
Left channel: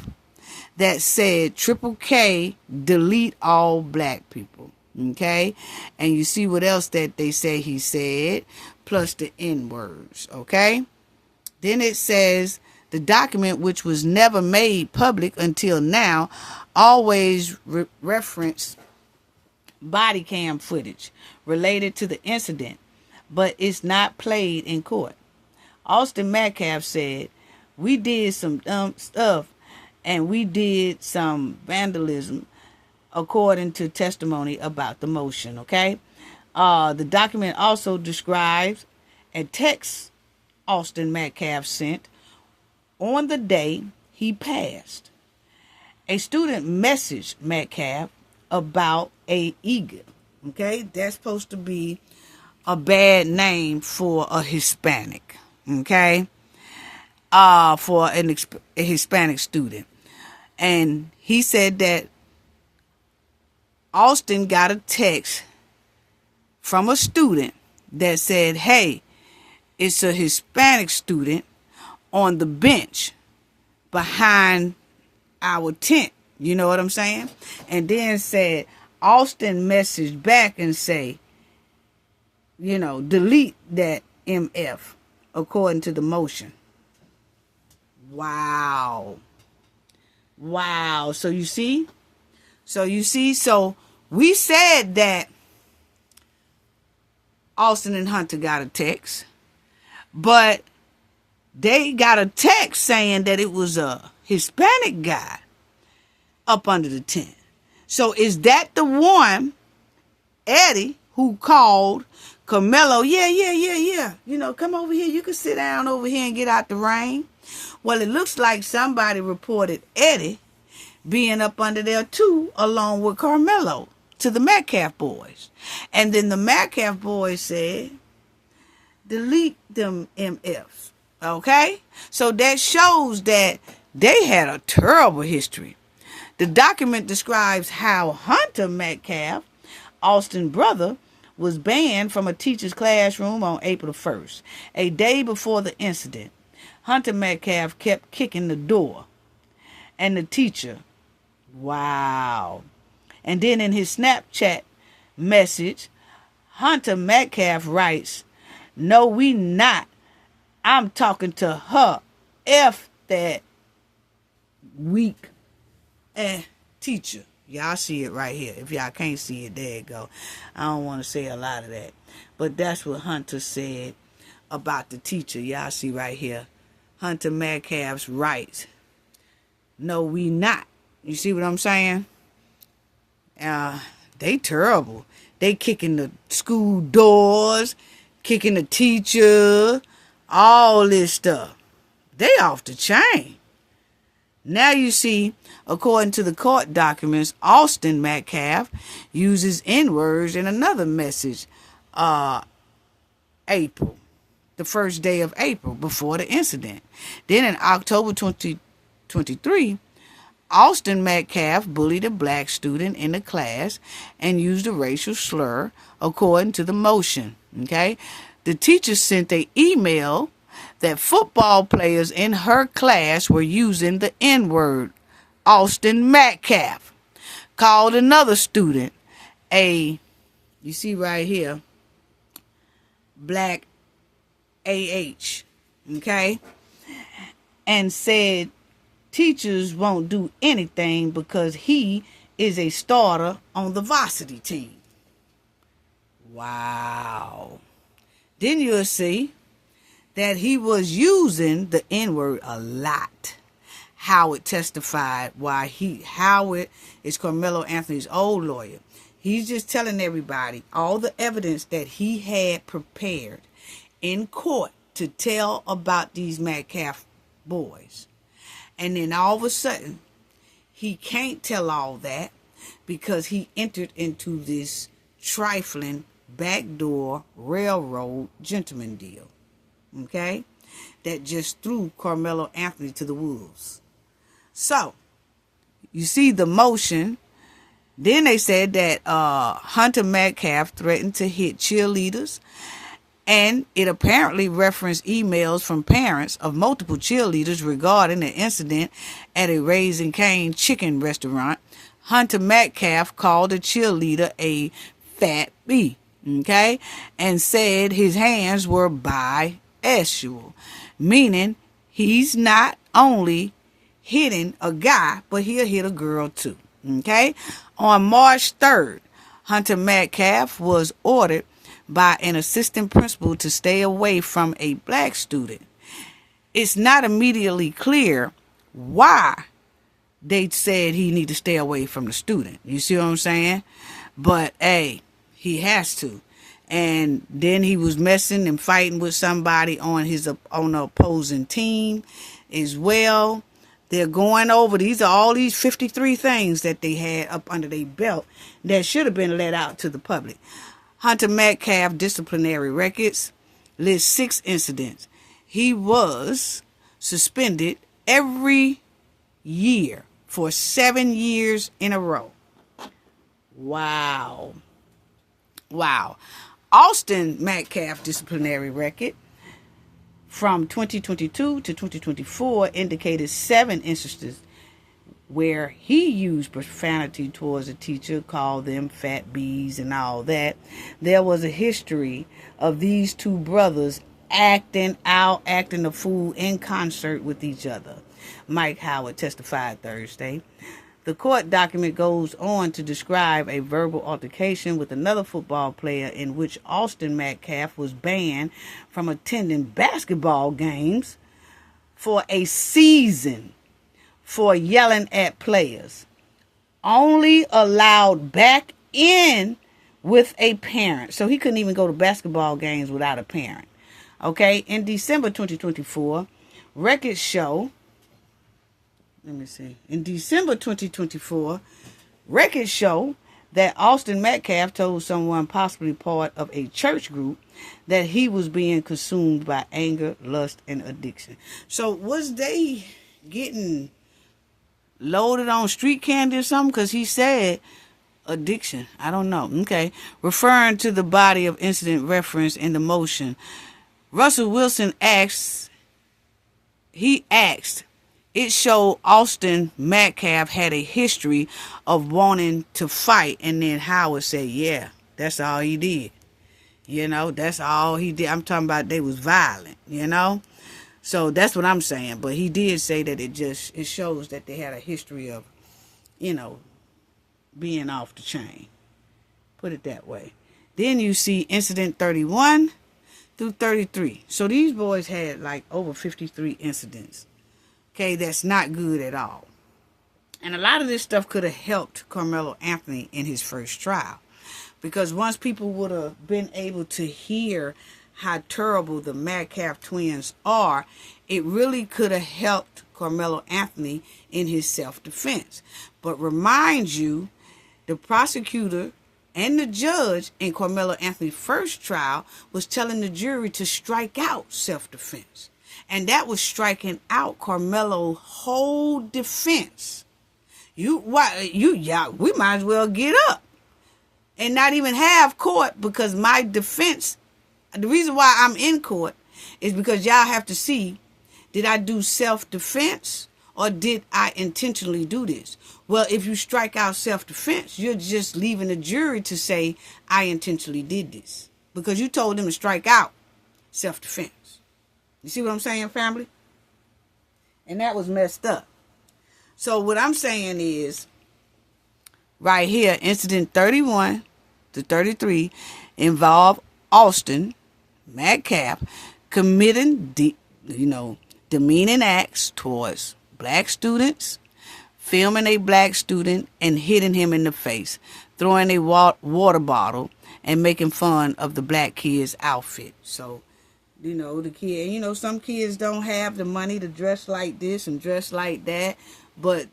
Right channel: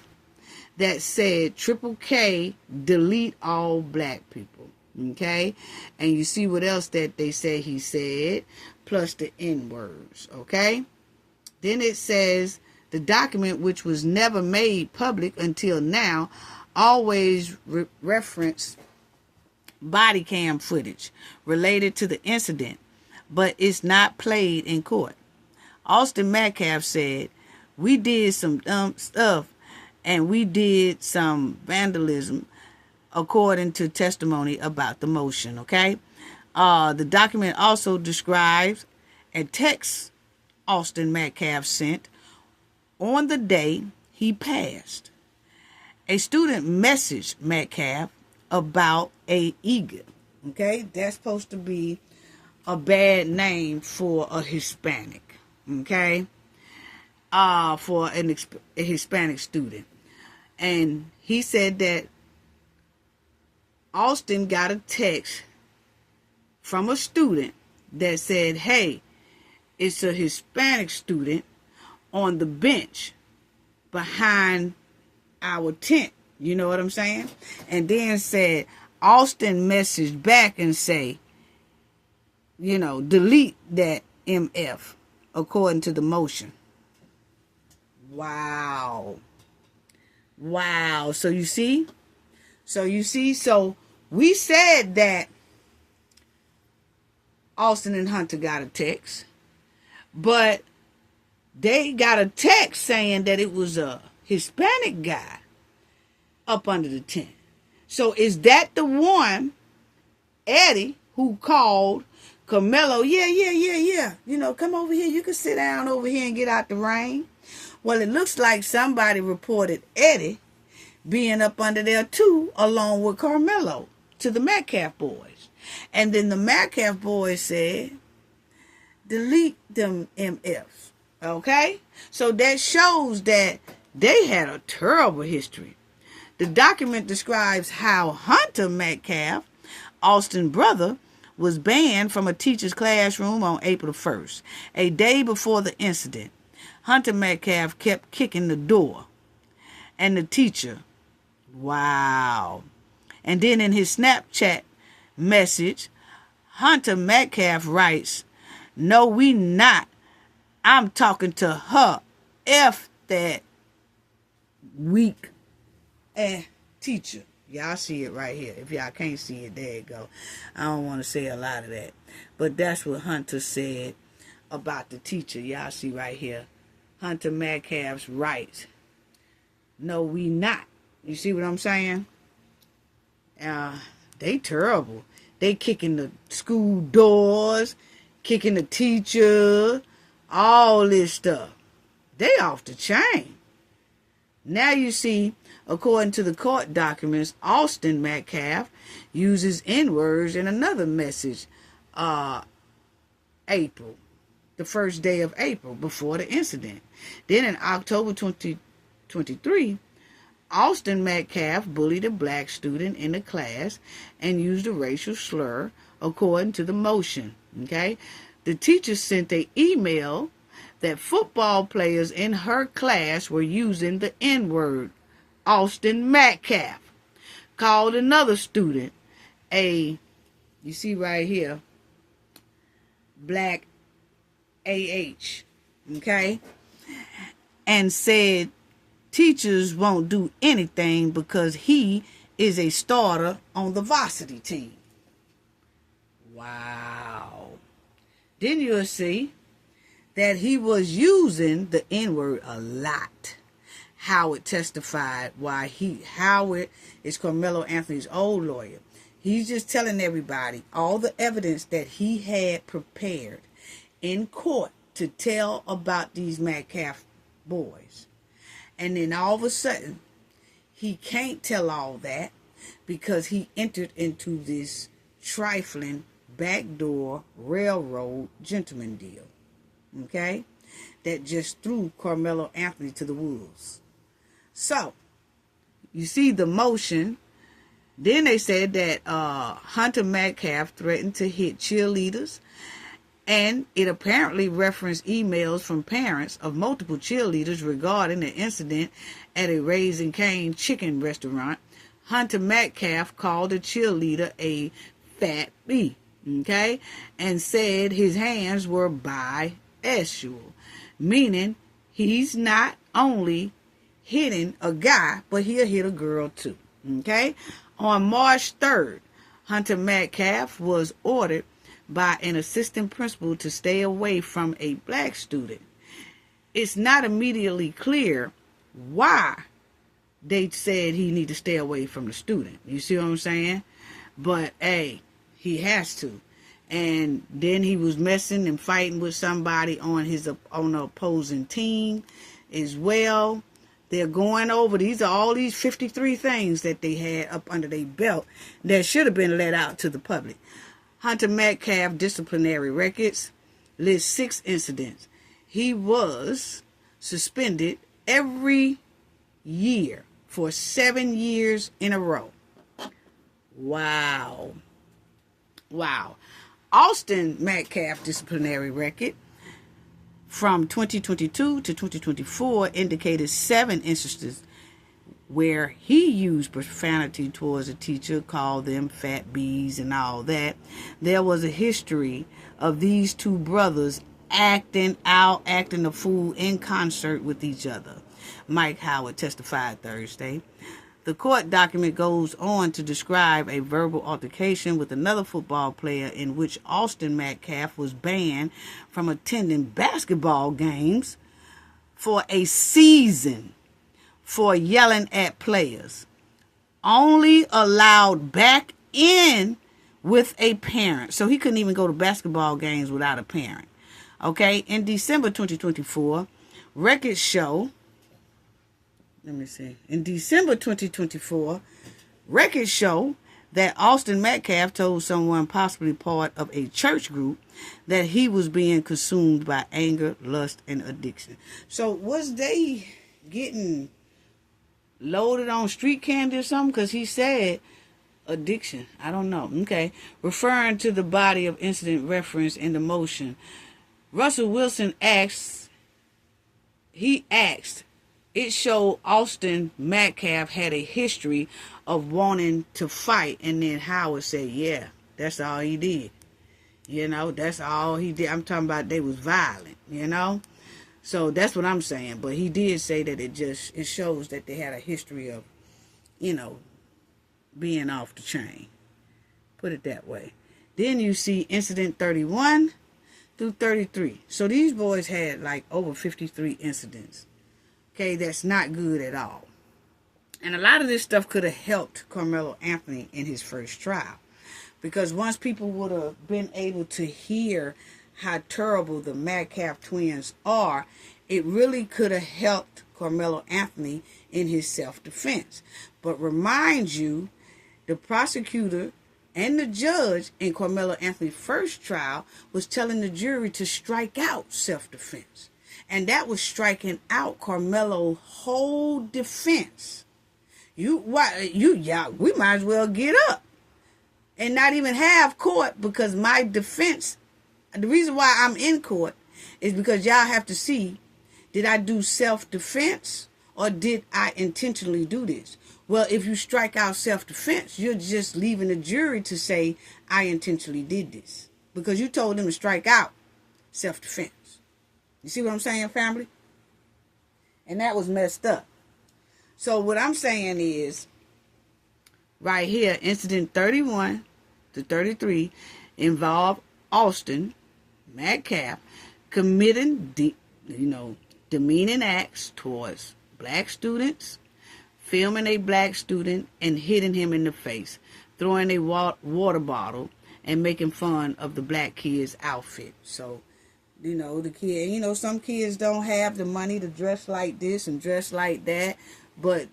that said Triple K delete all black people. Okay? And you see what else that they say he said, plus the N-words. Okay? Then it says the document, which was never made public until now, always reference body cam footage related to the incident, but it's not played in court. Austin Metcalf said, we did some dumb stuff and we did some vandalism according to testimony about the motion, okay? The document also describes a text Austin Metcalf sent on the day he passed. A student messaged Metcalf about a eagle. Okay, that's supposed to be a bad name for a Hispanic. Okay, for a Hispanic student, and he said that Austin got a text from a student that said, "Hey, it's a Hispanic student on the bench behind our tent." You know what I'm saying? And then said, Austin messaged back and say, delete that MF according to the motion. Wow. So you see? So we said that Austin and Hunter got a text, but they got a text saying that it was a Hispanic guy up under the tent. So is that the one, Eddie, who called Karmelo? Yeah. Come over here. You can sit down over here and get out the rain. Well, it looks like somebody reported Eddie being up under there too, along with Karmelo, to the Metcalf boys. And then the Metcalf boys said, delete them MFs. Okay? So that shows that they had a terrible history. The document describes how Hunter Metcalf, Austin's brother, was banned from a teacher's classroom on April 1st, a day before the incident. Hunter Metcalf kept kicking the door. And the teacher, wow. And then in his Snapchat message, Hunter Metcalf writes, "No, we not. I'm talking to her. F that weak teacher." Y'all see it right here. If y'all can't see it, there you go. I don't want to say a lot of that. But that's what Hunter said about the teacher. Y'all see right here. Hunter Metcalf's writes, "No, we not." You see what I'm saying? They terrible. They kicking the school doors, kicking the teacher, all this stuff. They off the chain. Now you see, according to the court documents, Austin Metcalf uses N-words in another message, April, the first day of April, before the incident. Then in October 2023, Austin Metcalf bullied a black student in the class and used a racial slur, according to the motion. Okay, the teacher sent an email that football players in her class were using the N-word. Austin Metcalf called another student you see right here, black AH, okay, and said teachers won't do anything because he is a starter on the varsity team. Wow. Then you'll see that he was using the N-word a lot. Howard testified Howard is Karmelo Anthony's old lawyer. He's just telling everybody all the evidence that he had prepared in court to tell about these Metcalf boys. And then all of a sudden, he can't tell all that because he entered into this trifling backdoor railroad gentleman deal. Okay? That just threw Karmelo Anthony to the wolves. So, you see the motion. Then they said that Hunter Metcalf threatened to hit cheerleaders. And it apparently referenced emails from parents of multiple cheerleaders regarding the incident at a Raising Cane chicken restaurant. Hunter Metcalf called a cheerleader a fat bee, okay, and said his hands were bisexual, meaning he's not only hitting a guy, but he'll hit a girl too, okay? On March 3rd, Hunter Metcalf was ordered by an assistant principal to stay away from a black student. It's not immediately clear why they said he need to stay away from the student. You see what I'm saying? But, hey, he has to. And then he was messing and fighting with somebody on the opposing team as well. They're going over, these are all these 53 things that they had up under their belt that should have been let out to the public. Hunter Metcalf disciplinary records list 6 incidents. He was suspended every year for 7 years in a row. Wow. Austin Metcalf disciplinary record from 2022 to 2024 indicated 7 instances where he used profanity towards a teacher, called them fat bees and all that. There was a history of these two brothers acting a fool in concert with each other. Mike Howard testified Thursday. The court document goes on to describe a verbal altercation with another football player in which Austin Metcalf was banned from attending basketball games for a season for yelling at players. Only allowed back in with a parent. So he couldn't even go to basketball games without a parent. Okay, in December 2024, records show, in December 2024, records show that Austin Metcalf told someone possibly part of a church group that he was being consumed by anger, lust, and addiction. So was they getting loaded on street candy or something? Because he said addiction. I don't know. Okay. Referring to the body of incident referenced in the motion, Russell Wilson asked, it showed Austin Metcalf had a history of wanting to fight. And then Howard said, yeah, that's all he did. You know, that's all he did. I'm talking about they was violent, you know. So that's what I'm saying. But he did say that it shows that they had a history of, you know, being off the chain. Put it that way. Then you see incident 31 through 33. So these boys had like over 53 incidents. Okay, that's not good at all. And a lot of this stuff could have helped Karmelo Anthony in his first trial. Because once people would have been able to hear how terrible the Metcalf twins are, it really could have helped Karmelo Anothony in his self-defense. But remind you, the prosecutor and the judge in Karmelo Anothony's first trial was telling the jury to strike out self-defense. And that was striking out Karmelo's whole defense. We might as well get up and not even have court, because my defense, the reason why I'm in court is because y'all have to see, did I do self-defense or did I intentionally do this? Well, if you strike out self-defense, you're just leaving the jury to say, I intentionally did this, because you told them to strike out self-defense. You see what I'm saying, family? And that was messed up. So what I'm saying is, right here, incident 31 to 33 involve Austin Metcalf committing, demeaning acts towards black students, filming a black student and hitting him in the face, throwing a water bottle, and making fun of the black kid's outfit. So, the kid, some kids don't have the money to dress like this and dress like that, but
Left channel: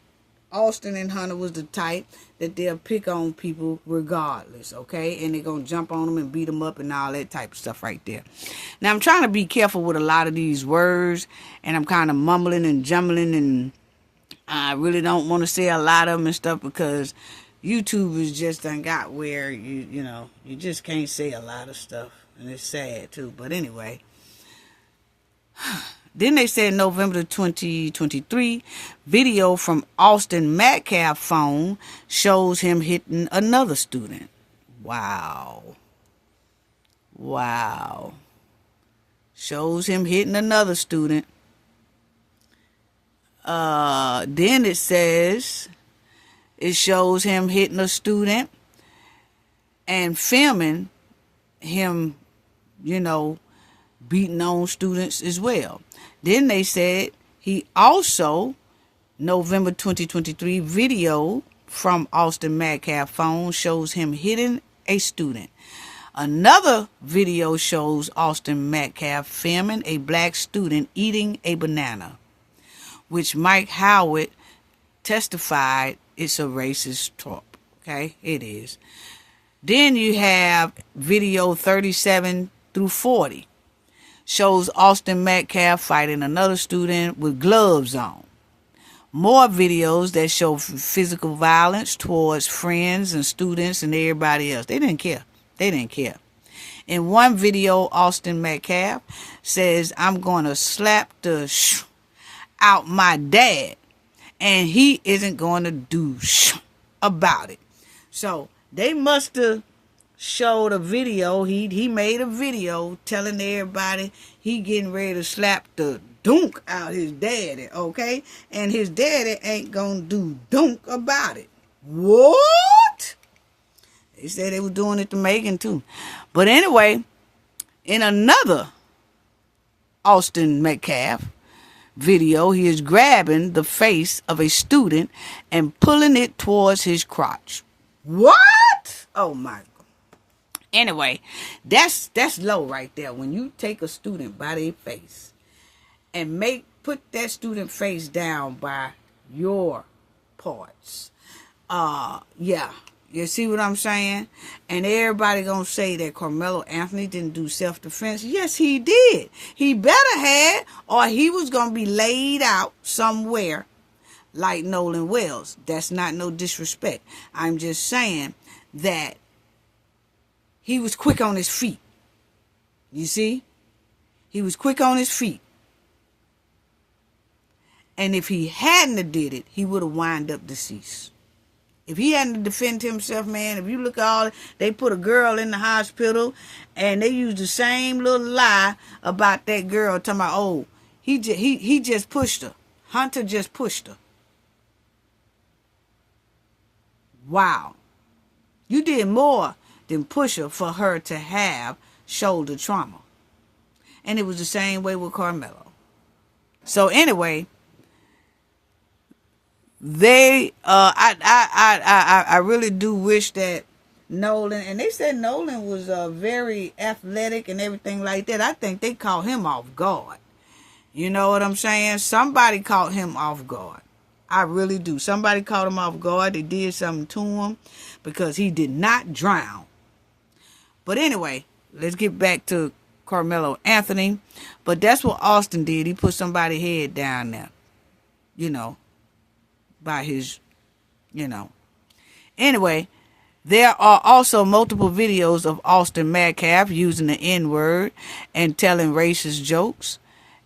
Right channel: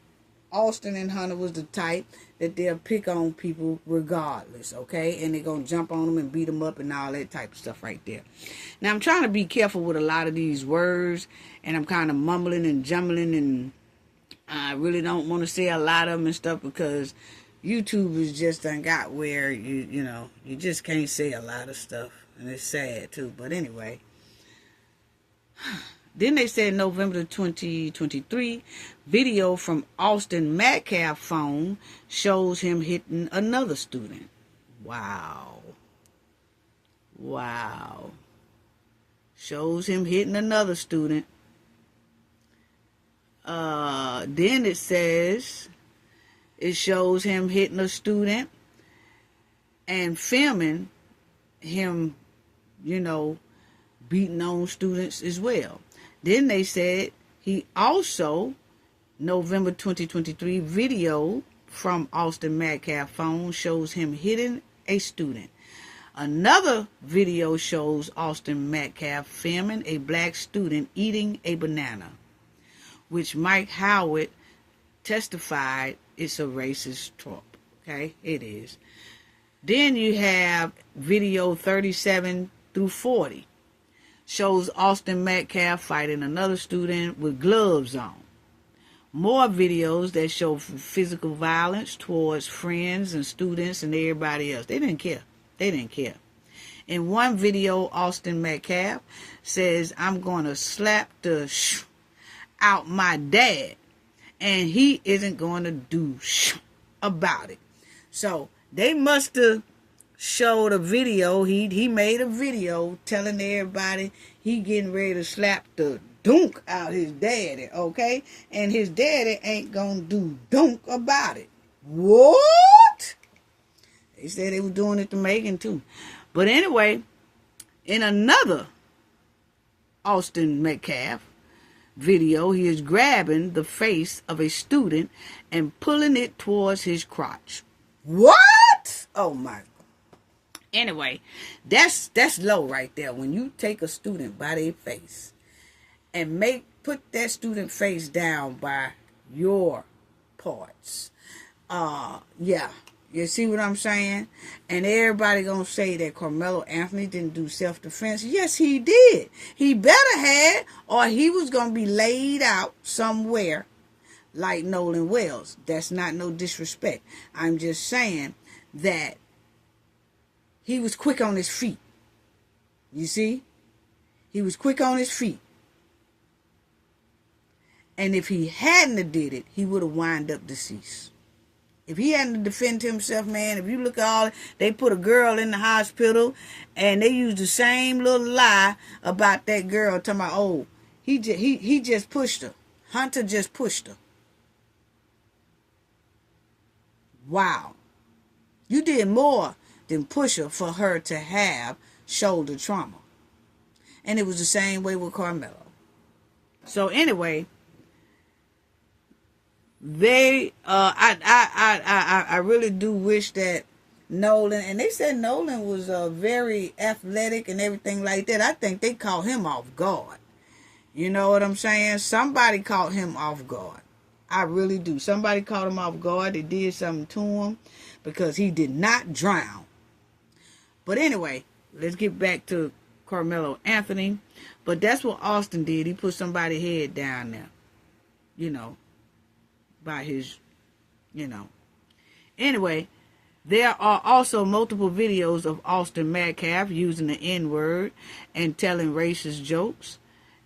Austin and Hunter was the type that they'll pick on people regardless, okay? And they're going to jump on them and beat them up and all that type of stuff right there. Now, I'm trying to be careful with a lot of these words, and I'm kind of mumbling and jumbling, and I really don't want to say a lot of them and stuff, because YouTube is just done got where, you just can't say a lot of stuff, and it's sad, too. But anyway, then they said November 2023, video from Austin Metcalf's phone shows him hitting another student. Wow. Shows him hitting another student. Then it says it shows him hitting a student and filming him, beating on students as well. Then they said he also, November 2023, video from Austin Metcalf's phone shows him hitting a student. Another video shows Austin Metcalf filming a black student eating a banana, which Mike Howard testified it's a racist trope. Okay, it is. Then you have video 37 through 40. Shows Austin Metcalf fighting another student with gloves on. More videos that show physical violence towards friends and students and everybody else. They didn't care. In one video, Austin Metcalf says, I'm going to slap the out my dad, and he isn't going to do about it. So they must have showed a video. He made a video telling everybody he getting ready to slap the dunk out his daddy, okay? And his daddy ain't gonna do dunk about it. What? They said they were doing it to Megan too. But anyway, in another Austin Metcalf video, he is grabbing the face of a student and pulling it towards his crotch. What? Oh my God. Anyway, that's low right there. When you take a student by their face and put that student face down by your parts. Yeah. You see what I'm saying? And everybody gonna say that Karmelo Anothony didn't do self-defense. Yes, he did. He better had, or he was gonna be laid out somewhere like Nolan Wells. That's not no disrespect. I'm just saying that he was quick on his feet. You see? He was quick on his feet. And if he hadn't have did it, he would have wound up deceased. If he hadn't defended himself, man, if you look at all, they put a girl in the hospital and they used the same little lie about that girl, talking about, oh, he just pushed her. Hunter just pushed her. Wow. You did more than push her for her to have shoulder trauma. And it was the same way with Karmelo. So anyway, I really do wish that Nolan, and they said Nolan was very athletic and everything like that. I think they caught him off guard. You know what I'm saying? Somebody caught him off guard. I really do. Somebody caught him off guard. They did something to him because he did not drown. But anyway, let's get back to Karmelo Anothony. But that's what Austin did. He put somebody's head down there, you know, by his, you know. Anyway, there are also multiple videos of Austin Metcalf using the N-word and telling racist jokes,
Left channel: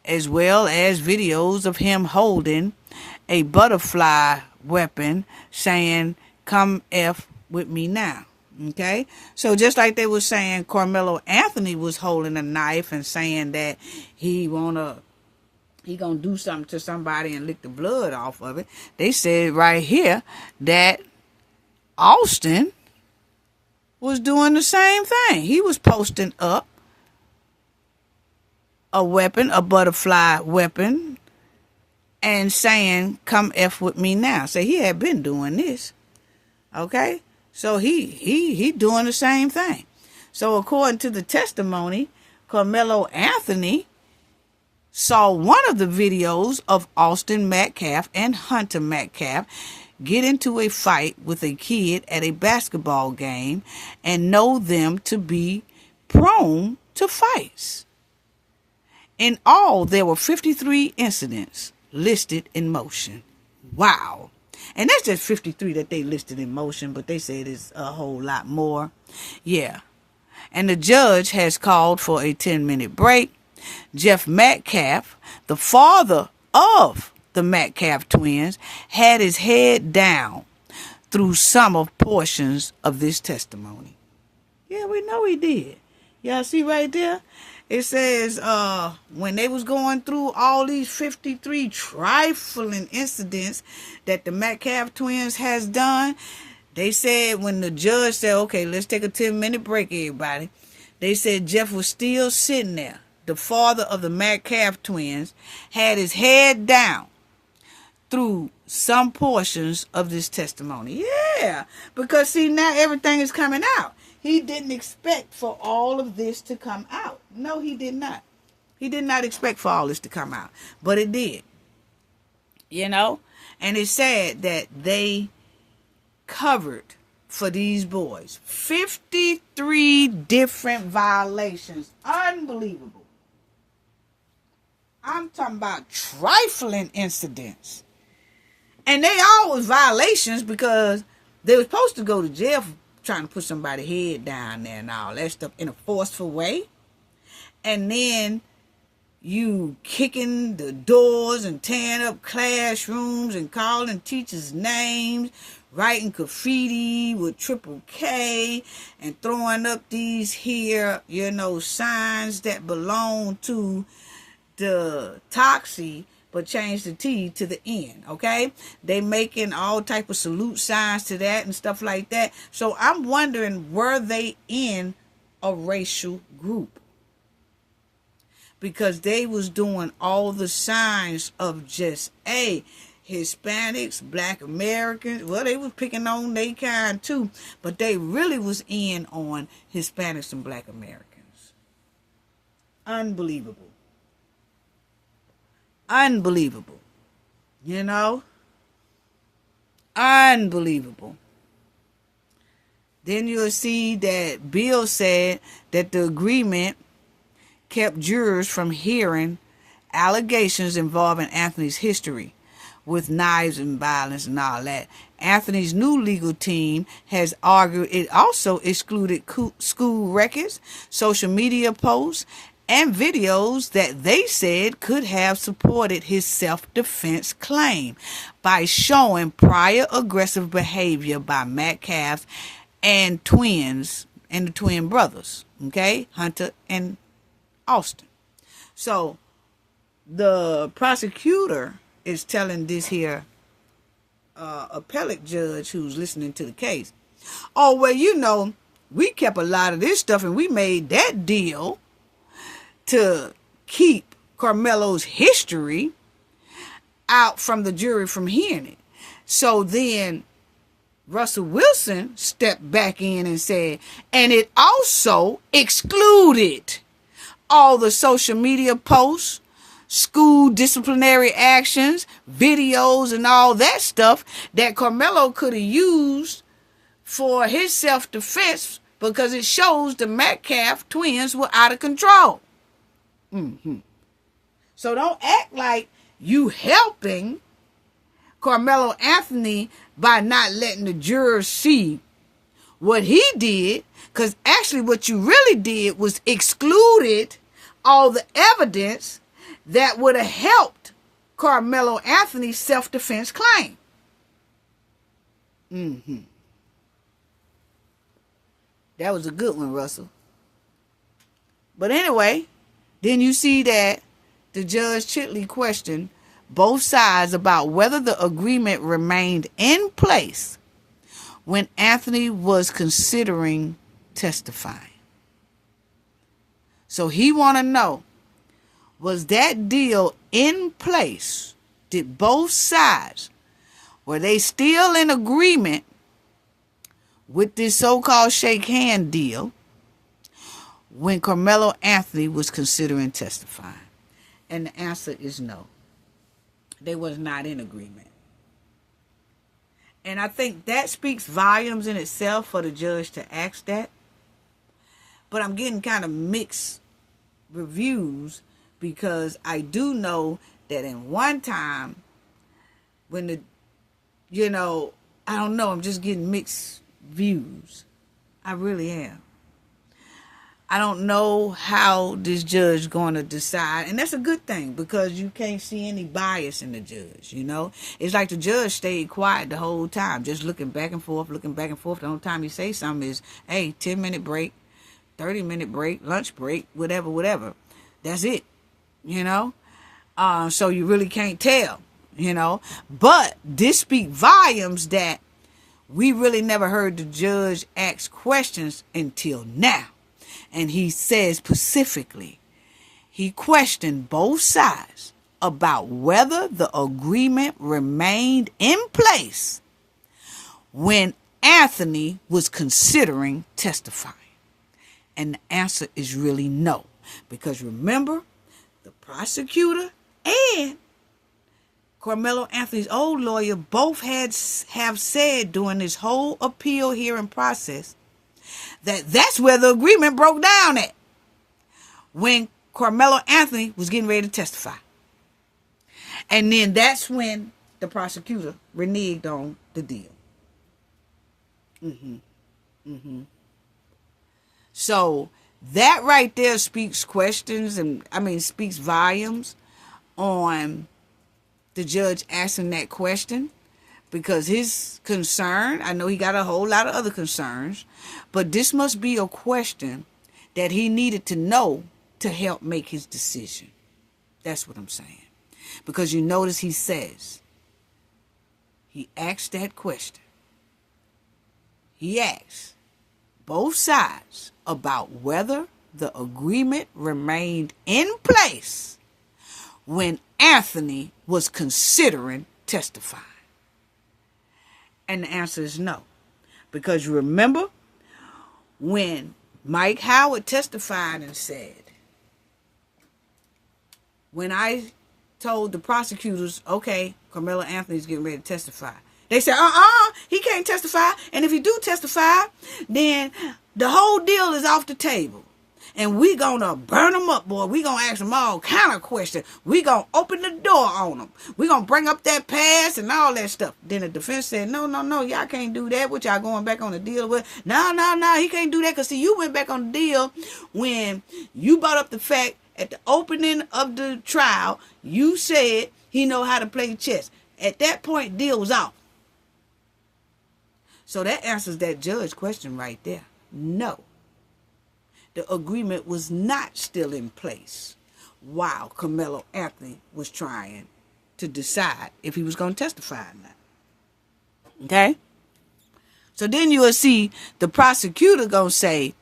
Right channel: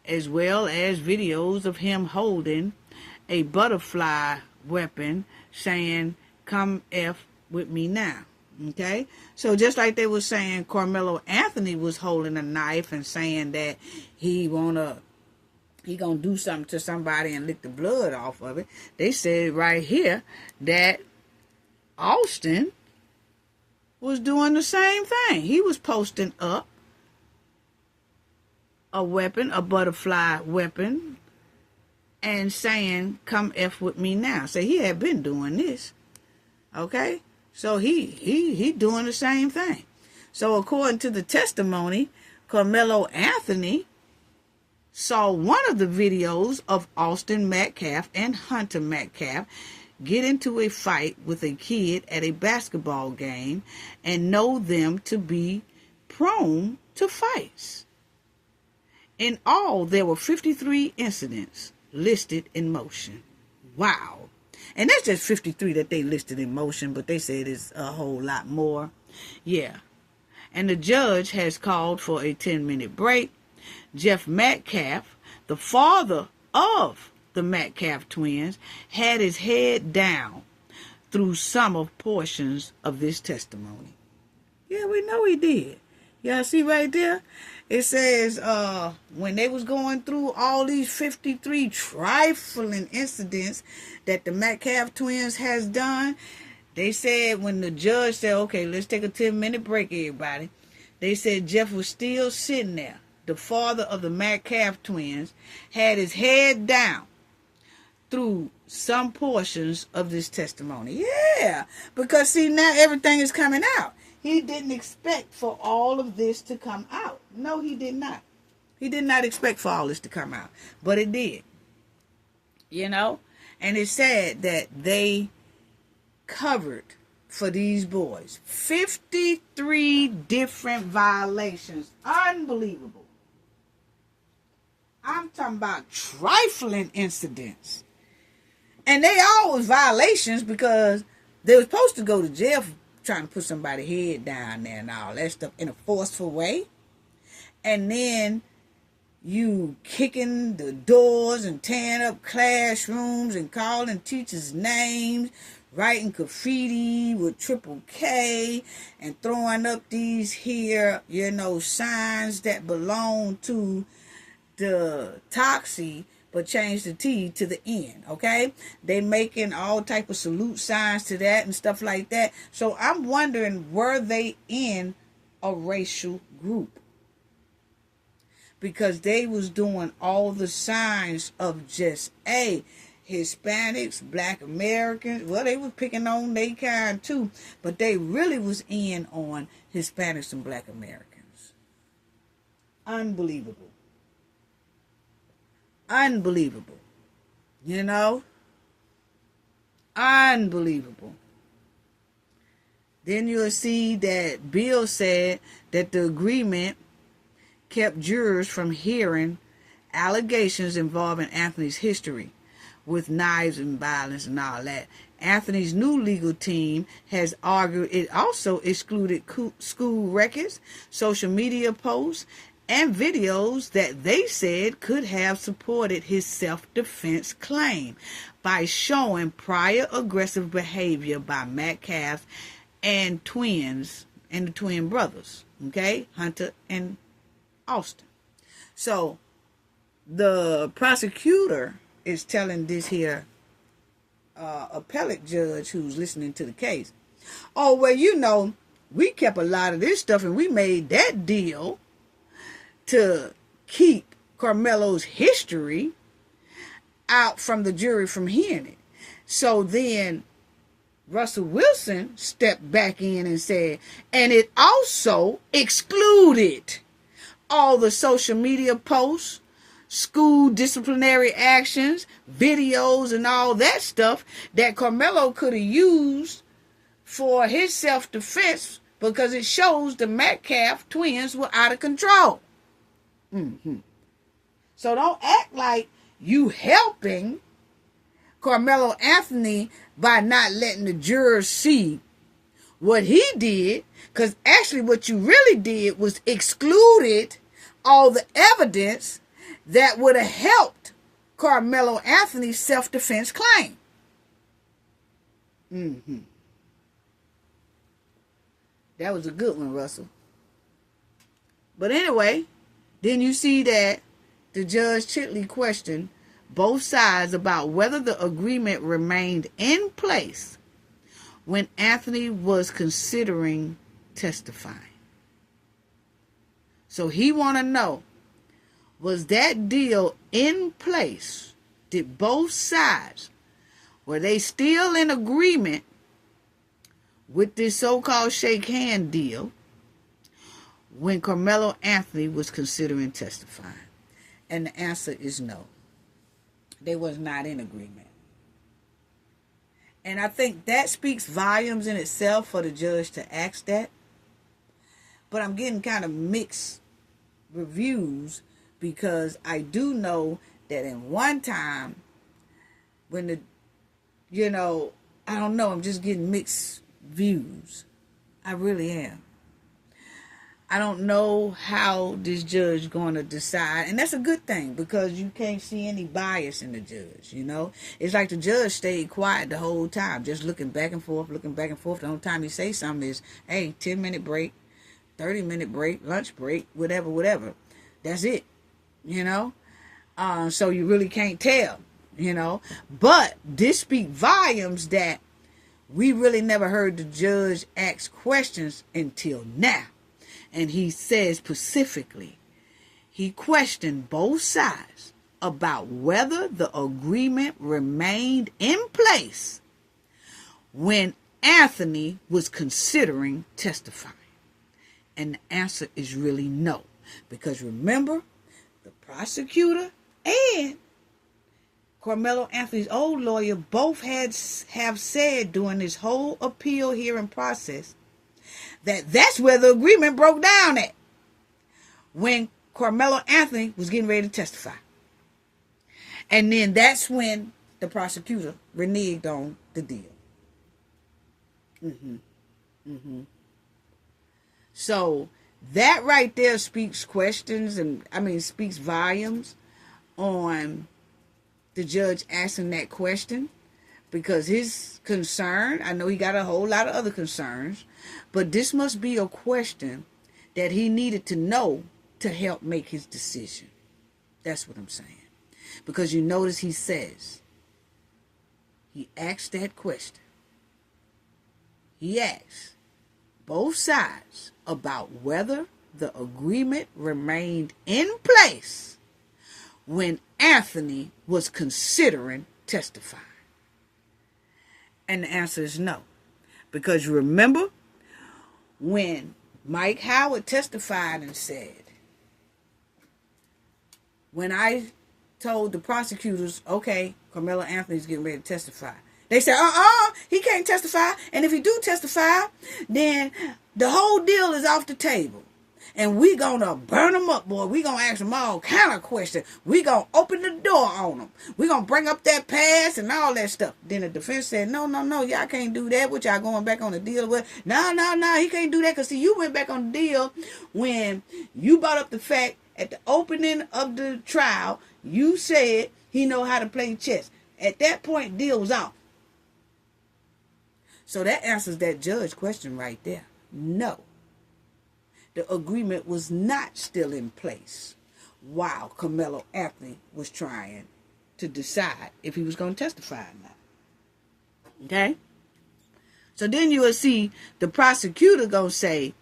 as well as videos of him holding a butterfly weapon saying, "Come F with me now." Okay? So just like they were saying Karmelo Anothony was holding a knife and saying that he gonna do something to somebody and lick the blood off of it, they said right here that Austin was doing the same thing. He was posting up a weapon, a butterfly weapon, and saying, "Come F with me now." So he had been doing this. Okay? So he doing the same thing. So according to the testimony, Karmelo Anothony saw one of the videos of Austin Metcalf and Hunter Metcalf get into a fight with a kid at a basketball game and know them to be prone to fights. In all, there were 53 incidents listed in motion. Wow. And that's just 53 that they listed in motion, but they said it's a whole lot more. Yeah. And the judge has called for a 10-minute break. Jeff Metcalf, the father of the Metcalf twins, had his head down through some of portions of this testimony. Yeah, we know he did. Y'all see right there? It says when they was going through all these 53 trifling incidents that the Metcalf twins has done, they said when the judge said, "Okay, let's take a 10-minute break, everybody," they said Jeff was still sitting there. The father of the Metcalf twins had his head down through some portions of this testimony. Yeah, because see, now everything is coming out. He didn't expect for all of this to come out. No, he did not. He did not expect for all this to come out. But it did. You know? And it's sad that they covered for these boys 53 different violations. Unbelievable. I'm talking about trifling incidents. And they always violations because they were supposed to go to jail for trying to put somebody's head down there and all that stuff in a forceful way. And then you kicking the doors and tearing up classrooms and calling teachers' names, writing graffiti with triple K and throwing up these here, signs that belong to the Toxie, but change the T to the N, okay? They making all type of salute signs to that and stuff like that. So I'm wondering, were they in a racial group? Because they was doing all the signs of just, Hispanics, Black Americans. Well, they was picking on their kind too, but they really was in on Hispanics and Black Americans. Unbelievable. Unbelievable. Unbelievable. Then you'll see that Bill said that the agreement kept jurors from hearing allegations involving Anthony's history with knives and violence and all that. Anthony's new legal team has argued it also excluded school records, social media posts, and videos that they said could have supported his self-defense claim by showing prior aggressive behavior by Metcalf and the twin brothers, okay, Hunter and Austin. So the prosecutor is telling this here appellate judge who's listening to the case, "Oh, well, we kept a lot of this stuff and we made that deal to keep Karmelo's history out from the jury from hearing it. So then Russell Wilson stepped back in and said, and it also excluded all the social media posts, school disciplinary actions, videos, and all that stuff that Karmelo could have used for his self-defense because it shows the Metcalf twins were out of control. So don't act like you helping Karmelo Anthony by not letting the jurors see what he did, because actually what you really did was excluded all the evidence that would have helped Karmelo Anthony's self-defense claim. That was a good one, Russell. But anyway, then you see that the Judge Chitley questioned both sides about whether the agreement remained in place when Anthony was considering testifying. So he want to know, was that deal in place? Did both sides, were they still in agreement with this so-called shake hand deal when Karmelo Anthony was considering testifying? And the answer is no. They was not in agreement. And I think that speaks volumes in itself for the judge to ask that. But I'm getting kind of mixed reviews because I do know that in one time when I don't know, I'm just getting mixed views. I really am. I don't know how this judge going to decide. And that's a good thing because you can't see any bias in the judge, It's like the judge stayed quiet the whole time, just looking back and forth. The whole time he say something is, hey, 10-minute break, 30-minute break, lunch break, whatever. That's it, So you really can't tell, But this speaks volumes that we really never heard the judge ask questions until now. And he says specifically, he questioned both sides about whether the agreement remained in place when Anthony was considering testifying. And the answer is really no. Because remember, the prosecutor and Karmelo Anthony's old lawyer both have said during this whole appeal hearing process that's where the agreement broke down at, when Karmelo Anthony was getting ready to testify. And then that's when the prosecutor reneged on the deal. So that right there speaks speaks volumes on the judge asking that question. Because his concern, I know he got a whole lot of other concerns, but this must be a question that he needed to know to help make his decision. That's what I'm saying. Because you notice he says, he asked that question. He asked both sides about whether the agreement remained in place when Anthony was considering testifying. And the answer is no. Because you remember when Mike Howard testified and said, when I told the prosecutors, okay, Karmelo Anthony's getting ready to testify, they said, he can't testify. And if he do testify, then the whole deal is off the table. And we gonna burn them up, boy. We gonna ask them all kind of questions. We gonna open the door on them. We gonna bring up that past and all that stuff. Then the defense said, no, y'all can't do that. What y'all going back on the deal with? No, he can't do that. Because, see, you went back on the deal when you brought up the fact at the opening of the trial, you said he know how to play chess. At that point, deal was off. So that answers that judge question right there. No. The agreement was not still in place while Karmelo Anthony was trying to decide if he was going to testify or not. Okay? So then you will see the prosecutor going to say,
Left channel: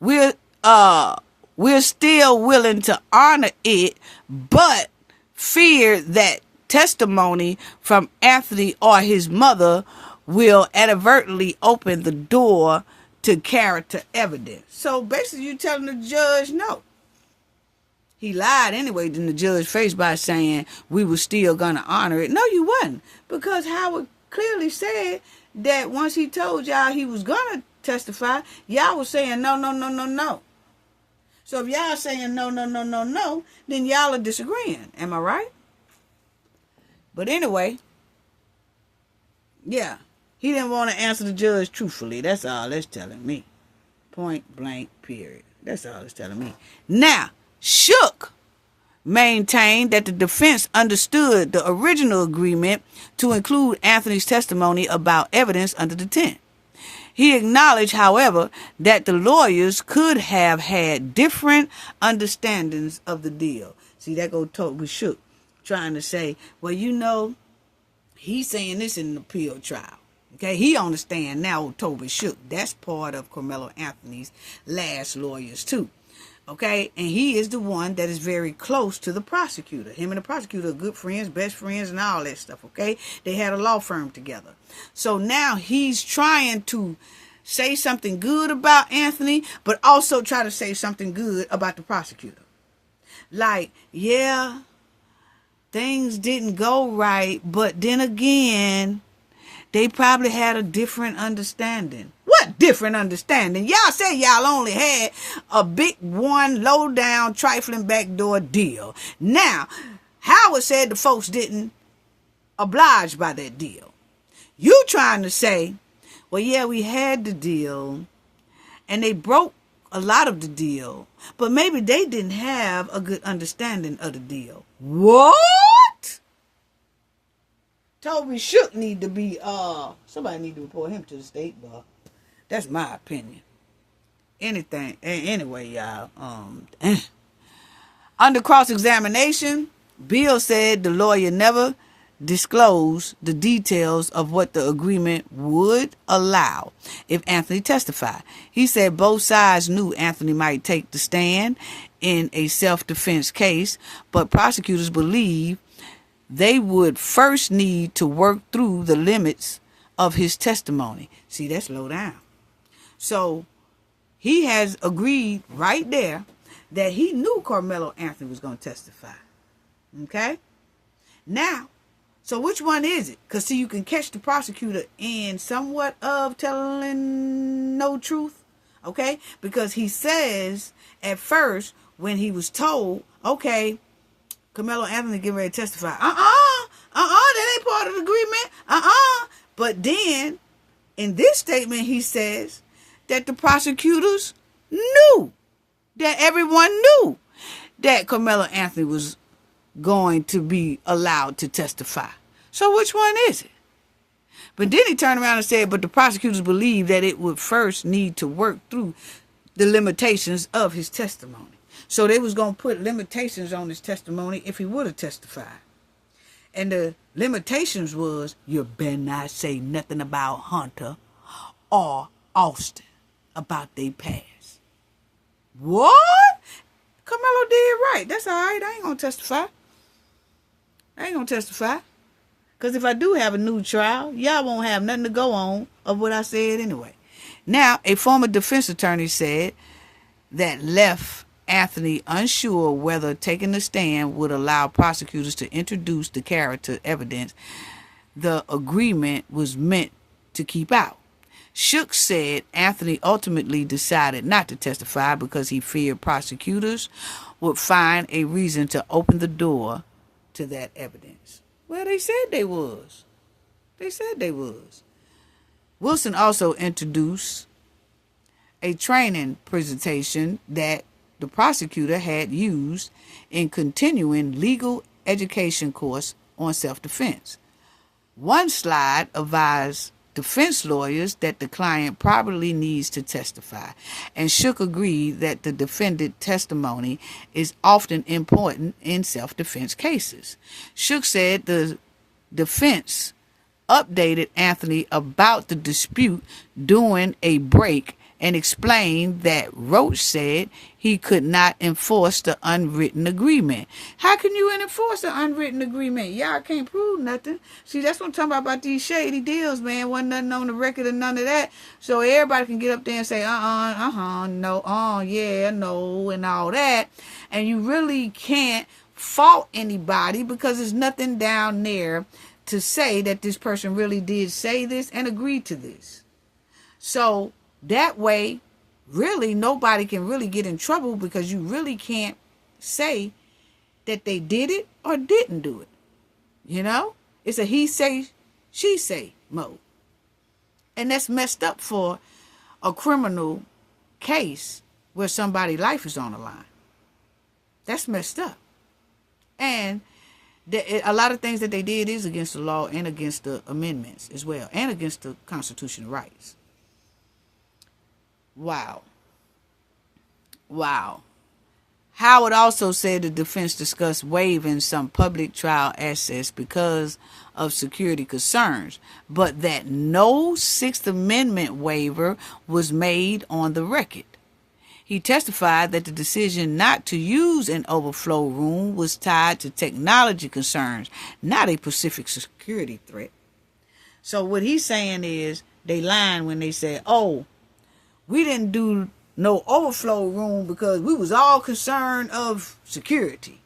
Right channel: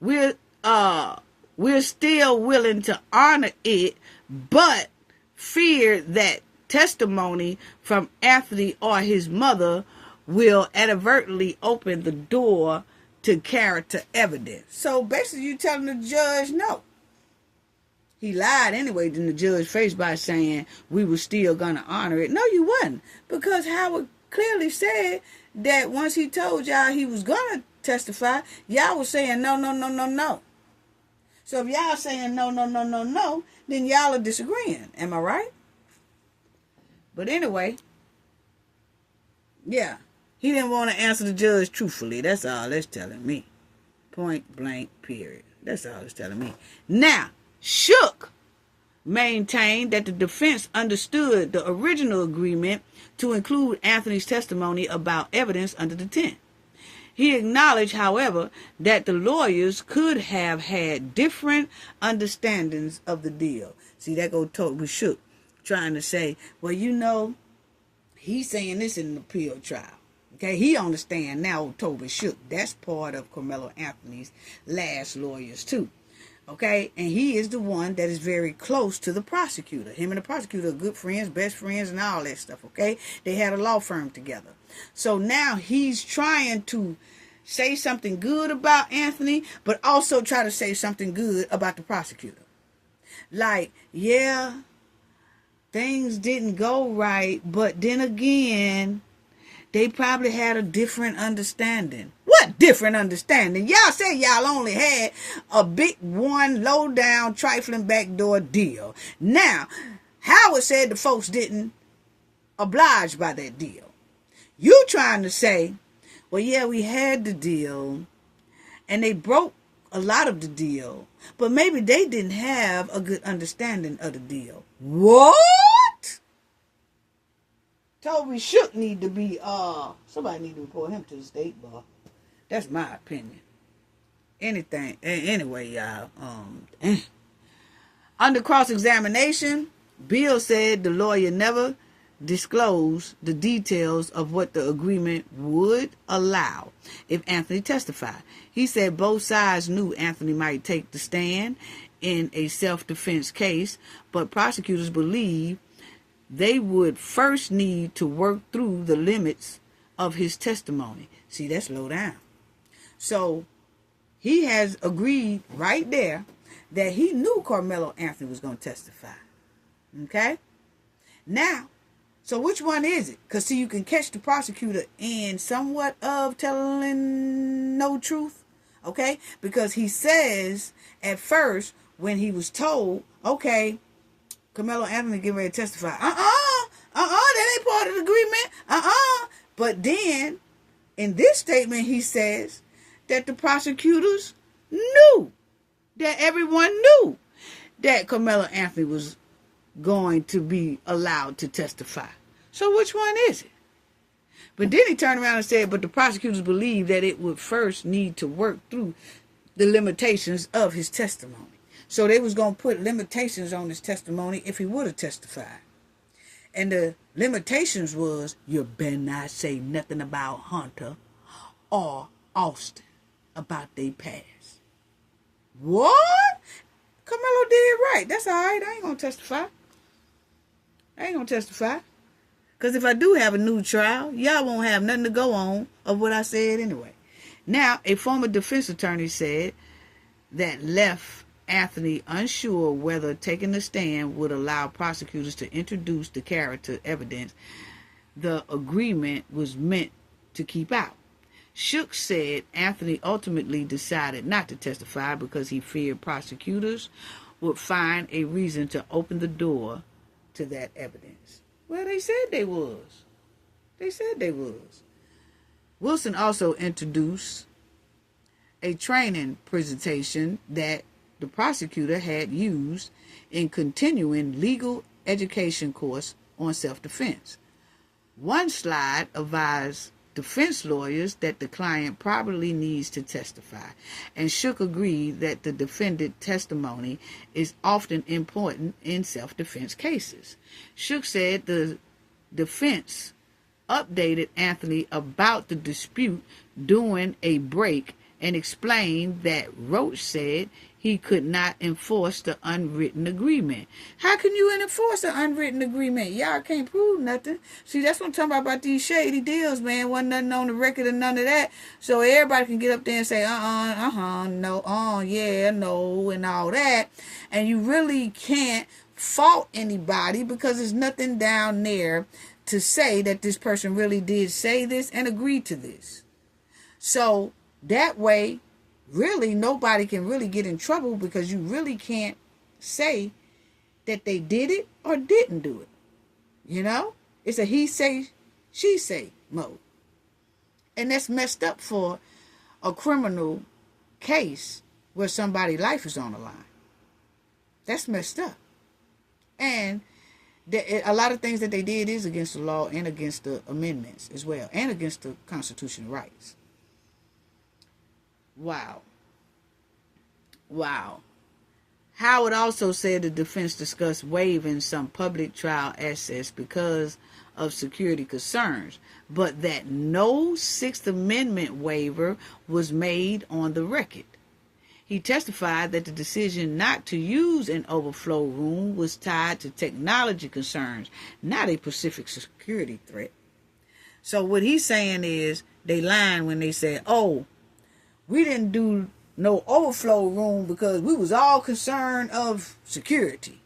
we're still willing to honor it, but fear that testimony from Anthony or his mother will inadvertently open the door to character evidence. So basically, you're telling the judge no. He lied anyway in the judge's face by saying we were still going to honor it. No, you wasn't. Because Howard clearly said that once he told y'all he was going to testify, y'all was saying no, no, no, no, no. So if y'all saying no, no, no, no, no, then y'all are disagreeing. Am I right? But anyway, yeah. He didn't want to answer the judge truthfully. That's all that's telling me. Point blank, period. That's all it's telling me. Now, Shook maintained that the defense understood the original agreement to include Anthony's testimony about evidence under the tent. He acknowledged, however, that the lawyers could have had different understandings of the deal. See, that go talk with Shook, trying to say, well, you know, he's saying this in an appeal trial. Okay, he understand now Toby Shook. That's part of Karmelo Anthony's last lawyers too. Okay, and he is the one that is very close to the prosecutor. Him and the prosecutor are good friends, best friends, and all that stuff, okay? They had a law firm together. So now he's trying to say something good about Anthony, but also try to say something good about the prosecutor. Like, yeah, things didn't go right, but then again, they probably had a different understanding. What different understanding? Y'all said y'all only had a big one, low down, trifling backdoor deal. Now, Howard said the folks didn't oblige by that deal. You trying to say, well, yeah, we had the deal, and they broke a lot of the deal, but maybe they didn't have a good understanding of the deal. What? Toby Shook need to be, somebody need to report him to the state bar. That's my opinion. Anyway, y'all, under cross-examination, Bill said the lawyer never disclosed the details of what the agreement would allow if Anthony testified. He said both sides knew Anthony might take the stand in a self-defense case, but prosecutors believe they would first need to work through the limits of his testimony. See, that's low down. So he has agreed right there that he knew Karmelo Anthony was going to testify. Okay? Now, so which one is it? Because see, you can catch the prosecutor in somewhat of telling no truth. Okay? Because he says at first when he was told, okay, Karmelo Anthony getting ready to testify. That ain't part of the agreement. But then, in this statement, he says that the prosecutors knew, that everyone knew that Karmelo Anthony was going to be allowed to testify. So which one is it? But then he turned around and said, but the prosecutors believe that it would first need to work through the limitations of his testimony. So they was going to put limitations on his testimony if he would have testified. And the limitations was, you better not say nothing about Hunter or Austin about their past. What? Karmelo did right. That's all right. I ain't going to testify. Because if I do have a new trial, y'all won't have nothing to go on of what I said anyway. Now, a former defense attorney said that left Anthony unsure whether taking the stand would allow prosecutors to introduce the character evidence the agreement was meant to keep out. Shook said Anthony ultimately decided not to testify because he feared prosecutors would find a reason to open the door to that evidence. Well, they said they was. Wilson also introduced a training presentation that the prosecutor had used in continuing legal education course on self-defense. One slide advised defense lawyers that the client probably needs to testify, and Shook agreed that the defendant testimony is often important in self-defense cases. Shook said the defense updated Anthony about the dispute during a break and explained that Roach said he could not enforce the unwritten agreement. How can you enforce an unwritten agreement? Y'all can't prove nothing. See, that's what I'm talking about these shady deals, man. Wasn't nothing on the record or none of that. So everybody can get up there and say, no, yeah, no, and all that. And you really can't fault anybody because there's nothing down there to say that this person really did say this and agree to this. So that way, really, nobody can really get in trouble because you really can't say that they did it or didn't do it. You know? It's a he say, she say mode. And that's messed up for a criminal case where somebody's life is on the line. That's messed up. And a lot of things that they did is against the law and against the amendments as well, and against the constitutional rights. Wow. Howard also said the defense discussed waiving some public trial access because of security concerns, but that no Sixth Amendment waiver was made on the record. He testified that the decision not to use an overflow room was tied to technology concerns, not a specific security threat. So what he's saying is they lying when they said, we didn't do no overflow room because we was all concerned of security.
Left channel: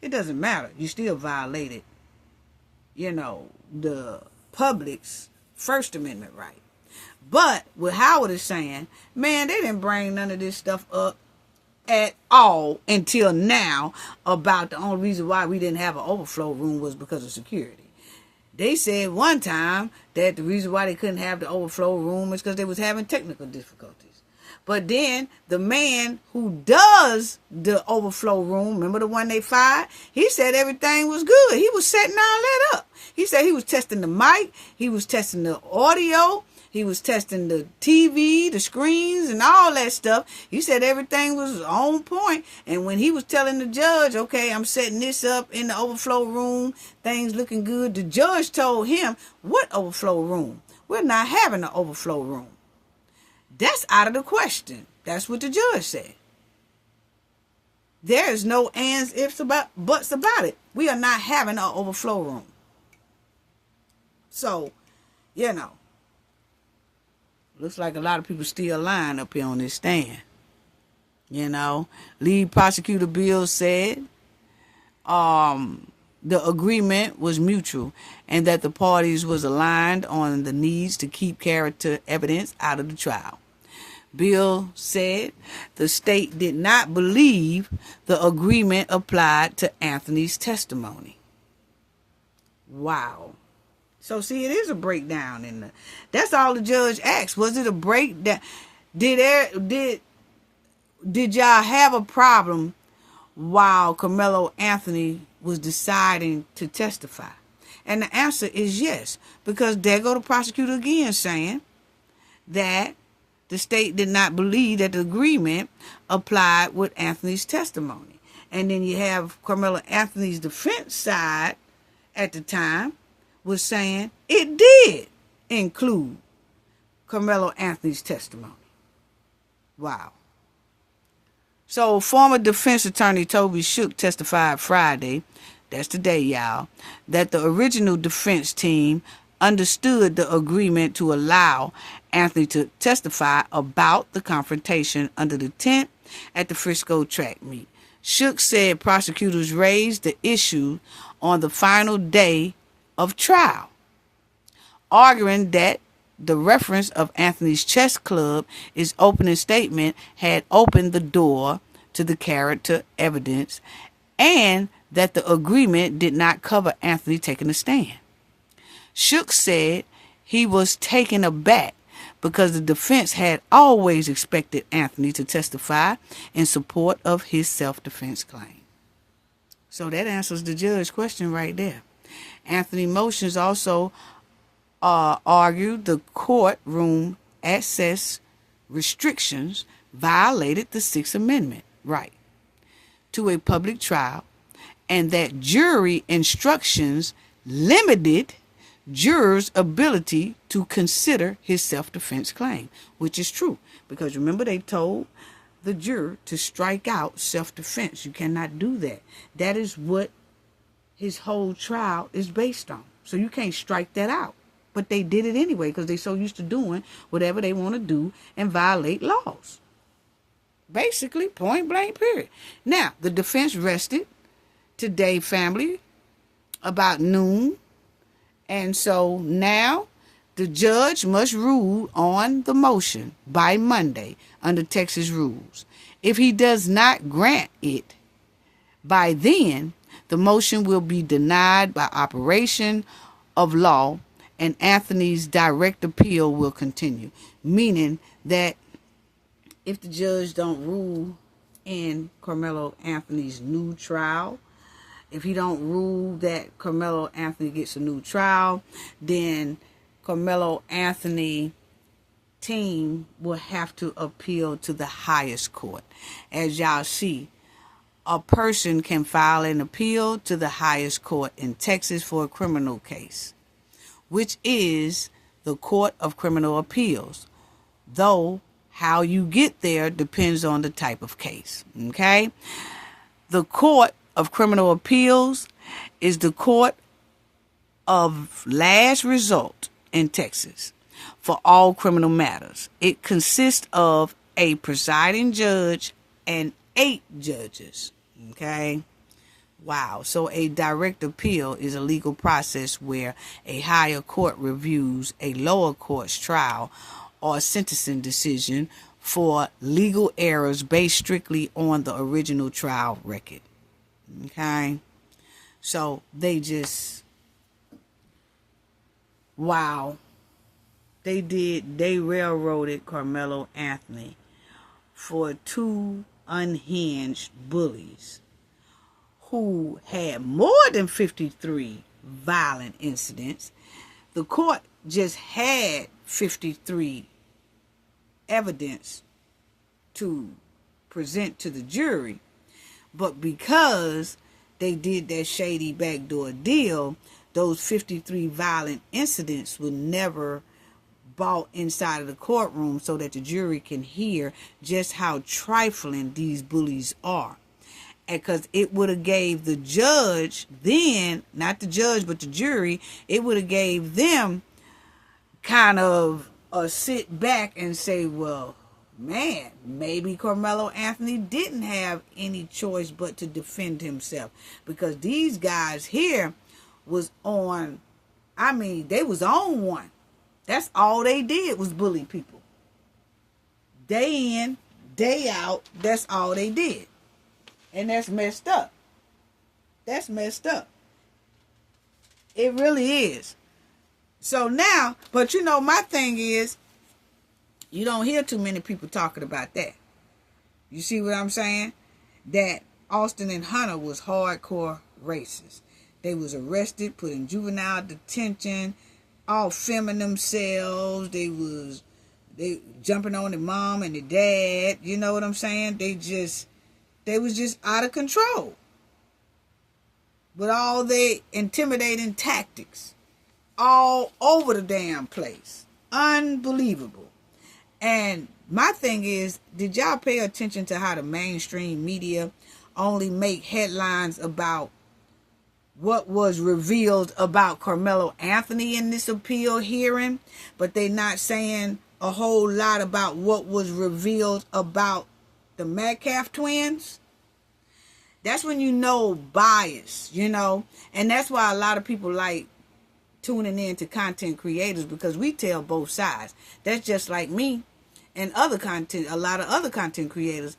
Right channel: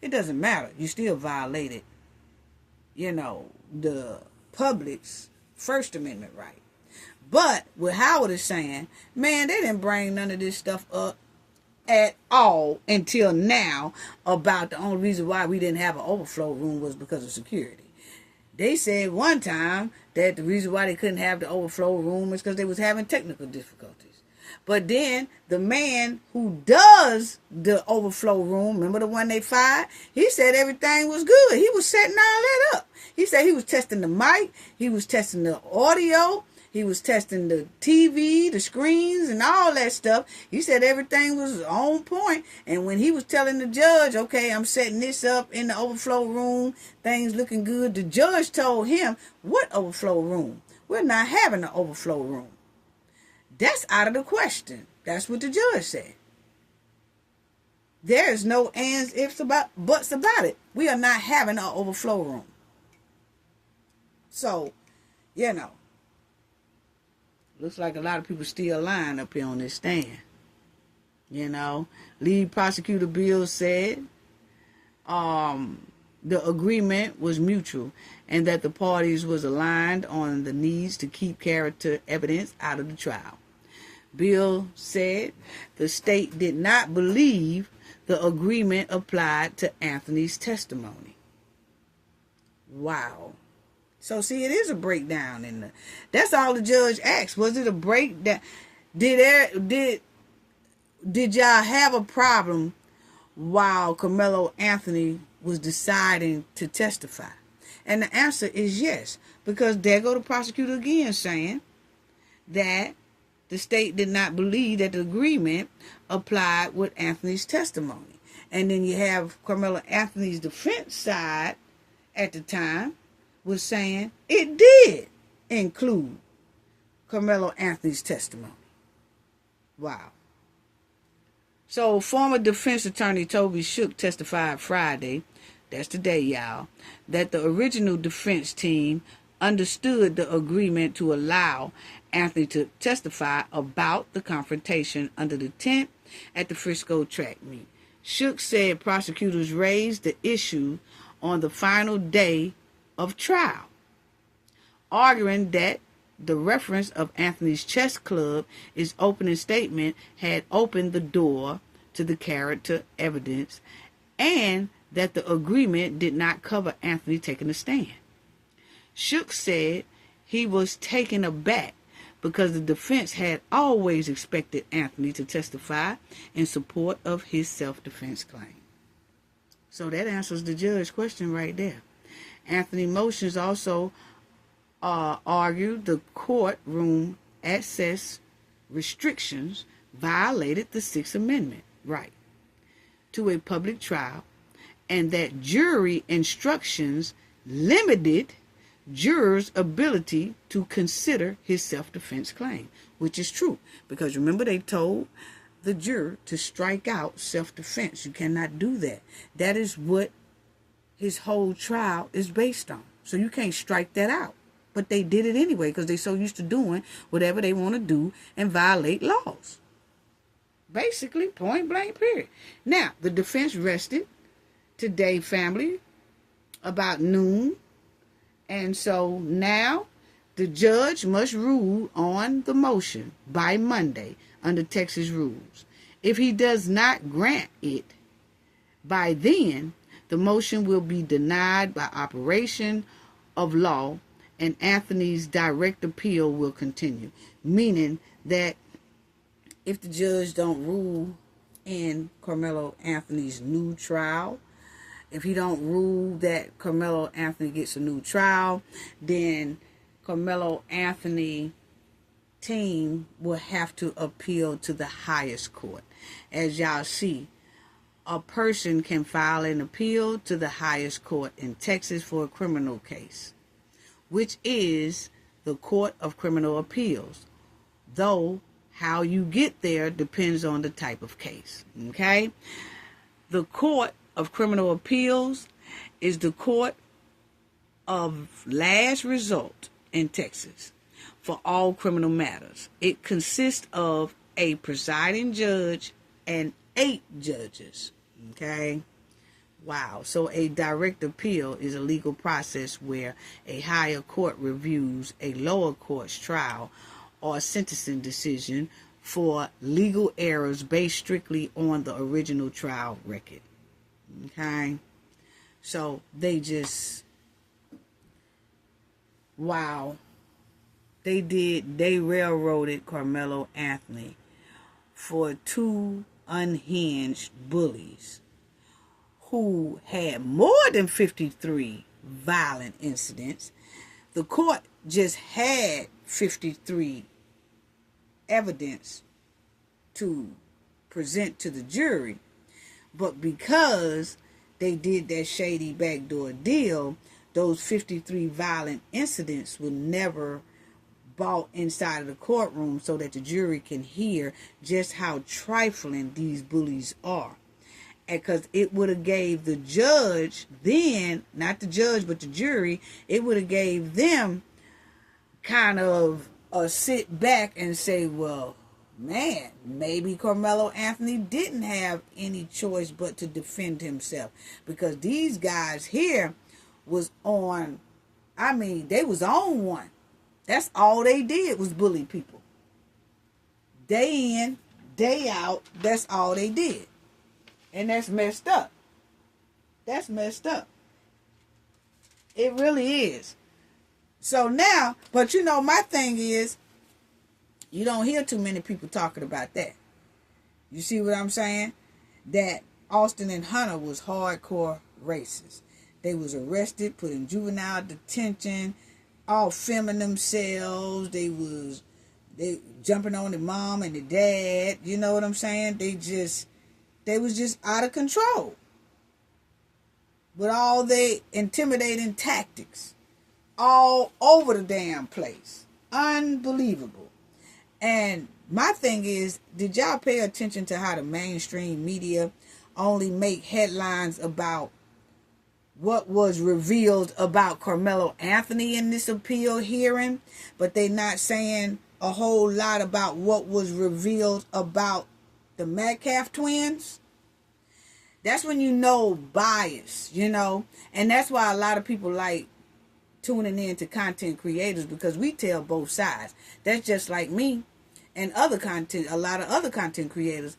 It doesn't matter. You still violated, the public's First Amendment right. But what Howard is saying, man, they didn't bring none of this stuff up at all until now about the only reason why we didn't have an overflow room was because of security. They said one time that the reason why they couldn't have the overflow room is because they was having technical difficulties. But then the man who does the overflow room, remember the one they fired? He said everything was good. He was setting all that up. He said he was testing the mic. He was testing the audio. He was testing the TV, the screens, and all that stuff. He said everything was on point. And when he was telling the judge, okay, I'm setting this up in the overflow room, things looking good, the judge told him, what overflow room? We're not having an overflow room. That's out of the question. That's what the judge said. There is no ands, ifs, buts about it. We are not having an overflow room. So, looks like a lot of people still lying up here on this stand. Lead prosecutor Bill said the agreement was mutual and that the parties was aligned on the needs to keep character evidence out of the trial. Bill said the state did not believe the agreement applied to Anthony's testimony. Wow. So see, it is a breakdown that's all the judge asked. Was it a breakdown? Did y'all have a problem while Karmelo Anothony was deciding to testify? And the answer is yes, because there go the prosecutor again saying that the state did not believe that the agreement applied with Anthony's testimony. And then you have Karmelo Anothony's defense side at the time was saying it did include Karmelo Anothony's testimony. Wow. So former defense attorney Toby Shook testified Friday, that's today, y'all, that the original defense team understood the agreement to allow Anthony to testify about the confrontation under the tent at the Frisco track meet. Shook said prosecutors raised the issue on the final day of trial, arguing that the reference of Anthony's chess club, his opening statement, had opened the door to the character evidence and that the agreement did not cover Anthony taking a stand. Shook said he was taken aback because the defense had always expected Anthony to testify in support of his self-defense claim. So that answers the judge's question right there. Anthony motions also argued the courtroom access restrictions violated the Sixth Amendment right to a public trial and that jury instructions limited jurors' ability to consider his self-defense claim, which is true. Because remember, they told the juror to strike out self-defense. You cannot do that. That is what his whole trial is based on. So you can't strike that out. But they did it anyway because they're so used to doing whatever they want to do and violate laws. Basically, point blank, period. Now, the defense rested today, family, about noon. And so now the judge must rule on the motion by Monday under Texas rules. If he does not grant it by then, the motion will be denied by operation of law and Anthony's direct appeal will continue. Meaning that if the judge don't rule in Karmelo Anthony's new trial, if he don't rule that Karmelo Anthony gets a new trial, then Karmelo Anthony team will have to appeal to the highest court. As y'all see, a person can file an appeal to the highest court in Texas for a criminal case, which is the Court of Criminal Appeals. Though how you get there depends on the type of case. Okay? The Court of Criminal Appeals is the court of last resort in Texas for all criminal matters. It consists of a presiding judge and 8 judges. Okay? Wow. So a direct appeal is a legal process where a higher court reviews a lower court's trial or sentencing decision for legal errors based strictly on the original trial record. Okay? So they just, wow. They railroaded Karmelo Anthony for 2 unhinged bullies who had more than 53 violent incidents. The court just had 53 evidence to present to the jury. But because they did that shady backdoor deal, those 53 violent incidents were never brought inside of the courtroom so that the jury can hear just how trifling these bullies are. Because it would have gave the judge then, not the judge but the jury, it would have gave them kind of a sit back and say, well, man, maybe Karmelo Anthony didn't have any choice but to defend himself. Because these guys here was on, they was on one. That's all they did was bully people. Day in, day out, that's all they did. And that's messed up. That's messed up. It really is. So now, but my thing is, you don't hear too many people talking about that. You see what I'm saying? That Austin and Hunter was hardcore racists. They was arrested, put in juvenile detention, all filming themselves. They jumping on the mom and the dad. You know what I'm saying? They was just out of control. With all their intimidating tactics. All over the damn place. Unbelievable. And my thing is, did y'all pay attention to how the mainstream media only make headlines about what was revealed about Karmelo Anthony in this appeal hearing, but they not saying a whole lot about what was revealed about the Metcalf twins? That's when you know bias, and that's why a lot of people like tuning in to content creators, because we tell both sides. That's just like me and a lot of other content creators.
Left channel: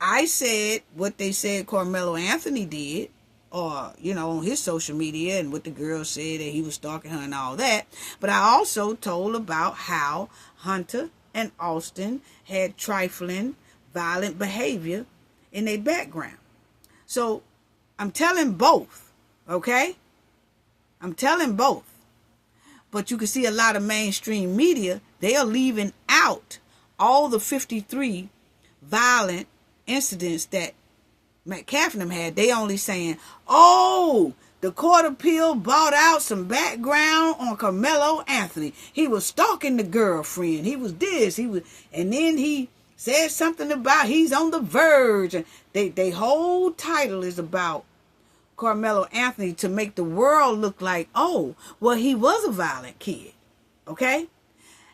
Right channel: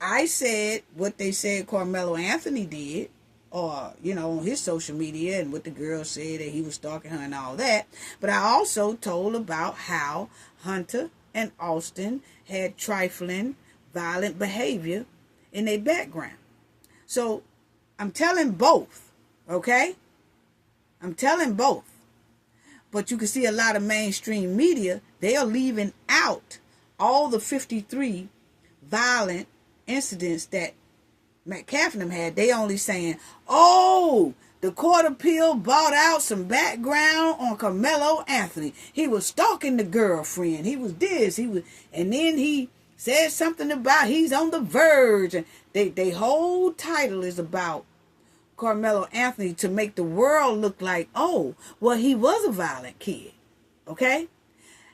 I said what they said Karmelo Anthony did, or, on his social media, and what the girl said that he was stalking her and all that. But I also told about how Hunter and Austin had trifling, violent behavior in their background. So I'm telling both, okay? I'm telling both. But you can see a lot of mainstream media, they are leaving out all the 53 violent incidents that Metcalf and them had. They only saying, oh, The court appeal brought out some background on Karmelo Anothony. He was stalking the girlfriend. He was this. And then he said something about he's on the verge. And they whole title is about Karmelo Anothony to make the world look like, oh, well, he was a violent kid. Okay?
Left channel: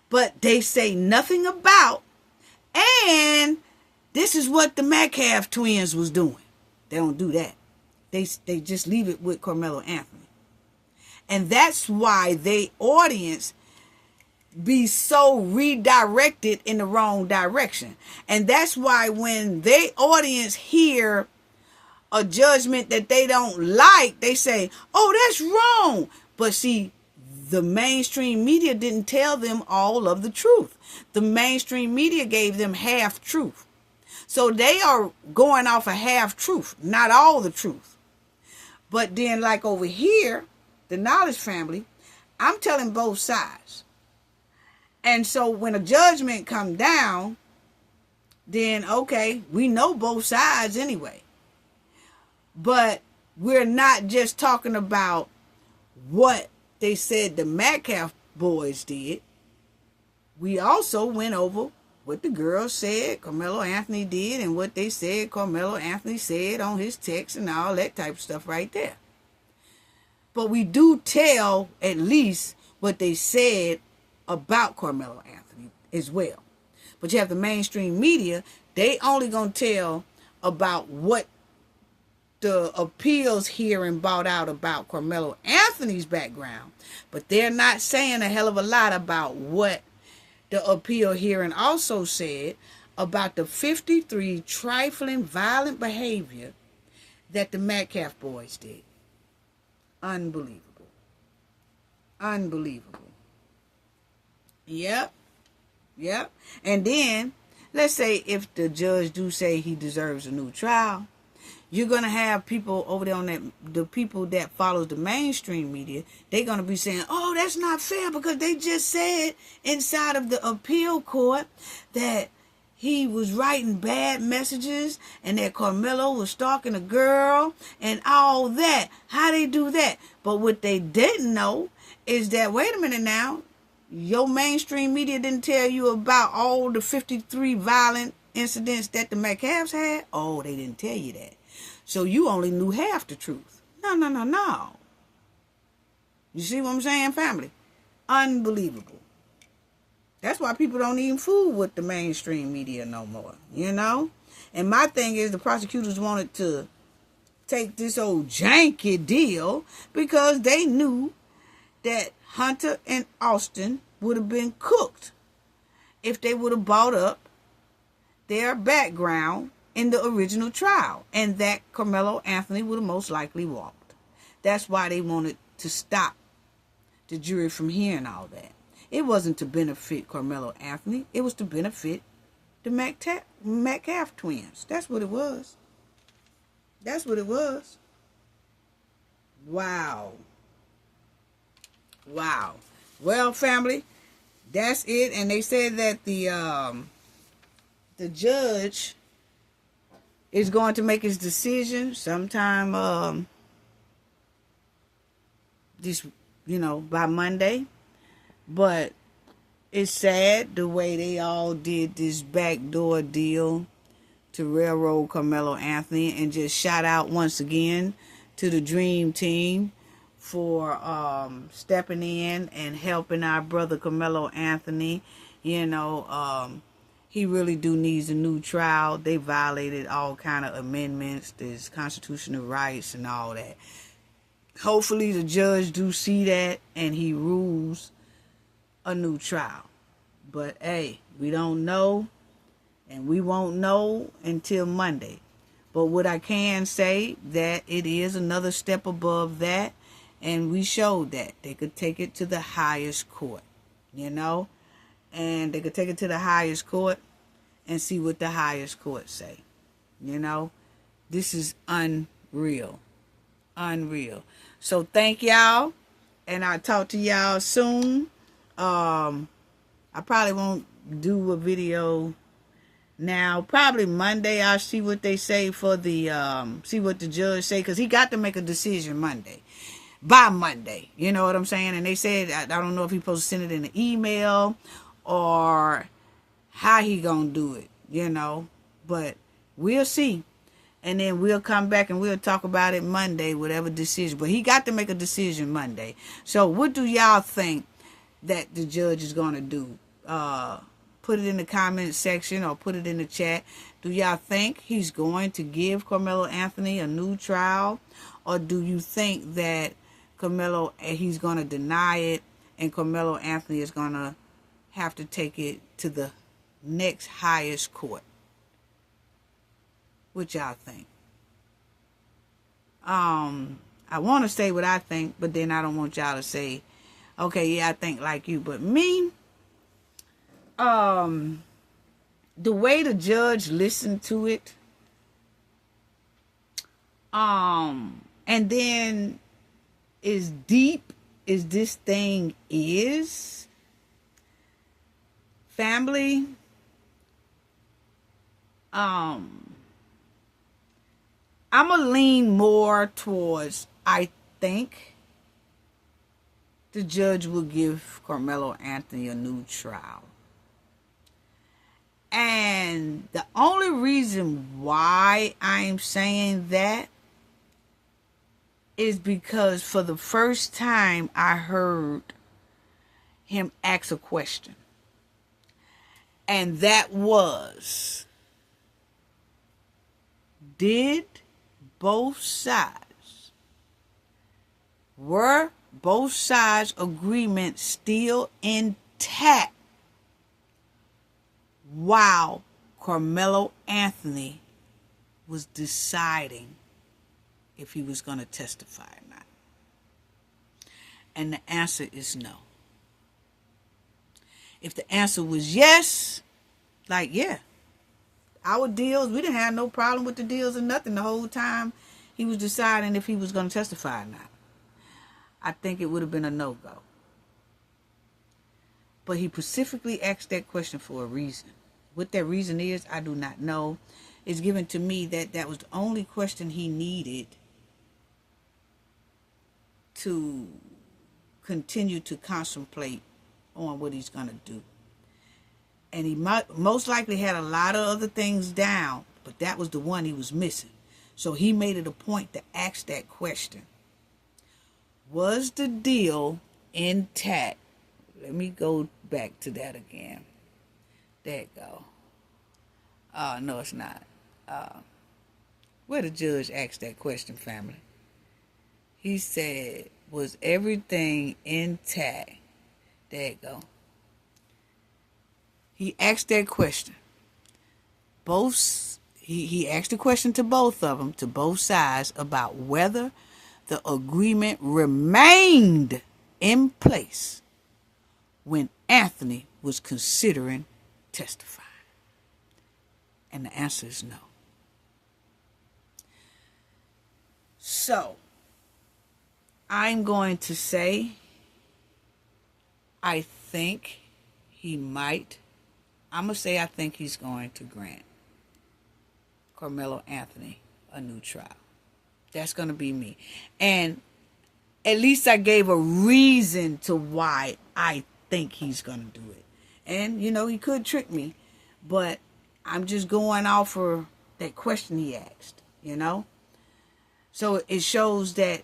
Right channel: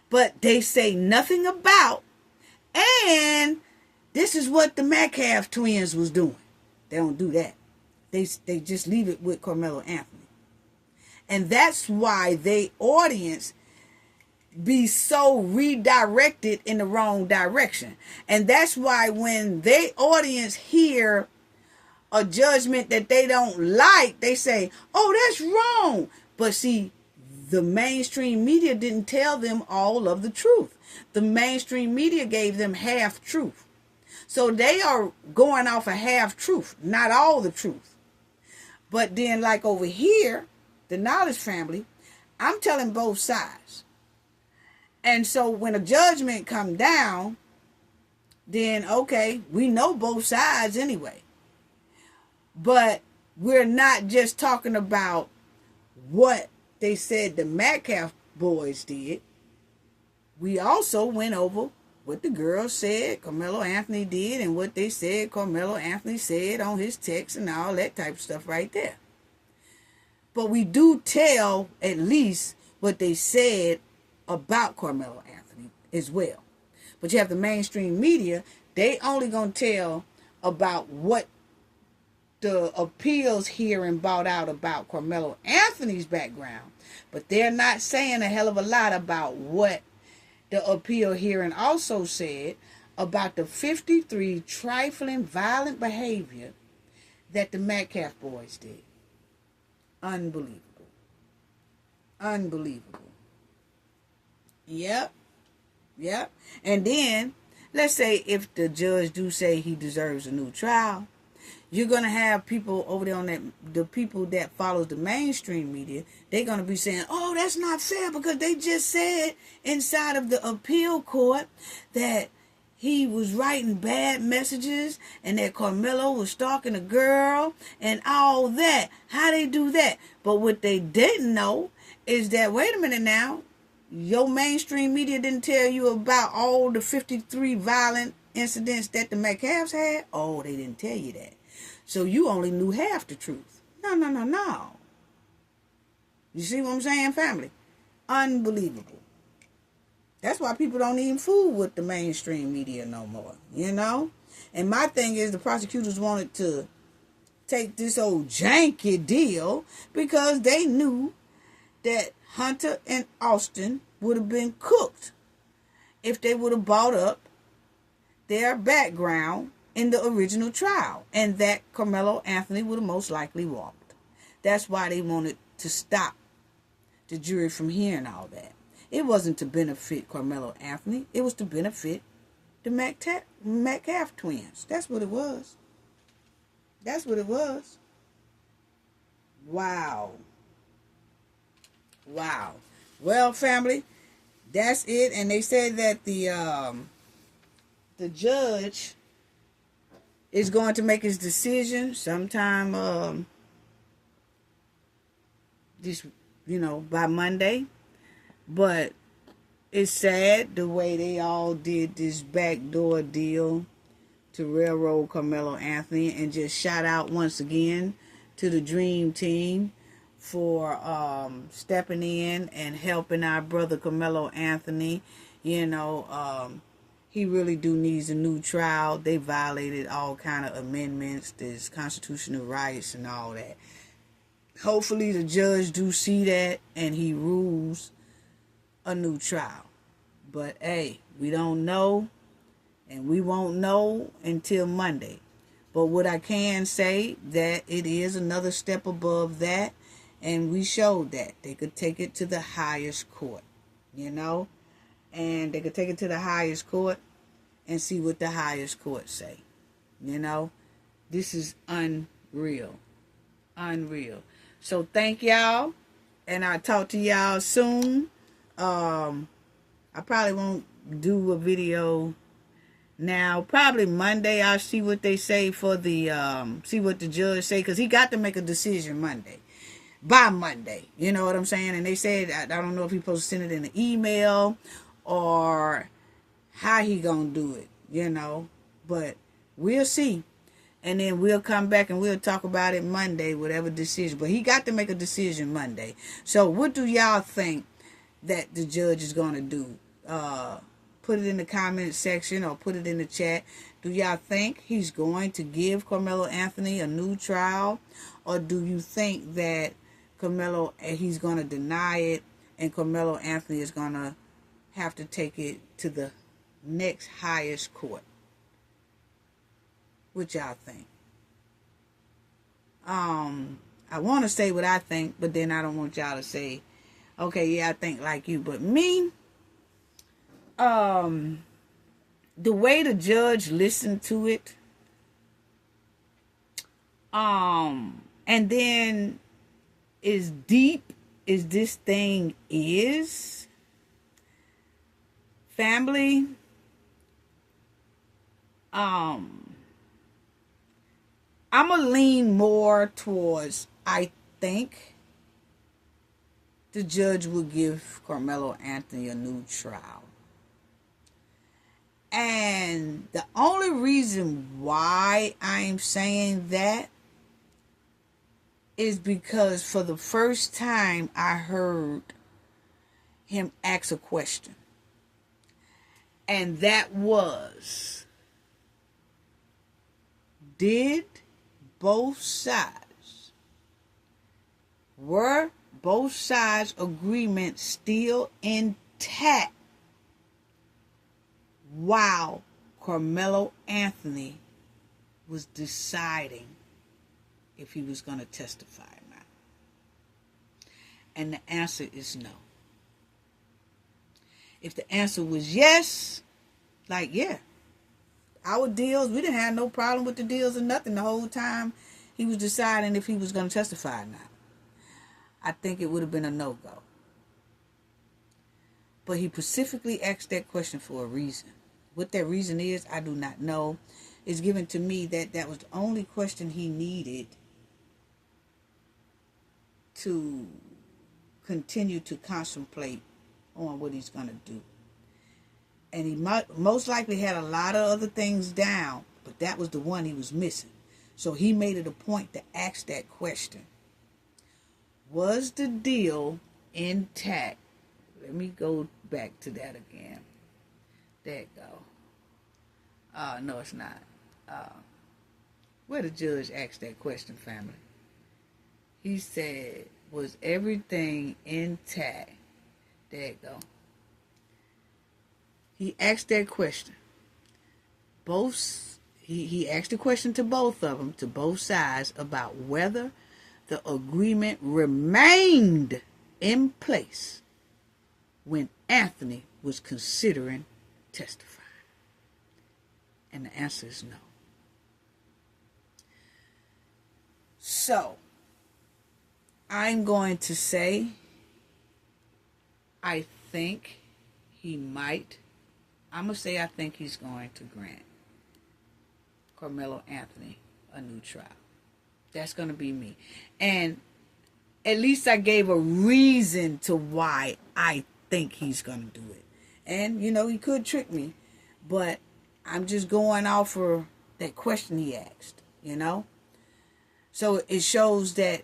But they say nothing about, and this is what the Metcalf twins was doing. They don't do that. They just leave it with Karmelo Anothony. And that's why they audience be so redirected in the wrong direction. And that's why when they audience hear a judgment that they don't like, they say, oh, that's wrong. But see, the mainstream media didn't tell them all of the truth. The mainstream media gave them half truth. So they are going off a half truth, not all the truth. But then like over here, the Knowledge family, I'm telling both sides. And so when a judgment come down, then okay, we know both sides anyway. But we're not just talking about what they said the Metcalf boys did. We also went over what the girls said Karmelo Anothony did and what they said Karmelo Anothony said on his text and all that type of stuff right there. But we do tell at least what they said about Karmelo Anothony as well. But you have the mainstream media, they only going to tell about what the appeals hearing brought out about Karmelo Anothony's background. But they're not saying a hell of a lot about what the appeal hearing also said about the 53 trifling violent behavior that the Metcalf boys did. Unbelievable. Unbelievable. Yep. And then, let's say if the judge do say he deserves a new trial, you're going to have people over there on that, the people that follows the mainstream media, they're going to be saying, oh, that's not fair because they just said inside of the appeal court that he was writing bad messages and that Karmelo was stalking a girl and all that. How they do that? But what they didn't know is that, wait a minute now, your mainstream media didn't tell you about all the 53 violent incidents that the Metcalfs had? Oh, they didn't tell you that. So you only knew half the truth. No. You see what I'm saying, family? Unbelievable. That's why people don't even fool with the mainstream media no more, you know? And my thing is the prosecutors wanted to take this old janky deal because they knew that Hunter and Austin would have been cooked if they would have brought up their background in the original trial, and that Karmelo Anothony would have most likely walked. That's why they wanted to stop the jury from hearing all that. It wasn't to benefit Karmelo Anothony. It was to benefit the Metcalf twins. That's what it was. That's what it was. Wow. Well, family, that's it. And they said that the judge is going to make his decision sometime by Monday. But it's sad the way they all did this backdoor deal to railroad Karmelo Anothony, and just shout out once again to the Dream Team for stepping in and helping our brother Karmelo Anothony. He really do needs a new trial. They violated all kind of amendments, there's constitutional rights and all that. Hopefully the judge do see that and he rules a new trial. But hey, we don't know, and we won't know until Monday. But what I can say, that it is another step above that, and we showed that they could take it to the highest court, and they could take it to the highest court and see what the highest court say. This is unreal. So thank y'all, and I'll talk to y'all soon. I probably won't do a video now. Probably Monday I'll see what they say for the see what the judge say, because he got to make a decision Monday. by Monday. You know what I'm saying? And they said, I don't know if he's supposed to send it in an email or how he gonna do it, you know. But we'll see. And then we'll come back and we'll talk about it Monday, whatever decision. But he got to make a decision Monday. So what do y'all think that the judge is going to do? Put it in the comment section or put it in the chat. Do y'all think he's going to give Karmelo Anothony a new trial? Or do you think that he's going to deny it and Karmelo Anothony is going to have to take it to the next highest court? What y'all think? I want to say what I think, but then I don't want y'all to say, okay, yeah, I think like you. But me, the way the judge listened to it, and then as deep as this thing is, family, I'm going to lean more towards, I think the judge will give Karmelo Anothony a new trial. And the only reason why I'm saying that is because for the first time I heard him ask a question. And that was, were both sides' agreements still intact while Karmelo Anothony was deciding if he was going to testify or not? And the answer is no. If the answer was yes, like, yeah, our deals, we didn't have no problem with the deals or nothing the whole time he was deciding if he was going to testify or not, I think it would have been a no-go. But he specifically asked that question for a reason. What that reason is, I do not know. It's given to me that that was the only question he needed to continue to contemplate on what he's going to do. And he most likely had a lot of other things down, but that was the one he was missing. So he made it a point to ask that question. Was the deal intact? Let me go back to that again. There it go. No, it's not. Where the judge asked that question, family? He said, was everything intact? There it go. He asked that question. He asked the question to both of them, to both sides, about whether the agreement remained in place when Anothony was considering testifying. And the answer is no. So, I'm going to say, I think he might. I'm going to say I think he's going to grant Karmelo Anothony a new trial. That's going to be me. And at least I gave a reason to why I think he's going to do it. And, you know, he could trick me. But I'm just going off for that question he asked, you know. So it shows that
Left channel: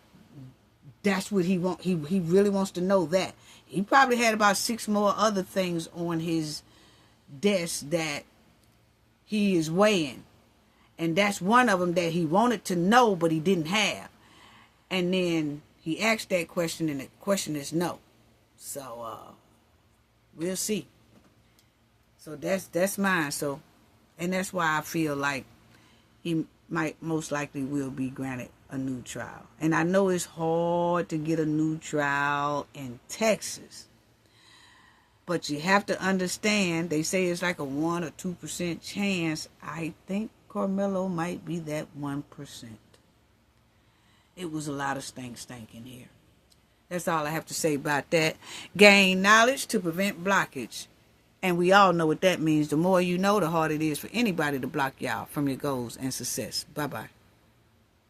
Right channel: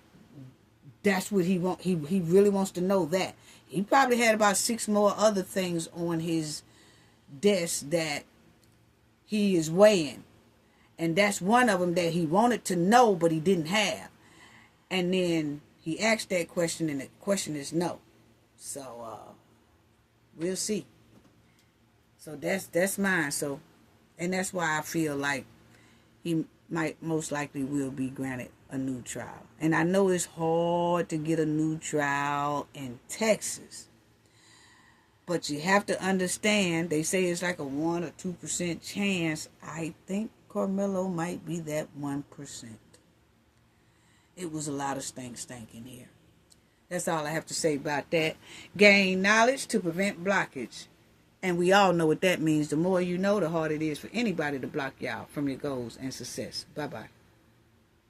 that's what he wants. He really wants to know that. He probably had about 6 more other things on his desk that he is weighing. And that's one of them that he wanted to know, but he didn't have. And then he asked that question, and the question is no. So, we'll see. So that's mine. So, and that's why I feel like he might most likely will be granted a new trial. And I know it's hard to get a new trial in Texas. But you have to understand, they say it's like a 1 or 2% chance. I think Karmelo might be that 1%. It was a lot of stank in here. That's all I have to say about that. Gain knowledge to prevent blockage. And we all know what that means. The more you know, the harder it is for anybody to block y'all from your goals and success. Bye-bye.